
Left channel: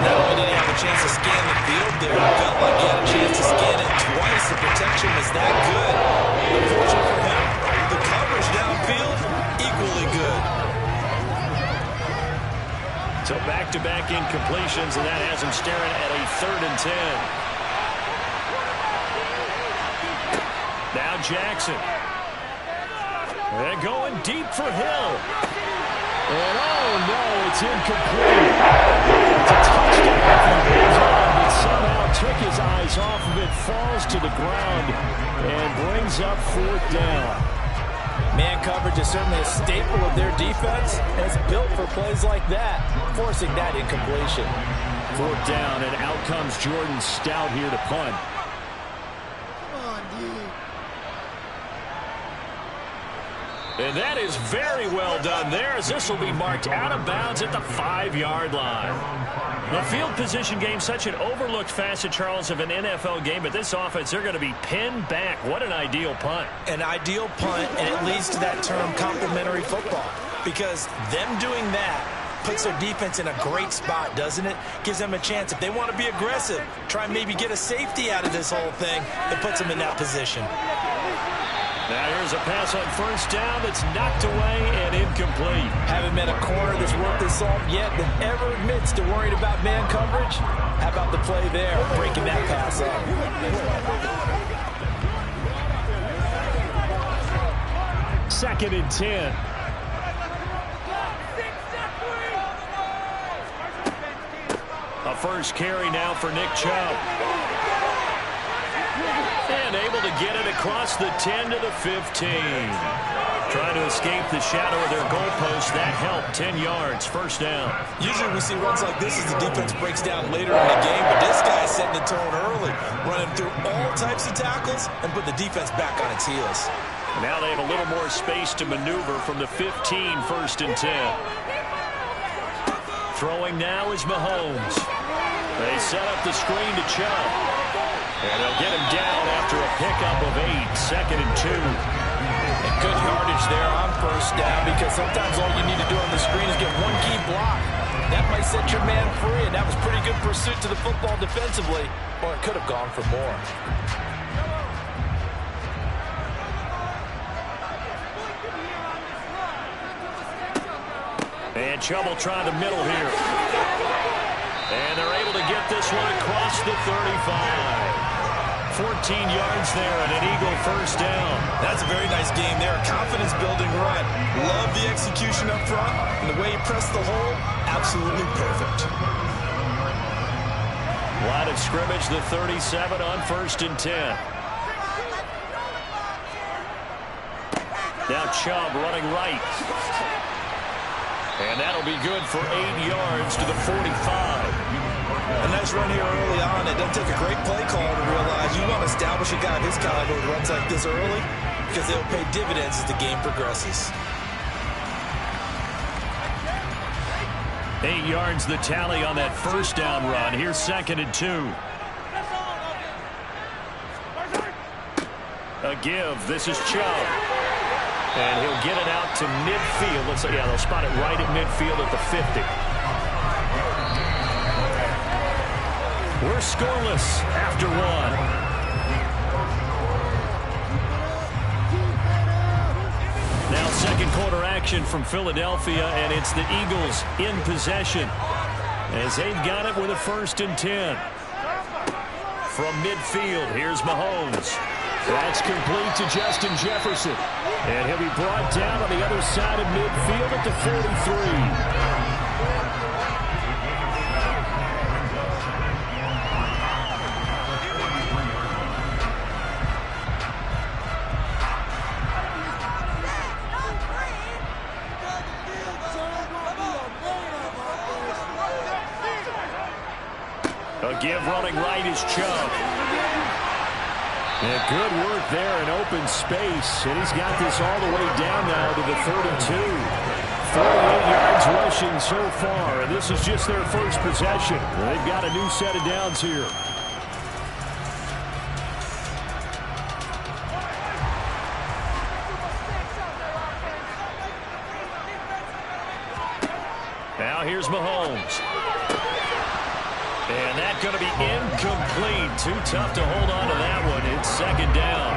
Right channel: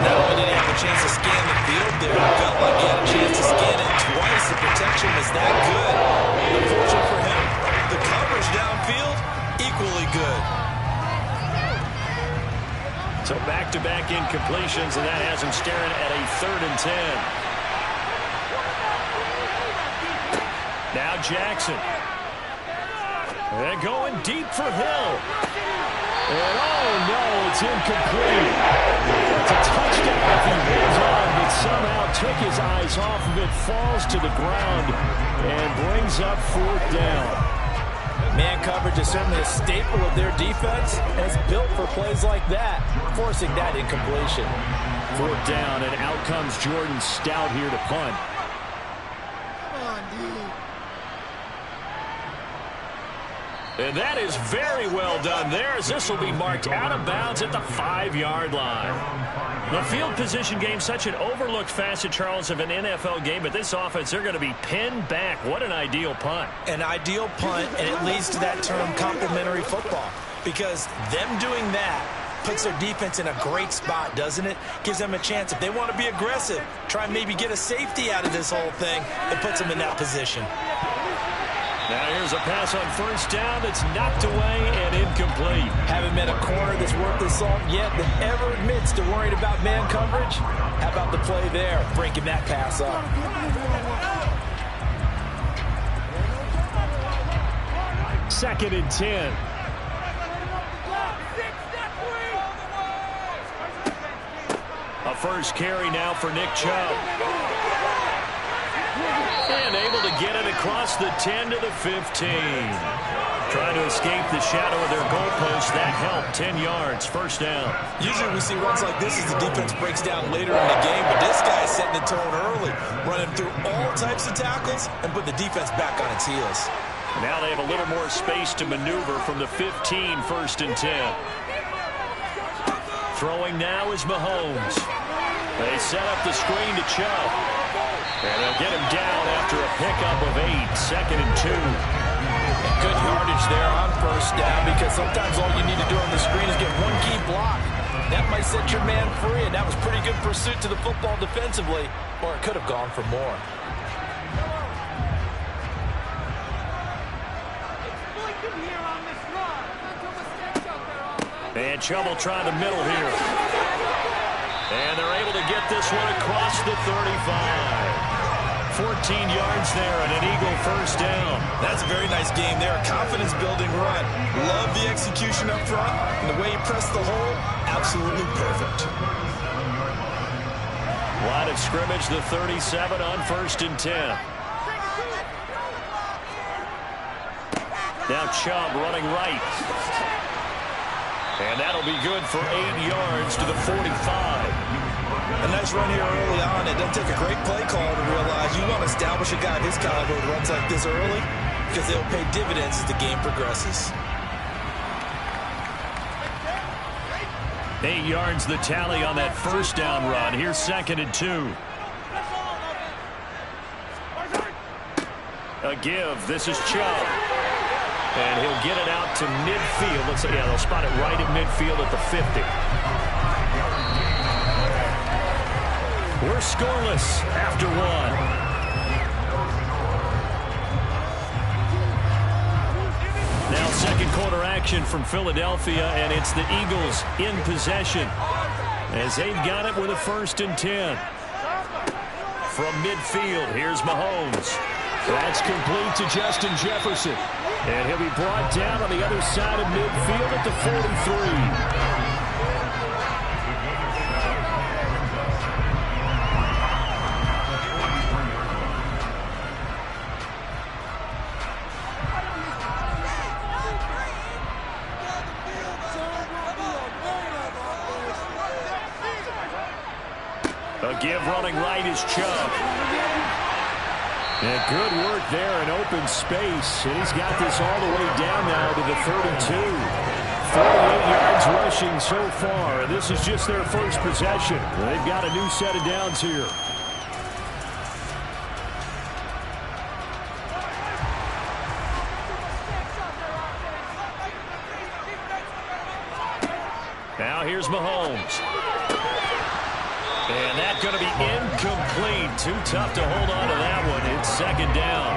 Not only did he have a chance to scan the field there, it felt like he had a chance to scan it twice. The protection was that good. Unfortunate for him, the coverage downfield, equally good. So back-to-back incompletions, and that has him staring at a 3rd and 10. Now Jackson. And going deep for Hill. And oh no, it's incomplete. It's a touchdown if he holds on, but somehow took his eyes off of it, falls to the ground, and brings up 4th down. Man coverage is certainly a staple of their defense, and it's built for plays like that, forcing that incompletion. 4th down, and out comes Jordan Stout here to punt. Come on, D. And that is very well done there, as this will be marked out of bounds at the 5-yard line. The field position game, such an overlooked facet, Charles, of an NFL game, but this offense, they're going to be pinned back. What an ideal punt. An ideal punt, and it leads to that term complementary football, because them doing that puts their defense in a great spot, doesn't it? Gives them a chance. If they want to be aggressive, try and maybe get a safety out of this whole thing, it puts them in that position. Now here's a pass on 1st down that's knocked away and incomplete. Haven't met a corner that's worth his salt yet that ever admits to worrying about man coverage. How about the play there, breaking that pass up? Second and 10. A first carry now for Nick Chubb. And able to get it across the 10 to the 15. Trying to escape the shadow of their goalpost. That helped. 10 yards. 1st down. Usually we see runs like this as the defense breaks down later in the game, but this guy is setting the tone early, running through all types of tackles and put the defense back on its heels. Now they have a little more space to maneuver from the 15, 1st and 10. Throwing now is Mahomes. They set up the screen to Chubb. And they'll get him down after a pickup of 8, 2nd and 2. And good yardage there on 1st down, because sometimes all you need to do on the screen is get one key block. That might set your man free, and that was pretty good pursuit to the football defensively, or it could have gone for more. And Chubb will try the middle here. And they're able to get this one across the 35. 14 yards there and an Eagle 1st down. That's a very nice game there. Confidence-building run. Love the execution up front. And the way he pressed the hole, absolutely perfect. Line of scrimmage, the 37 on 1st and 10. Now Chubb running right. And that'll be good for 8 yards to the 45. A nice run here early on. It doesn't take a great play call to realize you want to establish a guy of his caliber who runs like this early, because they'll pay dividends as the game progresses. 8 yards the tally on that 1st down run. Here's 2nd and 2. A give. This is Chubb. And he'll get it out to midfield. Let's say, yeah, they'll spot it right at midfield at the 50. We're scoreless after 1. Now 2nd quarter action from Philadelphia, and it's the Eagles in possession as they've got it with a 1st and 10. From midfield, here's Mahomes. That's complete to Justin Jefferson. And he'll be brought down on the other side of midfield at the 43. A give running right is Chubb. And good work there in open space. And he's got this all the way down now to the 32. 48 yards rushing so far. And this is just their 1st possession. They've got a new set of downs here. Now here's Mahomes. And that's going to be incomplete. Too tough to hold on to that one. It's 2nd down.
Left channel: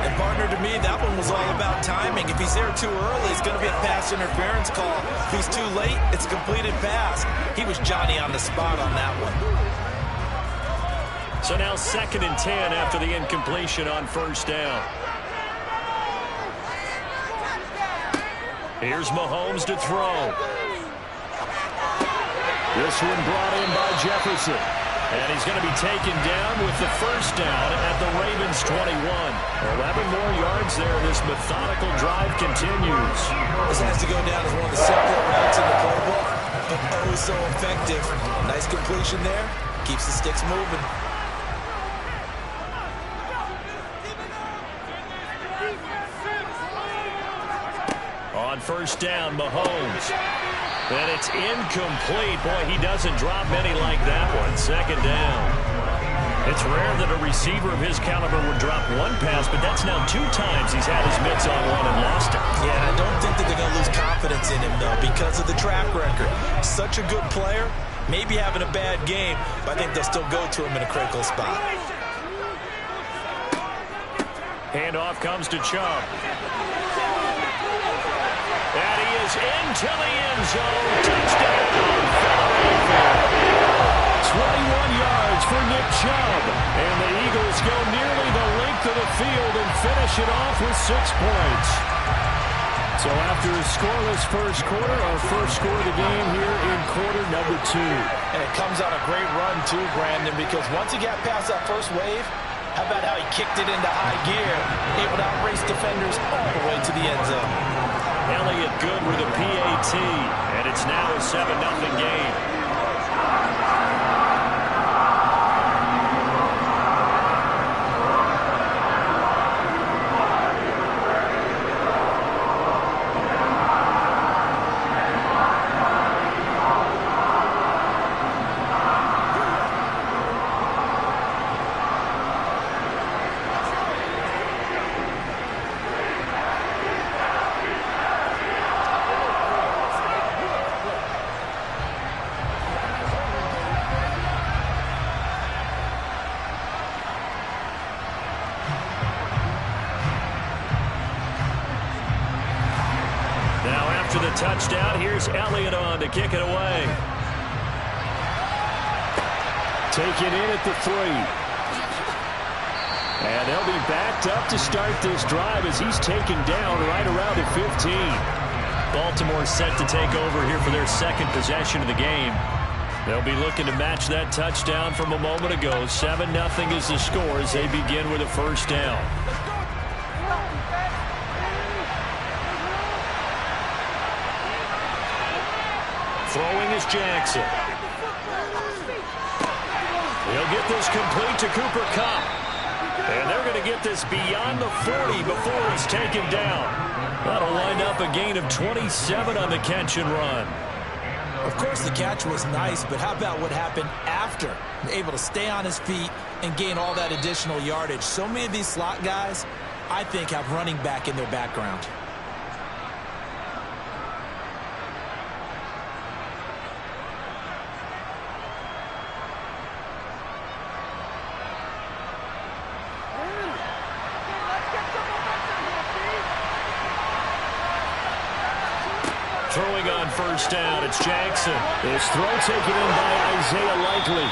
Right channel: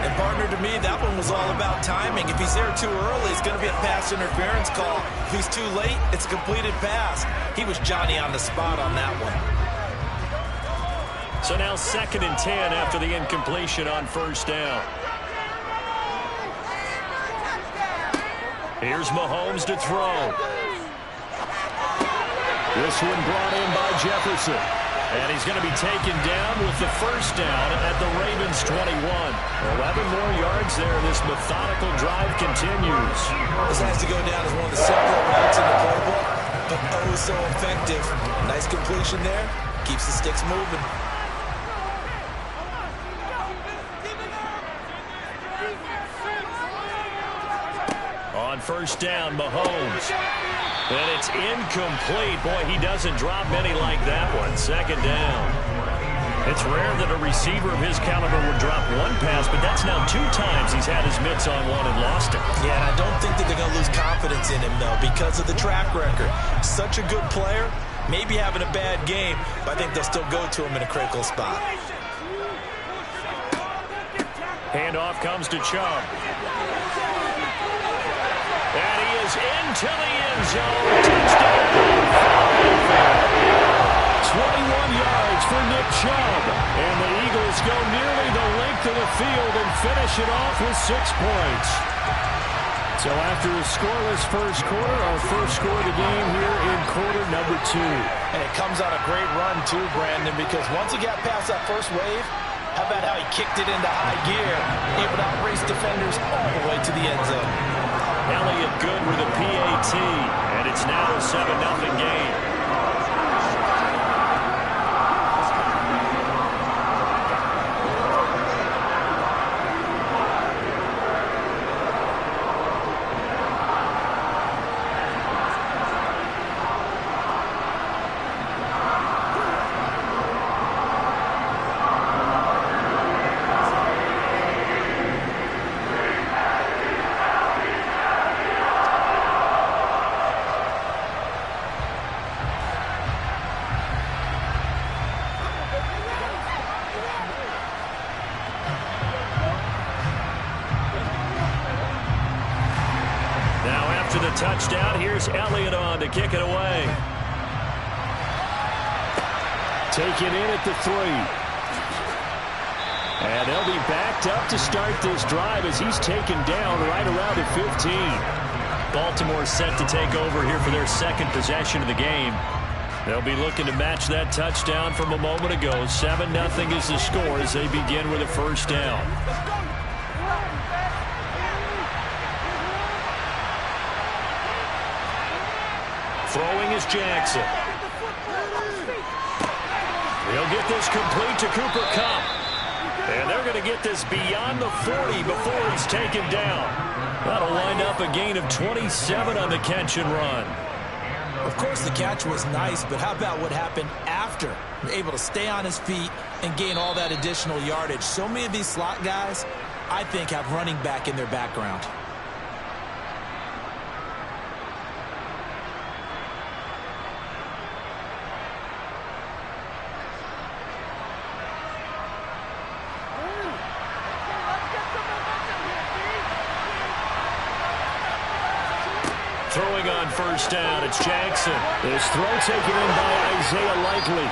And partner, to me, that one was all about timing. If he's there too early, it's going to be a pass interference call. If he's too late, it's a completed pass. He was Johnny on the spot on that one. So now 2nd and 10 after the incompletion on 1st down. Here's Mahomes to throw. This one brought in by Jefferson. And he's going to be taken down with the 1st down at the Ravens 21. 11 more yards there. This methodical drive continues. This has to go down as one of the simpler routes in the playbook, but oh so effective. Nice completion there. Keeps the sticks moving. On 1st down, Mahomes. And it's incomplete. Boy, he doesn't drop many like that one. 2nd down. It's rare that a receiver of his caliber would drop one pass, but that's now 2 times he's had his mitts on one and lost it. Yeah, and I don't think that they're going to lose confidence in him, though, because of the track record. Such a good player, maybe having a bad game, but I think they'll still go to him in a critical spot. Handoff comes to Chubb. And he is into the end zone. Touchdown, Philadelphia. 21 yards for Nick Chubb. And the Eagles go nearly the length of the field and finish it off with 6 points. So after a scoreless 1st quarter, our 1st score of the game here in quarter number 2. And it comes on a great run, too, Brandon, because once he got past that first wave, how about how he kicked it into high gear, able to outrace defenders all the way to the end zone. Elliott good with a PAT, and it's now a 7-0 game. After the touchdown, here's Elliott on to kick it away. Take it in at the 3. And they'll be backed up to start this drive as he's taken down right around the 15. Baltimore set to take over here for their second possession of the game. They'll be looking to match that touchdown from a moment ago. 7-0 is the score as they begin with a first down. Throwing is Jackson. He'll get this complete to Cooper Kupp. And they're going to get this beyond the 40 before he's taken down. That'll wind up a gain of 27 on the catch and run. Of course, the catch was nice, but how about what happened after? Able to stay on his feet and gain all that additional yardage. So many of these slot guys, I think, have running back in their background. Throwing on first down, it's Jackson. This throw taken in by Isaiah Likely.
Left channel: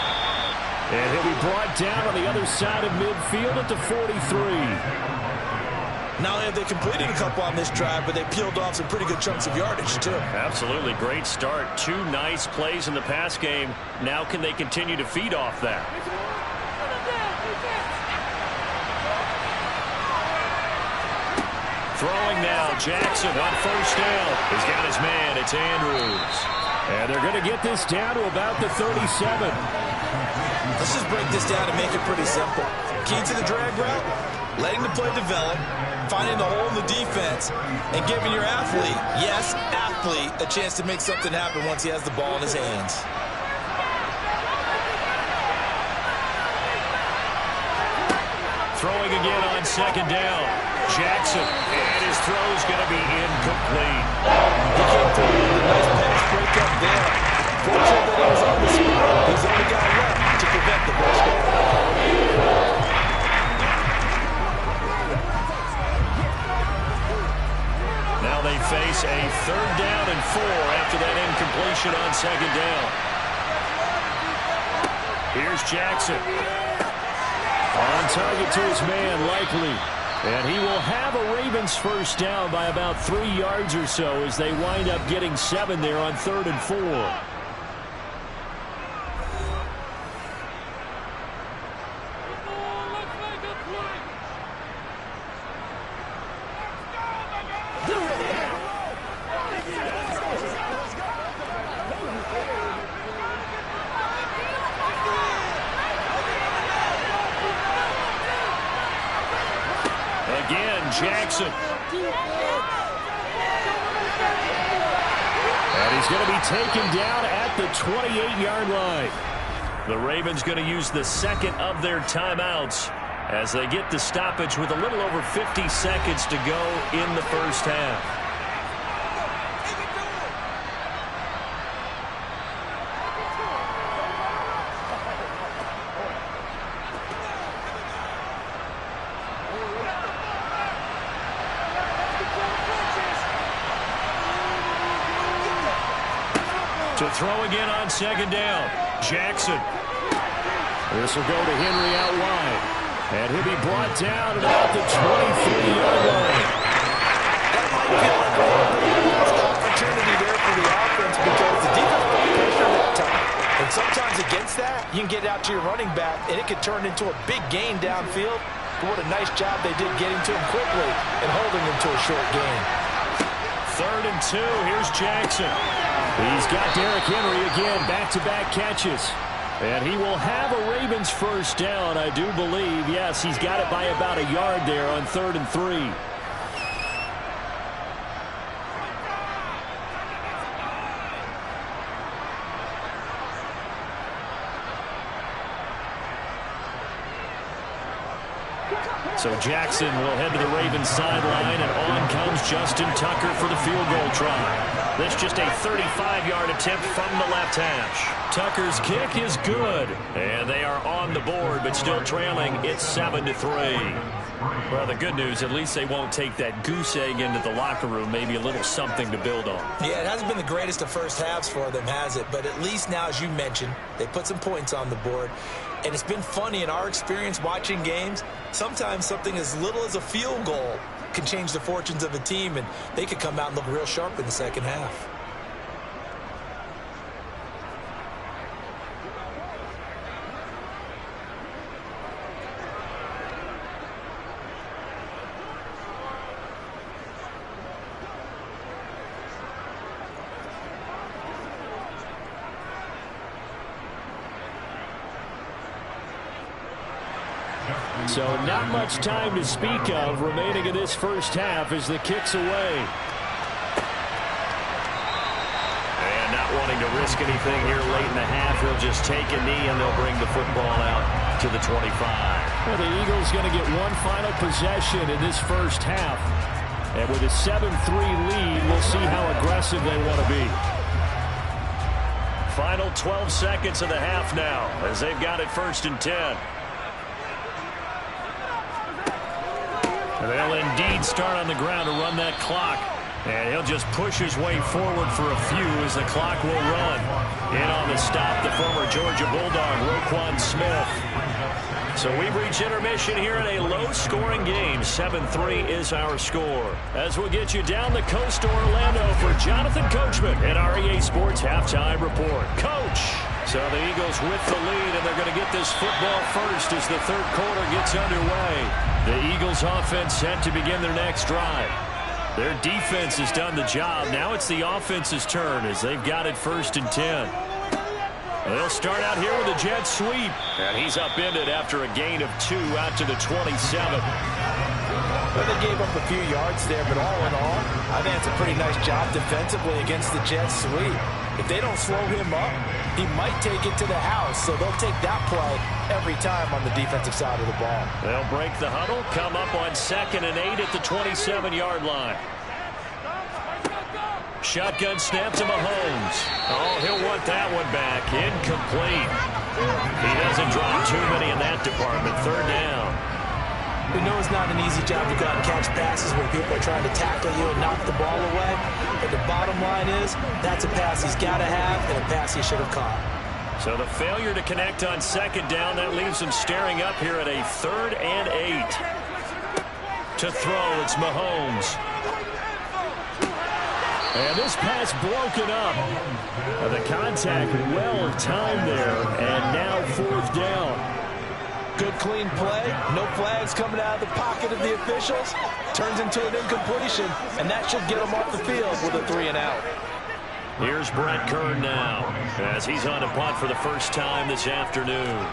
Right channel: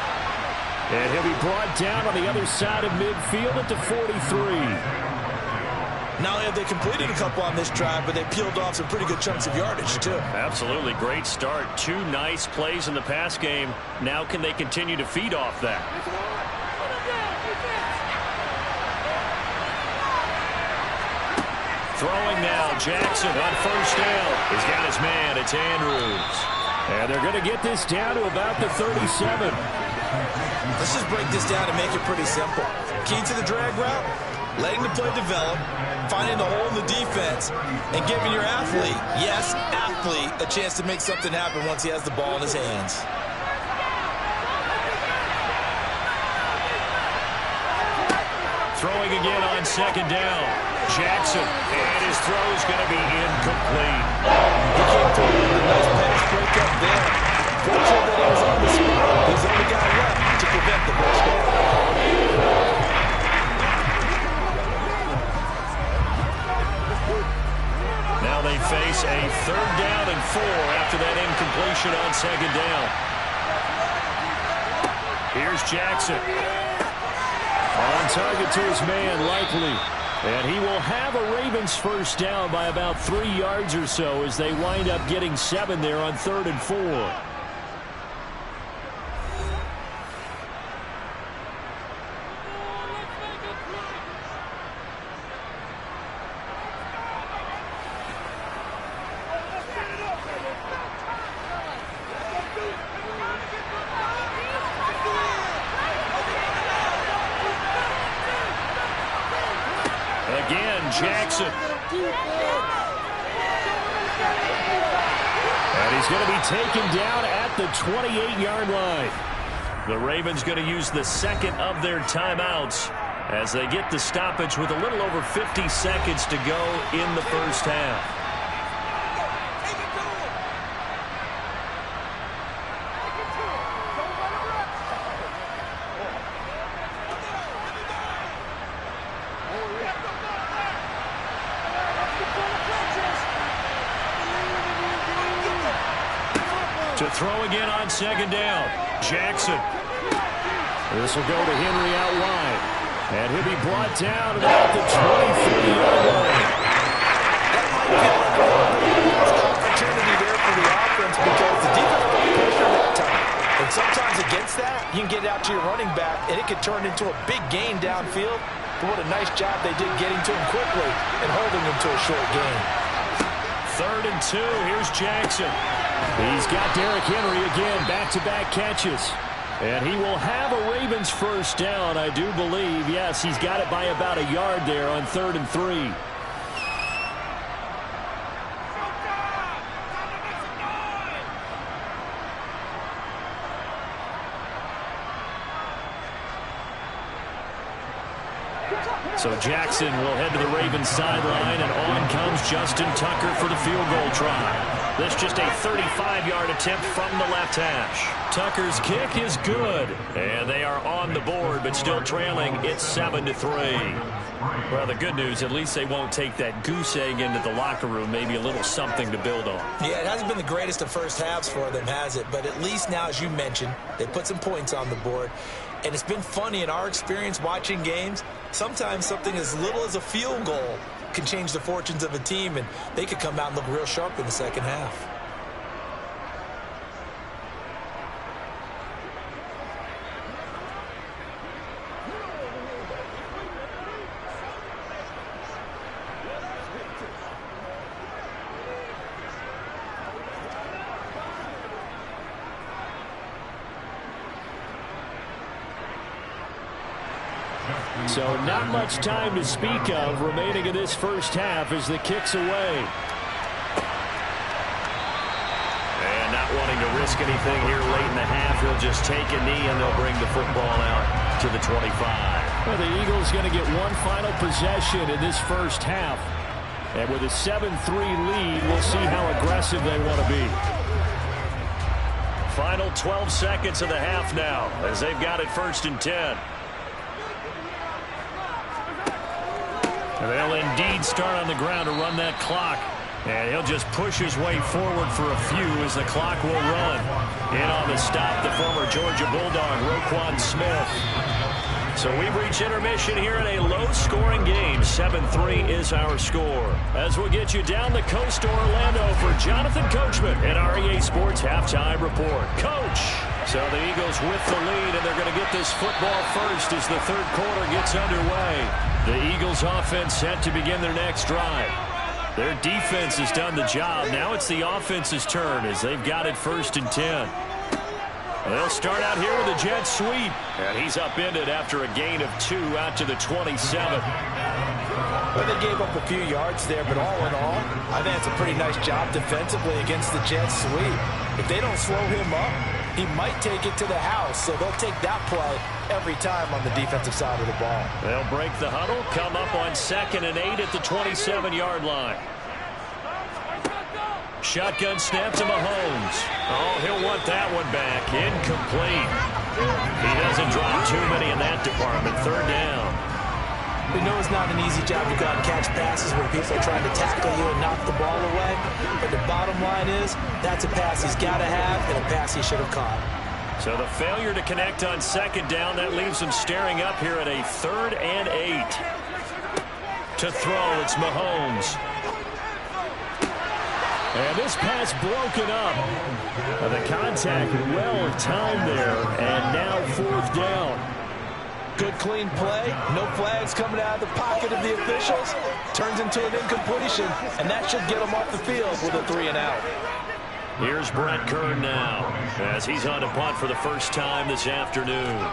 And he'll be brought down on the other side of midfield at the 43. Not only have they completed a couple on this drive, but they peeled off some pretty good chunks of yardage, too. Absolutely. Great start. 2 nice plays in the pass game. Now can they continue to feed off that? Throwing now, Jackson on first down. He's got his man. It's Andrews. And they're going to get this down to about the 37. Let's just break this down and make it pretty simple. Key to the drag route, letting the play develop, finding the hole in the defense, and giving your athlete, yes, athlete, a chance to make something happen once he has the ball in his hands. Throwing again on second down. Jackson, and his throw's going to be incomplete. He came through with a nice pass breakup there. Fortunate that he was on the spot. He's the only guy left to prevent the first down. Now they face a 3rd down and 4 after that incompletion on second down. Here's Jackson. On target to his man, Likely. And he will have a Ravens first down by about 3 yards or so as they wind up getting 7 there on 3rd and 4. Again, Jackson. And he's going to be taken down at the 28-yard line. The Ravens going to use the second of their timeouts as they get the stoppage with a little over 50 seconds to go in the first half. To throw again on second down. Jackson. This will go to Henry out wide. And he'll be brought down at about the 23-yard line. That might feel like a missed opportunity there for the offense because the defense put pressure that time. And sometimes against that, you can get it out to your running back, and it could turn into a big gain downfield. But what a nice job they did getting to him quickly and holding him to a short gain. 3rd and 2. Here's Jackson. He's got Derrick Henry again, back-to-back catches. And he will have a Ravens first down, I do believe. Yes, he's got it by about a yard there on 3rd and 3. So Jackson will head to the Ravens sideline, and on comes Justin Tucker for the field goal try. This just a 35-yard attempt from the left hash. Tucker's kick is good. And they are on the board, but still trailing. It's 7-3. Well, the good news, at least they won't take that goose egg into the locker room. Maybe a little something to build on. Yeah, it hasn't been the greatest of first halves for them, has it? But at least now, as you mentioned, they put some points on the board. And it's been funny in our experience watching games. Sometimes something as little as a field goal can change the fortunes of a team, and they could come out and look real sharp in the second half. So not much time to speak of remaining in this first half as the kick's away. And not wanting to risk anything here late in the half, he'll just take a knee and they'll bring the football out to the 25. Well, the Eagles going to get one final possession in this first half. And with a 7-3 lead, we'll see how aggressive they want to be. Final 12 seconds of the half now as they've got it 1st and 10. They'll indeed start on the ground to run that clock. And he'll just push his way forward for a few as the clock will run. In on the stop, the former Georgia Bulldog, Roquan Smith. So we've reached intermission here in a low-scoring game. 7-3 is our score. As we'll get you down the coast to Orlando for Jonathan Coachman at our EA Sports Halftime Report. Coach! So the Eagles with the lead, and they're going to get this football first as the third quarter gets underway. The Eagles offense set to begin their next drive. Their defense has done the job. Now it's the offense's turn as they've got it 1st and 10. They'll start out here with a jet sweep. And he's upended after a gain of 2 out to the 27. Well, they gave up a few yards there, but all in all, I think it's a pretty nice job defensively against the jet sweep. If they don't slow him up, he might take it to the house, so they'll take that play every time on the defensive side of the ball. They'll break the huddle, come up on 2nd and 8 at the 27-yard line. Shotgun snap to Mahomes. Oh, he'll want that one back. Incomplete. He doesn't drop too many in that department. 3rd down. We know it's not an easy job to go out and catch passes when people are trying to tackle you and knock the ball away. But the bottom line is, that's a pass he's got to have and a pass he should have caught. So the failure to connect on 2nd down, that leaves him staring up here at a 3rd and 8. To throw, it's Mahomes. And this pass broken up. The contact well timed there, and now 4th down. Good clean play, no flags coming out of the pocket of the officials. Turns into an incompletion, and that should get him off the field with a 3 and out. Here's Brett Kern now as he's on to punt for the first time this afternoon.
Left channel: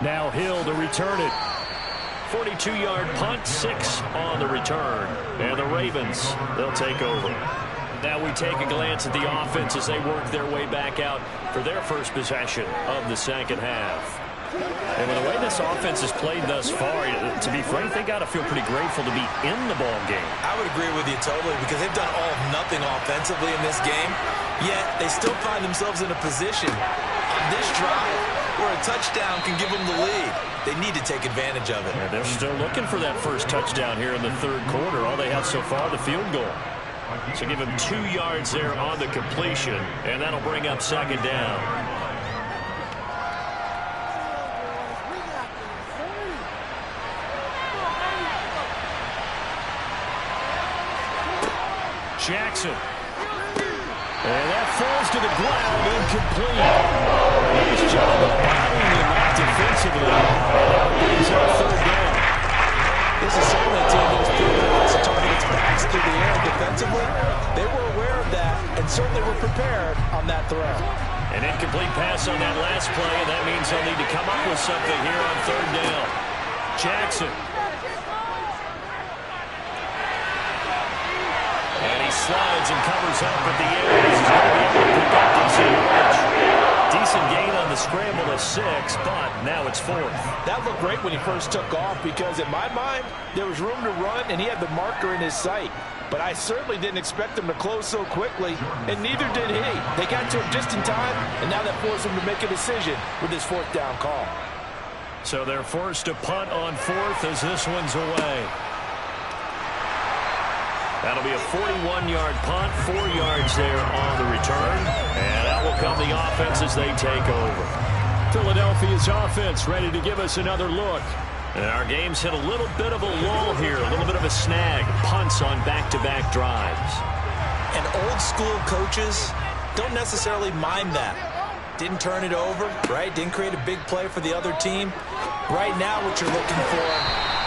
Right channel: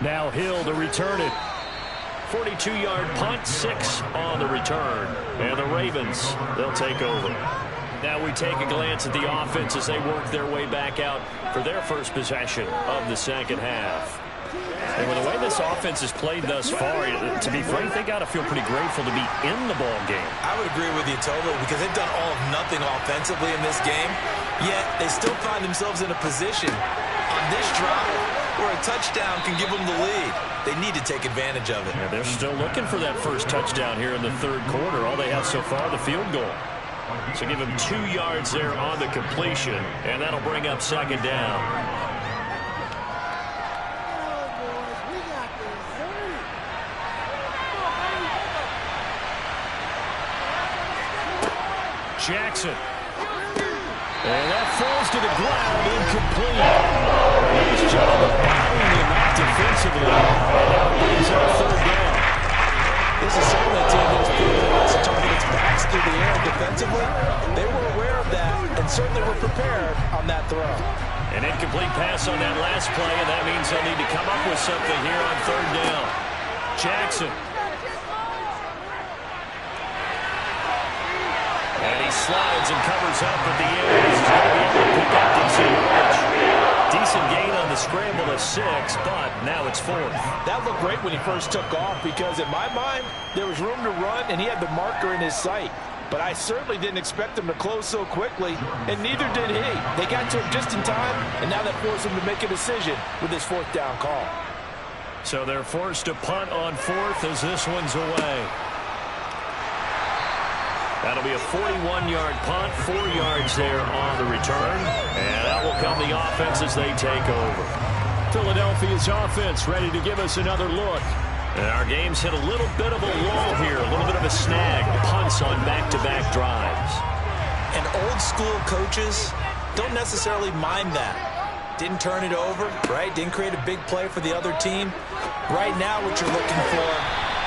Now Hill to return it. 42-yard punt, 6 on the return. And the Ravens, they'll take over. Now we take a glance at the offense as they work their way back out for their first possession of the second half. And with the way this offense has played thus far, to be frank, they got to feel pretty grateful to be in the ball game. I would agree with you totally because they've done all of nothing offensively in this game, yet they still find themselves in a position on this drive where a touchdown can give them the lead. They need to take advantage of it. And they're still looking for that first touchdown here in the third quarter. All they have so far, the field goal. So give him 2 yards there on the completion, and that'll bring up 2nd down. Jackson. And that falls to the ground, incomplete. Nice job of battling him out defensively. And now brings up 3rd down. This is certainly a team that's proven to target its backs through the air defensively. They were aware of that and certainly were prepared on that throw. An incomplete pass on that last play, and that means they'll need to come up with something here on 3rd down. Jackson. And he slides and covers up at the end. He's going to be able to pick up decent yardage. Decent gain on the scramble a 6, but now it's 4th. That looked great when he first took off because in my mind, there was room to run and he had the marker in his sight. But I certainly didn't expect him to close so quickly, and neither did he. They got to him just in time, and now that forced him to make a decision with his 4th down call. So they're forced to punt on 4th as this one's away. That'll be a 41-yard punt, 4 yards there on the return. And out will come the offense as they take over. Philadelphia's offense ready to give us another look. And our game's hit a little bit of a lull here, a little bit of a snag. Punts on back-to-back drives. And old-school coaches don't necessarily mind that. Didn't turn it over, right? Didn't create a big play for the other team. Right now what you're looking for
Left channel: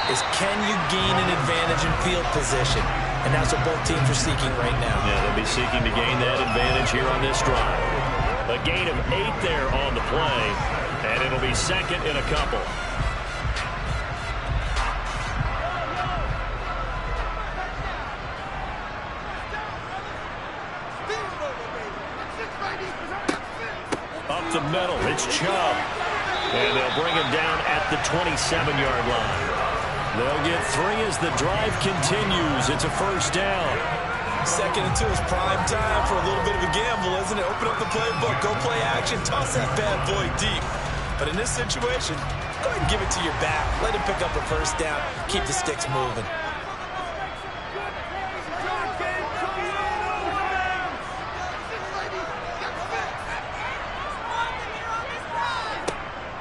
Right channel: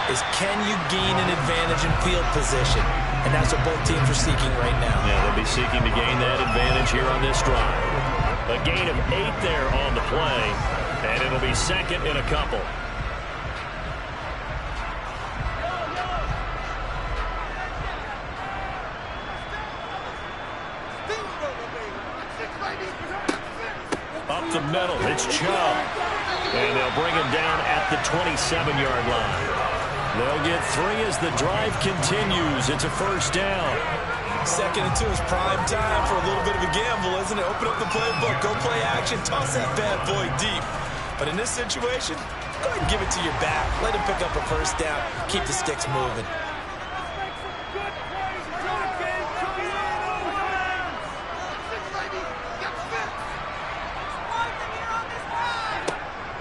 is can you gain an advantage in field position? And that's what both teams are seeking right now. Yeah, they'll be seeking to gain that advantage here on this drive. A gain of 8 there on the play, and it'll be 2nd and a couple. Up the middle, it's Chubb. And they'll bring him down at the 27-yard line. They'll get 3 as the drive continues. It's a 1st down. 2nd and 2 is prime time for a little bit of a gamble, isn't it? Open up the playbook, go play action, toss that bad boy deep. But in this situation, go ahead and give it to your back. Let him pick up a 1st down. Keep the sticks moving.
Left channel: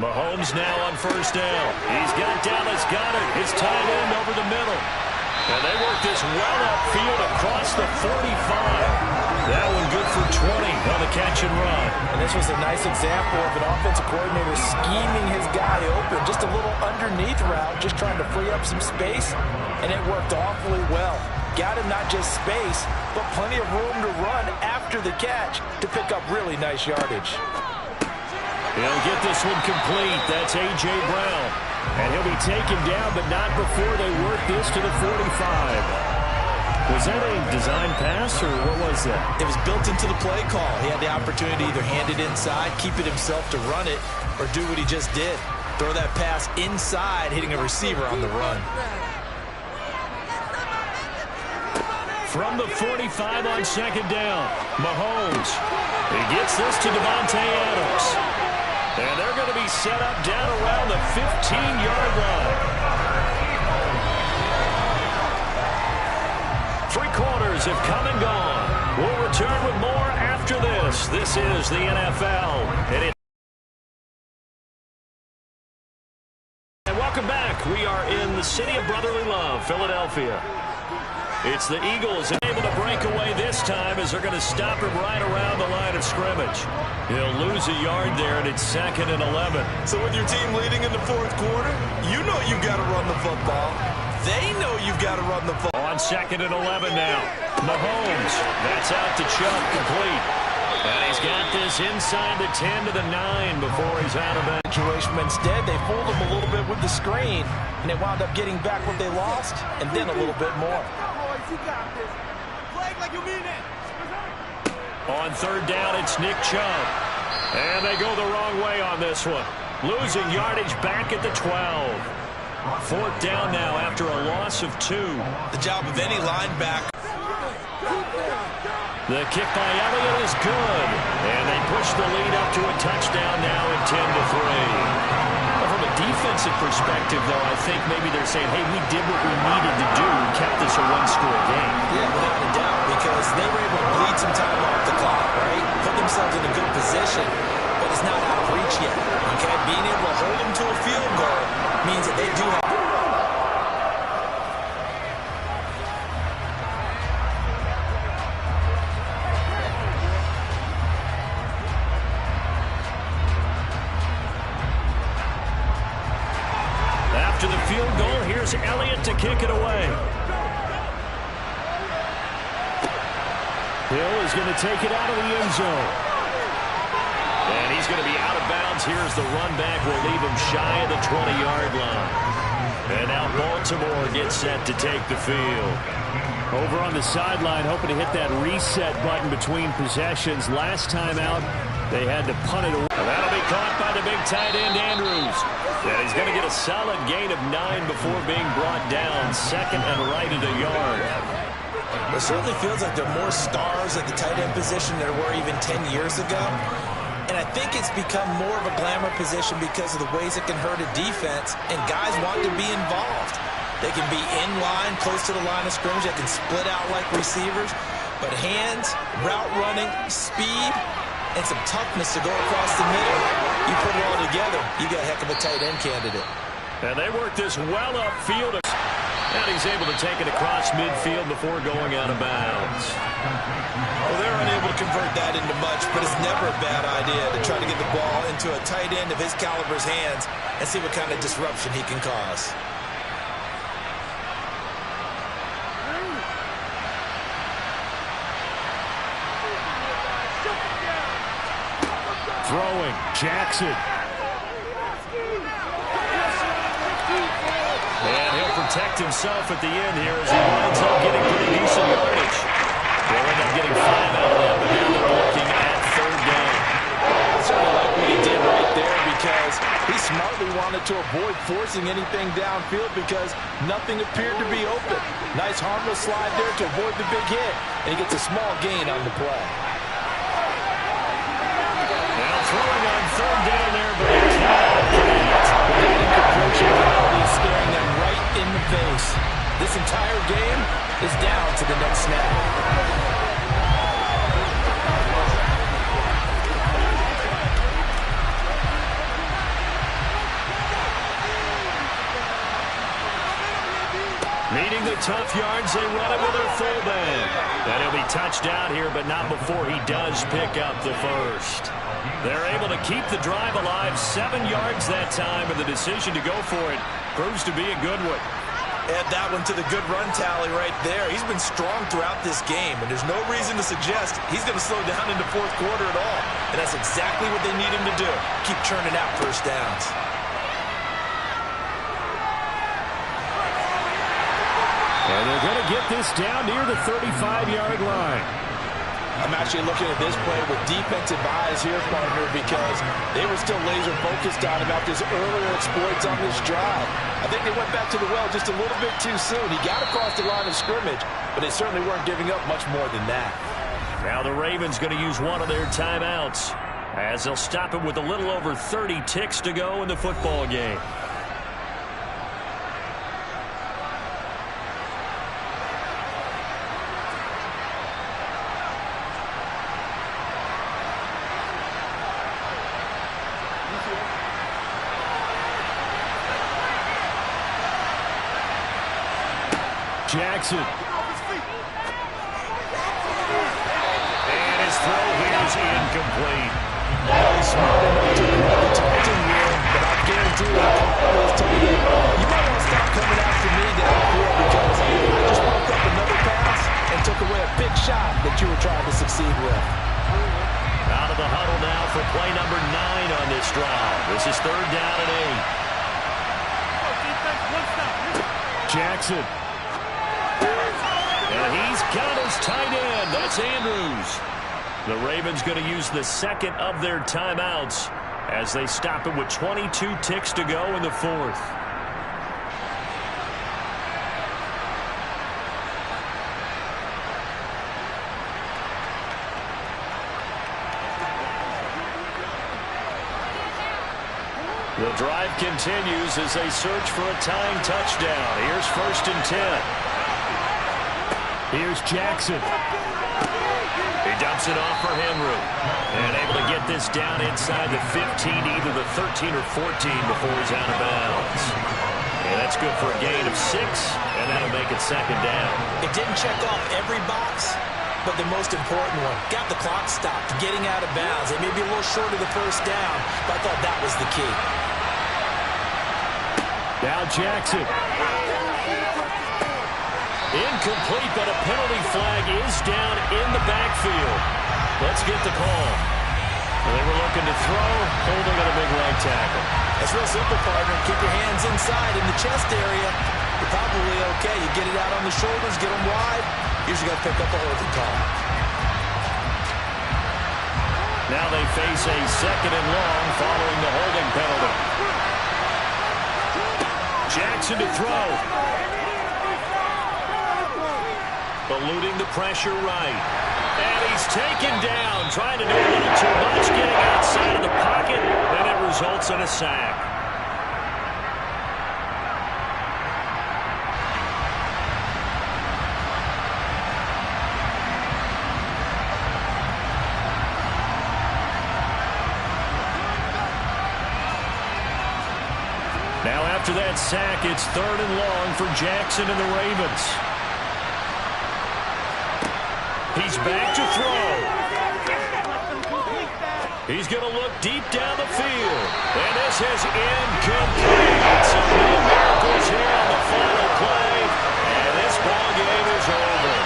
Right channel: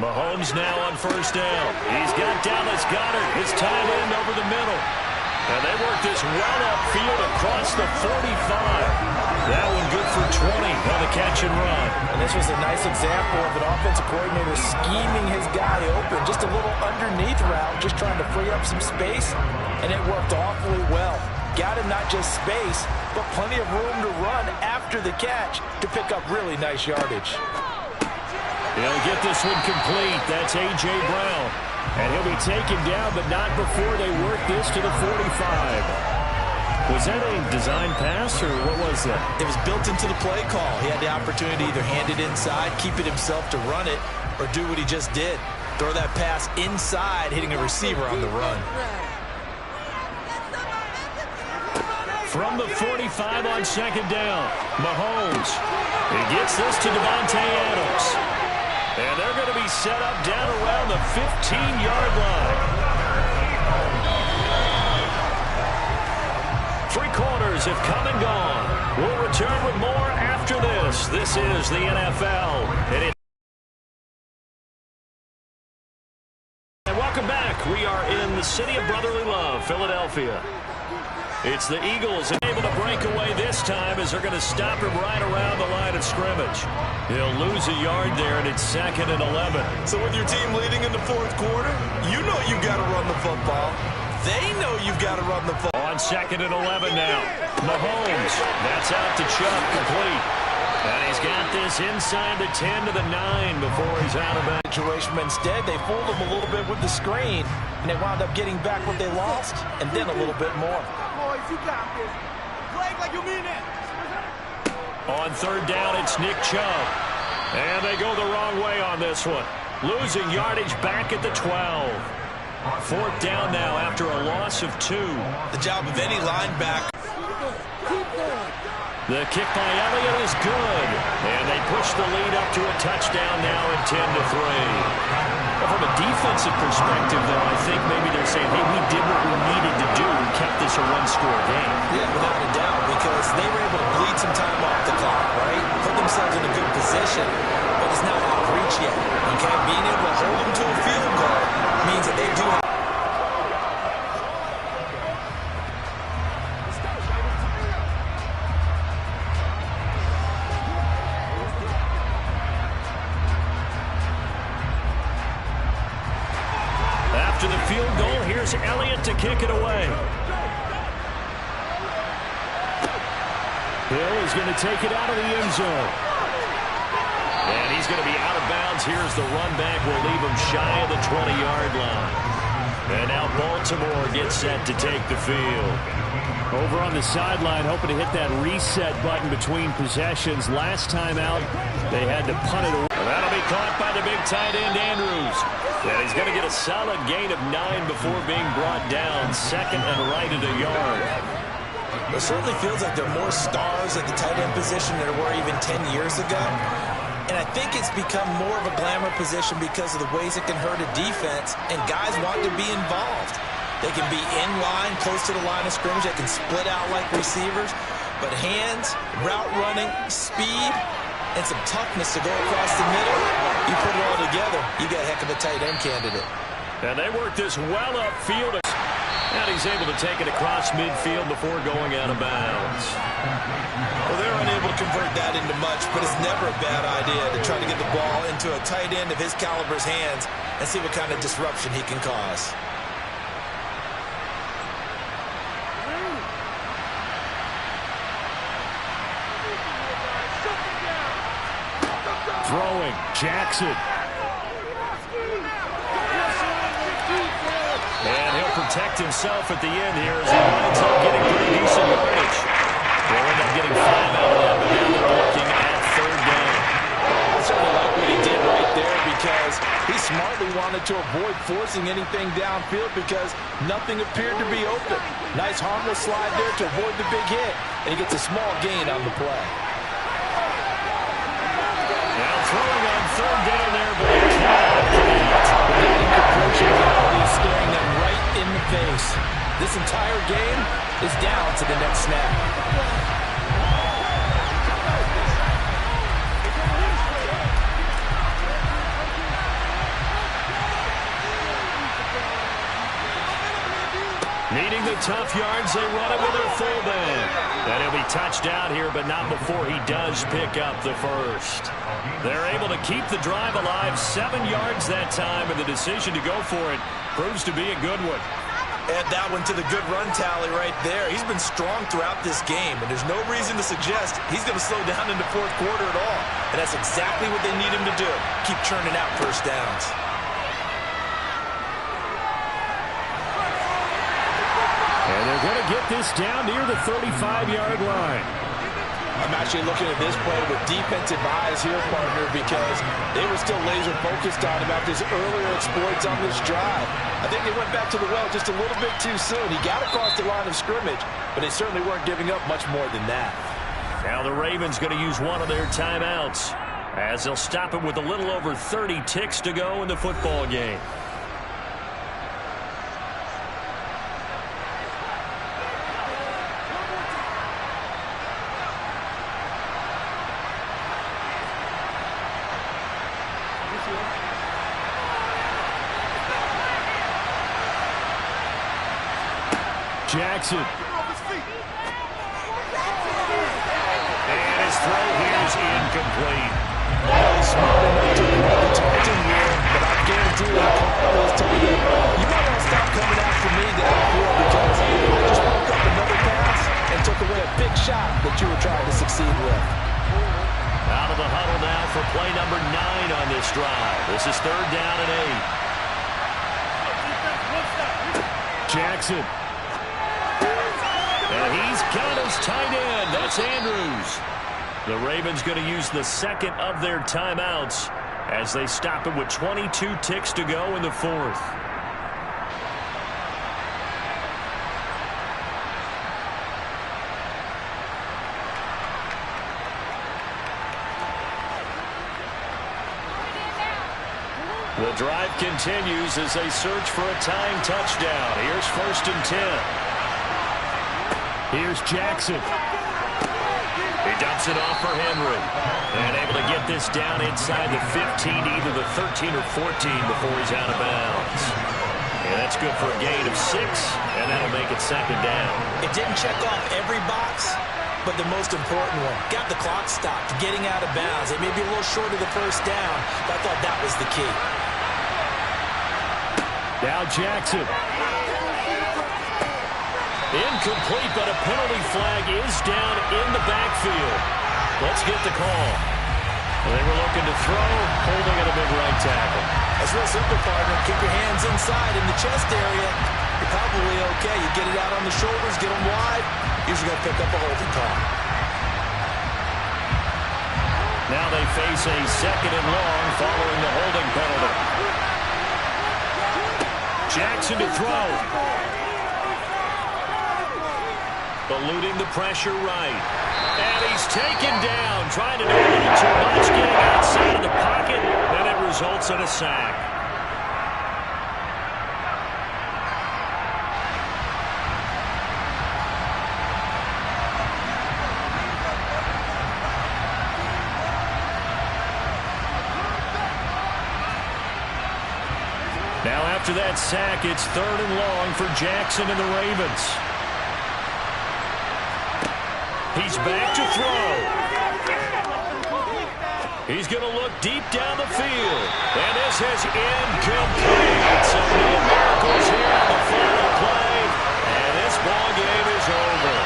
Mahomes now on 1st down. He's got Dallas Goedert, his tight end, over the middle. And they work this well upfield across the 45. That one good for 20 on the catch and run. And this was a nice example of an offensive coordinator scheming his guy open. Just a little underneath route, just trying to free up some space. And it worked awfully well. Got him not just space, but plenty of room to run after the catch to pick up really nice yardage. He'll get this one complete. That's A.J. Brown. And he'll be taken down, but not before they work this to the 45. Was that a design pass, or what was that? It was built into the play call. He had the opportunity to either hand it inside, keep it himself to run it, or do what he just did. Throw that pass inside, hitting a receiver on the run. From the 45 on 2nd down, Mahomes. He gets this to Davante Adams. And they're going to be set up down around the 15-yard line. 3 quarters have come and gone. We'll return with more after this. This is the NFL. And welcome back. We are in the city of brotherly love, Philadelphia. It's the Eagles able to break away this time as they're going to stop him right around the line of scrimmage. He'll lose a yard there, and it's 2nd and 11. So with your team leading in the 4th quarter, you know you've got to run the football. They know you've got to run the football. On 2nd and 11 now. Mahomes. That's out to Chubb, complete. And he's got this inside the 10 to the 9 before he's out of it. Situation, but instead they fooled him a little bit with the screen, and they wound up getting back what they lost, and then a little bit more. You got this. Play like you mean it. On 3rd down, it's Nick Chubb. And they go the wrong way on this one. Losing yardage back at the 12. 4th down now after a loss of 2. The job of any linebacker. The kick by Elliott is good. And they push the lead up to a touchdown now at 10-3. Well, from a defensive perspective, though, I think maybe they're saying, hey, we did what we needed to do and kept this a 1-score game. Yeah, without a doubt, because they were able to bleed some time off the clock, right? Put themselves in a good position, but it's not out of reach yet, okay? Being able to hold them to a field goal means that they do have... After the field goal, here's Elliott to kick it away. Hill is going to take it out of the end zone. And he's going to be out of bounds. Here's the run back. Will leave him shy of the 20-yard line. And now Baltimore gets set to take the field. Over on the sideline, hoping to hit that reset button between possessions. Last time out, They had to punt it away. And that'll be caught by the big tight end, Andrews. And he's going to get a solid gain of 9 before being brought down. Second and right at a yard. It certainly feels like there are more stars at the tight end position than there were even 10 years ago. And I think it's become more of a glamour position because of the ways it can hurt a defense, and guys want to be involved. They can be in line, close to the line of scrimmage. They can split out like receivers. But hands, route running, speed, and some toughness to go across the middle, you put it all together, you got a heck of a tight end candidate. And they work this well upfield. And he's able to take it across midfield before going out of bounds. Well, they're unable to convert that into much, but it's never a bad idea to try to get the ball into a tight end of his caliber's hands and see what kind of disruption he can cause. Throwing, Jackson. And he'll protect himself at the end here as he winds up getting pretty decent yardage. They'll end up getting 5 out of that, but now they're looking at third down. I certainly like what he did right there because he smartly wanted to avoid forcing anything downfield because nothing appeared to be open. Nice harmless slide there to avoid the big hit, and he gets a small gain on the play. Now throwing on third down there, but he cannot complete. That incompletion penalty is staring them right in the face. This entire game is down to the next snap. Needing the tough yards, they run it with their fullback. And he'll be touched out here, but not before he does pick up the first. They're able to keep the drive alive, 7 yards that time, and the decision to go for it proves to be a good one. Add that one to the good run tally right there. He's been strong throughout this game, and there's no reason to suggest he's going to slow down into fourth quarter at all. And that's exactly what they need him to do. Keep churning out first downs. And they're going to get this down near the 35-yard line. I'm actually looking at this play with defensive eyes here, partner, because they were still laser focused on him after his earlier exploits on this drive. I think they went back to the well just a little bit too soon. He got across the line of scrimmage, but they certainly weren't giving up much more than that. Now the Ravens going to use one of their timeouts as they'll stop it with a little over 30 ticks to go in the football game. Jackson. And his throw here is incomplete. Well, he's smart enough to read the taunting here, but I guarantee you, Carl has told him, you might want to stop coming after me downfield because I just broke up another pass and took away a big shot that you were trying to succeed with. Out of the huddle now for play number 9 on this drive. This is third down and 8. Jackson. And he's got his tight end. That's Andrews. The Ravens going to use the second of their timeouts as they stop it with 22 ticks to go in the fourth. The drive continues as they search for a tying touchdown. Here's 1st and 10. Here's Jackson. He dumps it off for Henry. And able to get this down inside the 15, either the 13 or 14 before he's out of bounds. And that's good for a gain of 6, and that'll make it second down. It didn't check off every box, but the most important one. Got the clock stopped, getting out of bounds. They may be a little short of the first down, but I thought that was the key. Now Jackson. Incomplete, but a penalty flag is down in the backfield. Let's get the call. They were looking to throw, holding at a big right tackle. It's real simple, partner. Keep your hands inside in the chest area. You're probably okay. You get it out on the shoulders, get them wide. Usually got to pick up a holding call. Now they face a 2nd and long following the holding penalty. Jackson to throw. Eluding the pressure right. And he's taken down, trying to do a little too much, getting outside of the pocket, and it results in a sack. Now after that sack, it's 3rd and long for Jackson and the Ravens. He's back to throw. He's going to look deep down the field. And this is incomplete. So no miracles here on the final play. And this ball game is over.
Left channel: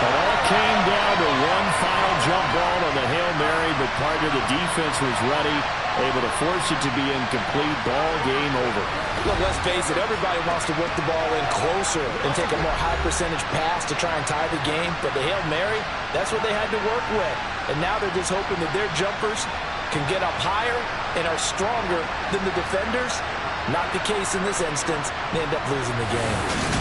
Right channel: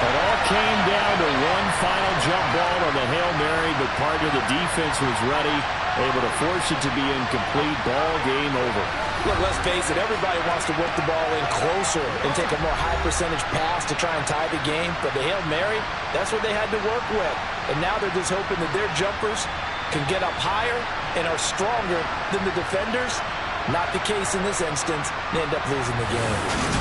It all came down to one final jump ball on the Hail Mary, but partner, the defense was ready, able to force it to be incomplete. Ball game over. Look, let's face it, everybody wants to work the ball in closer and take a more high percentage pass to try and tie the game. But the Hail Mary, that's what they had to work with. And now they're just hoping that their jumpers can get up higher and are stronger than the defenders. Not the case in this instance. They end up losing the game.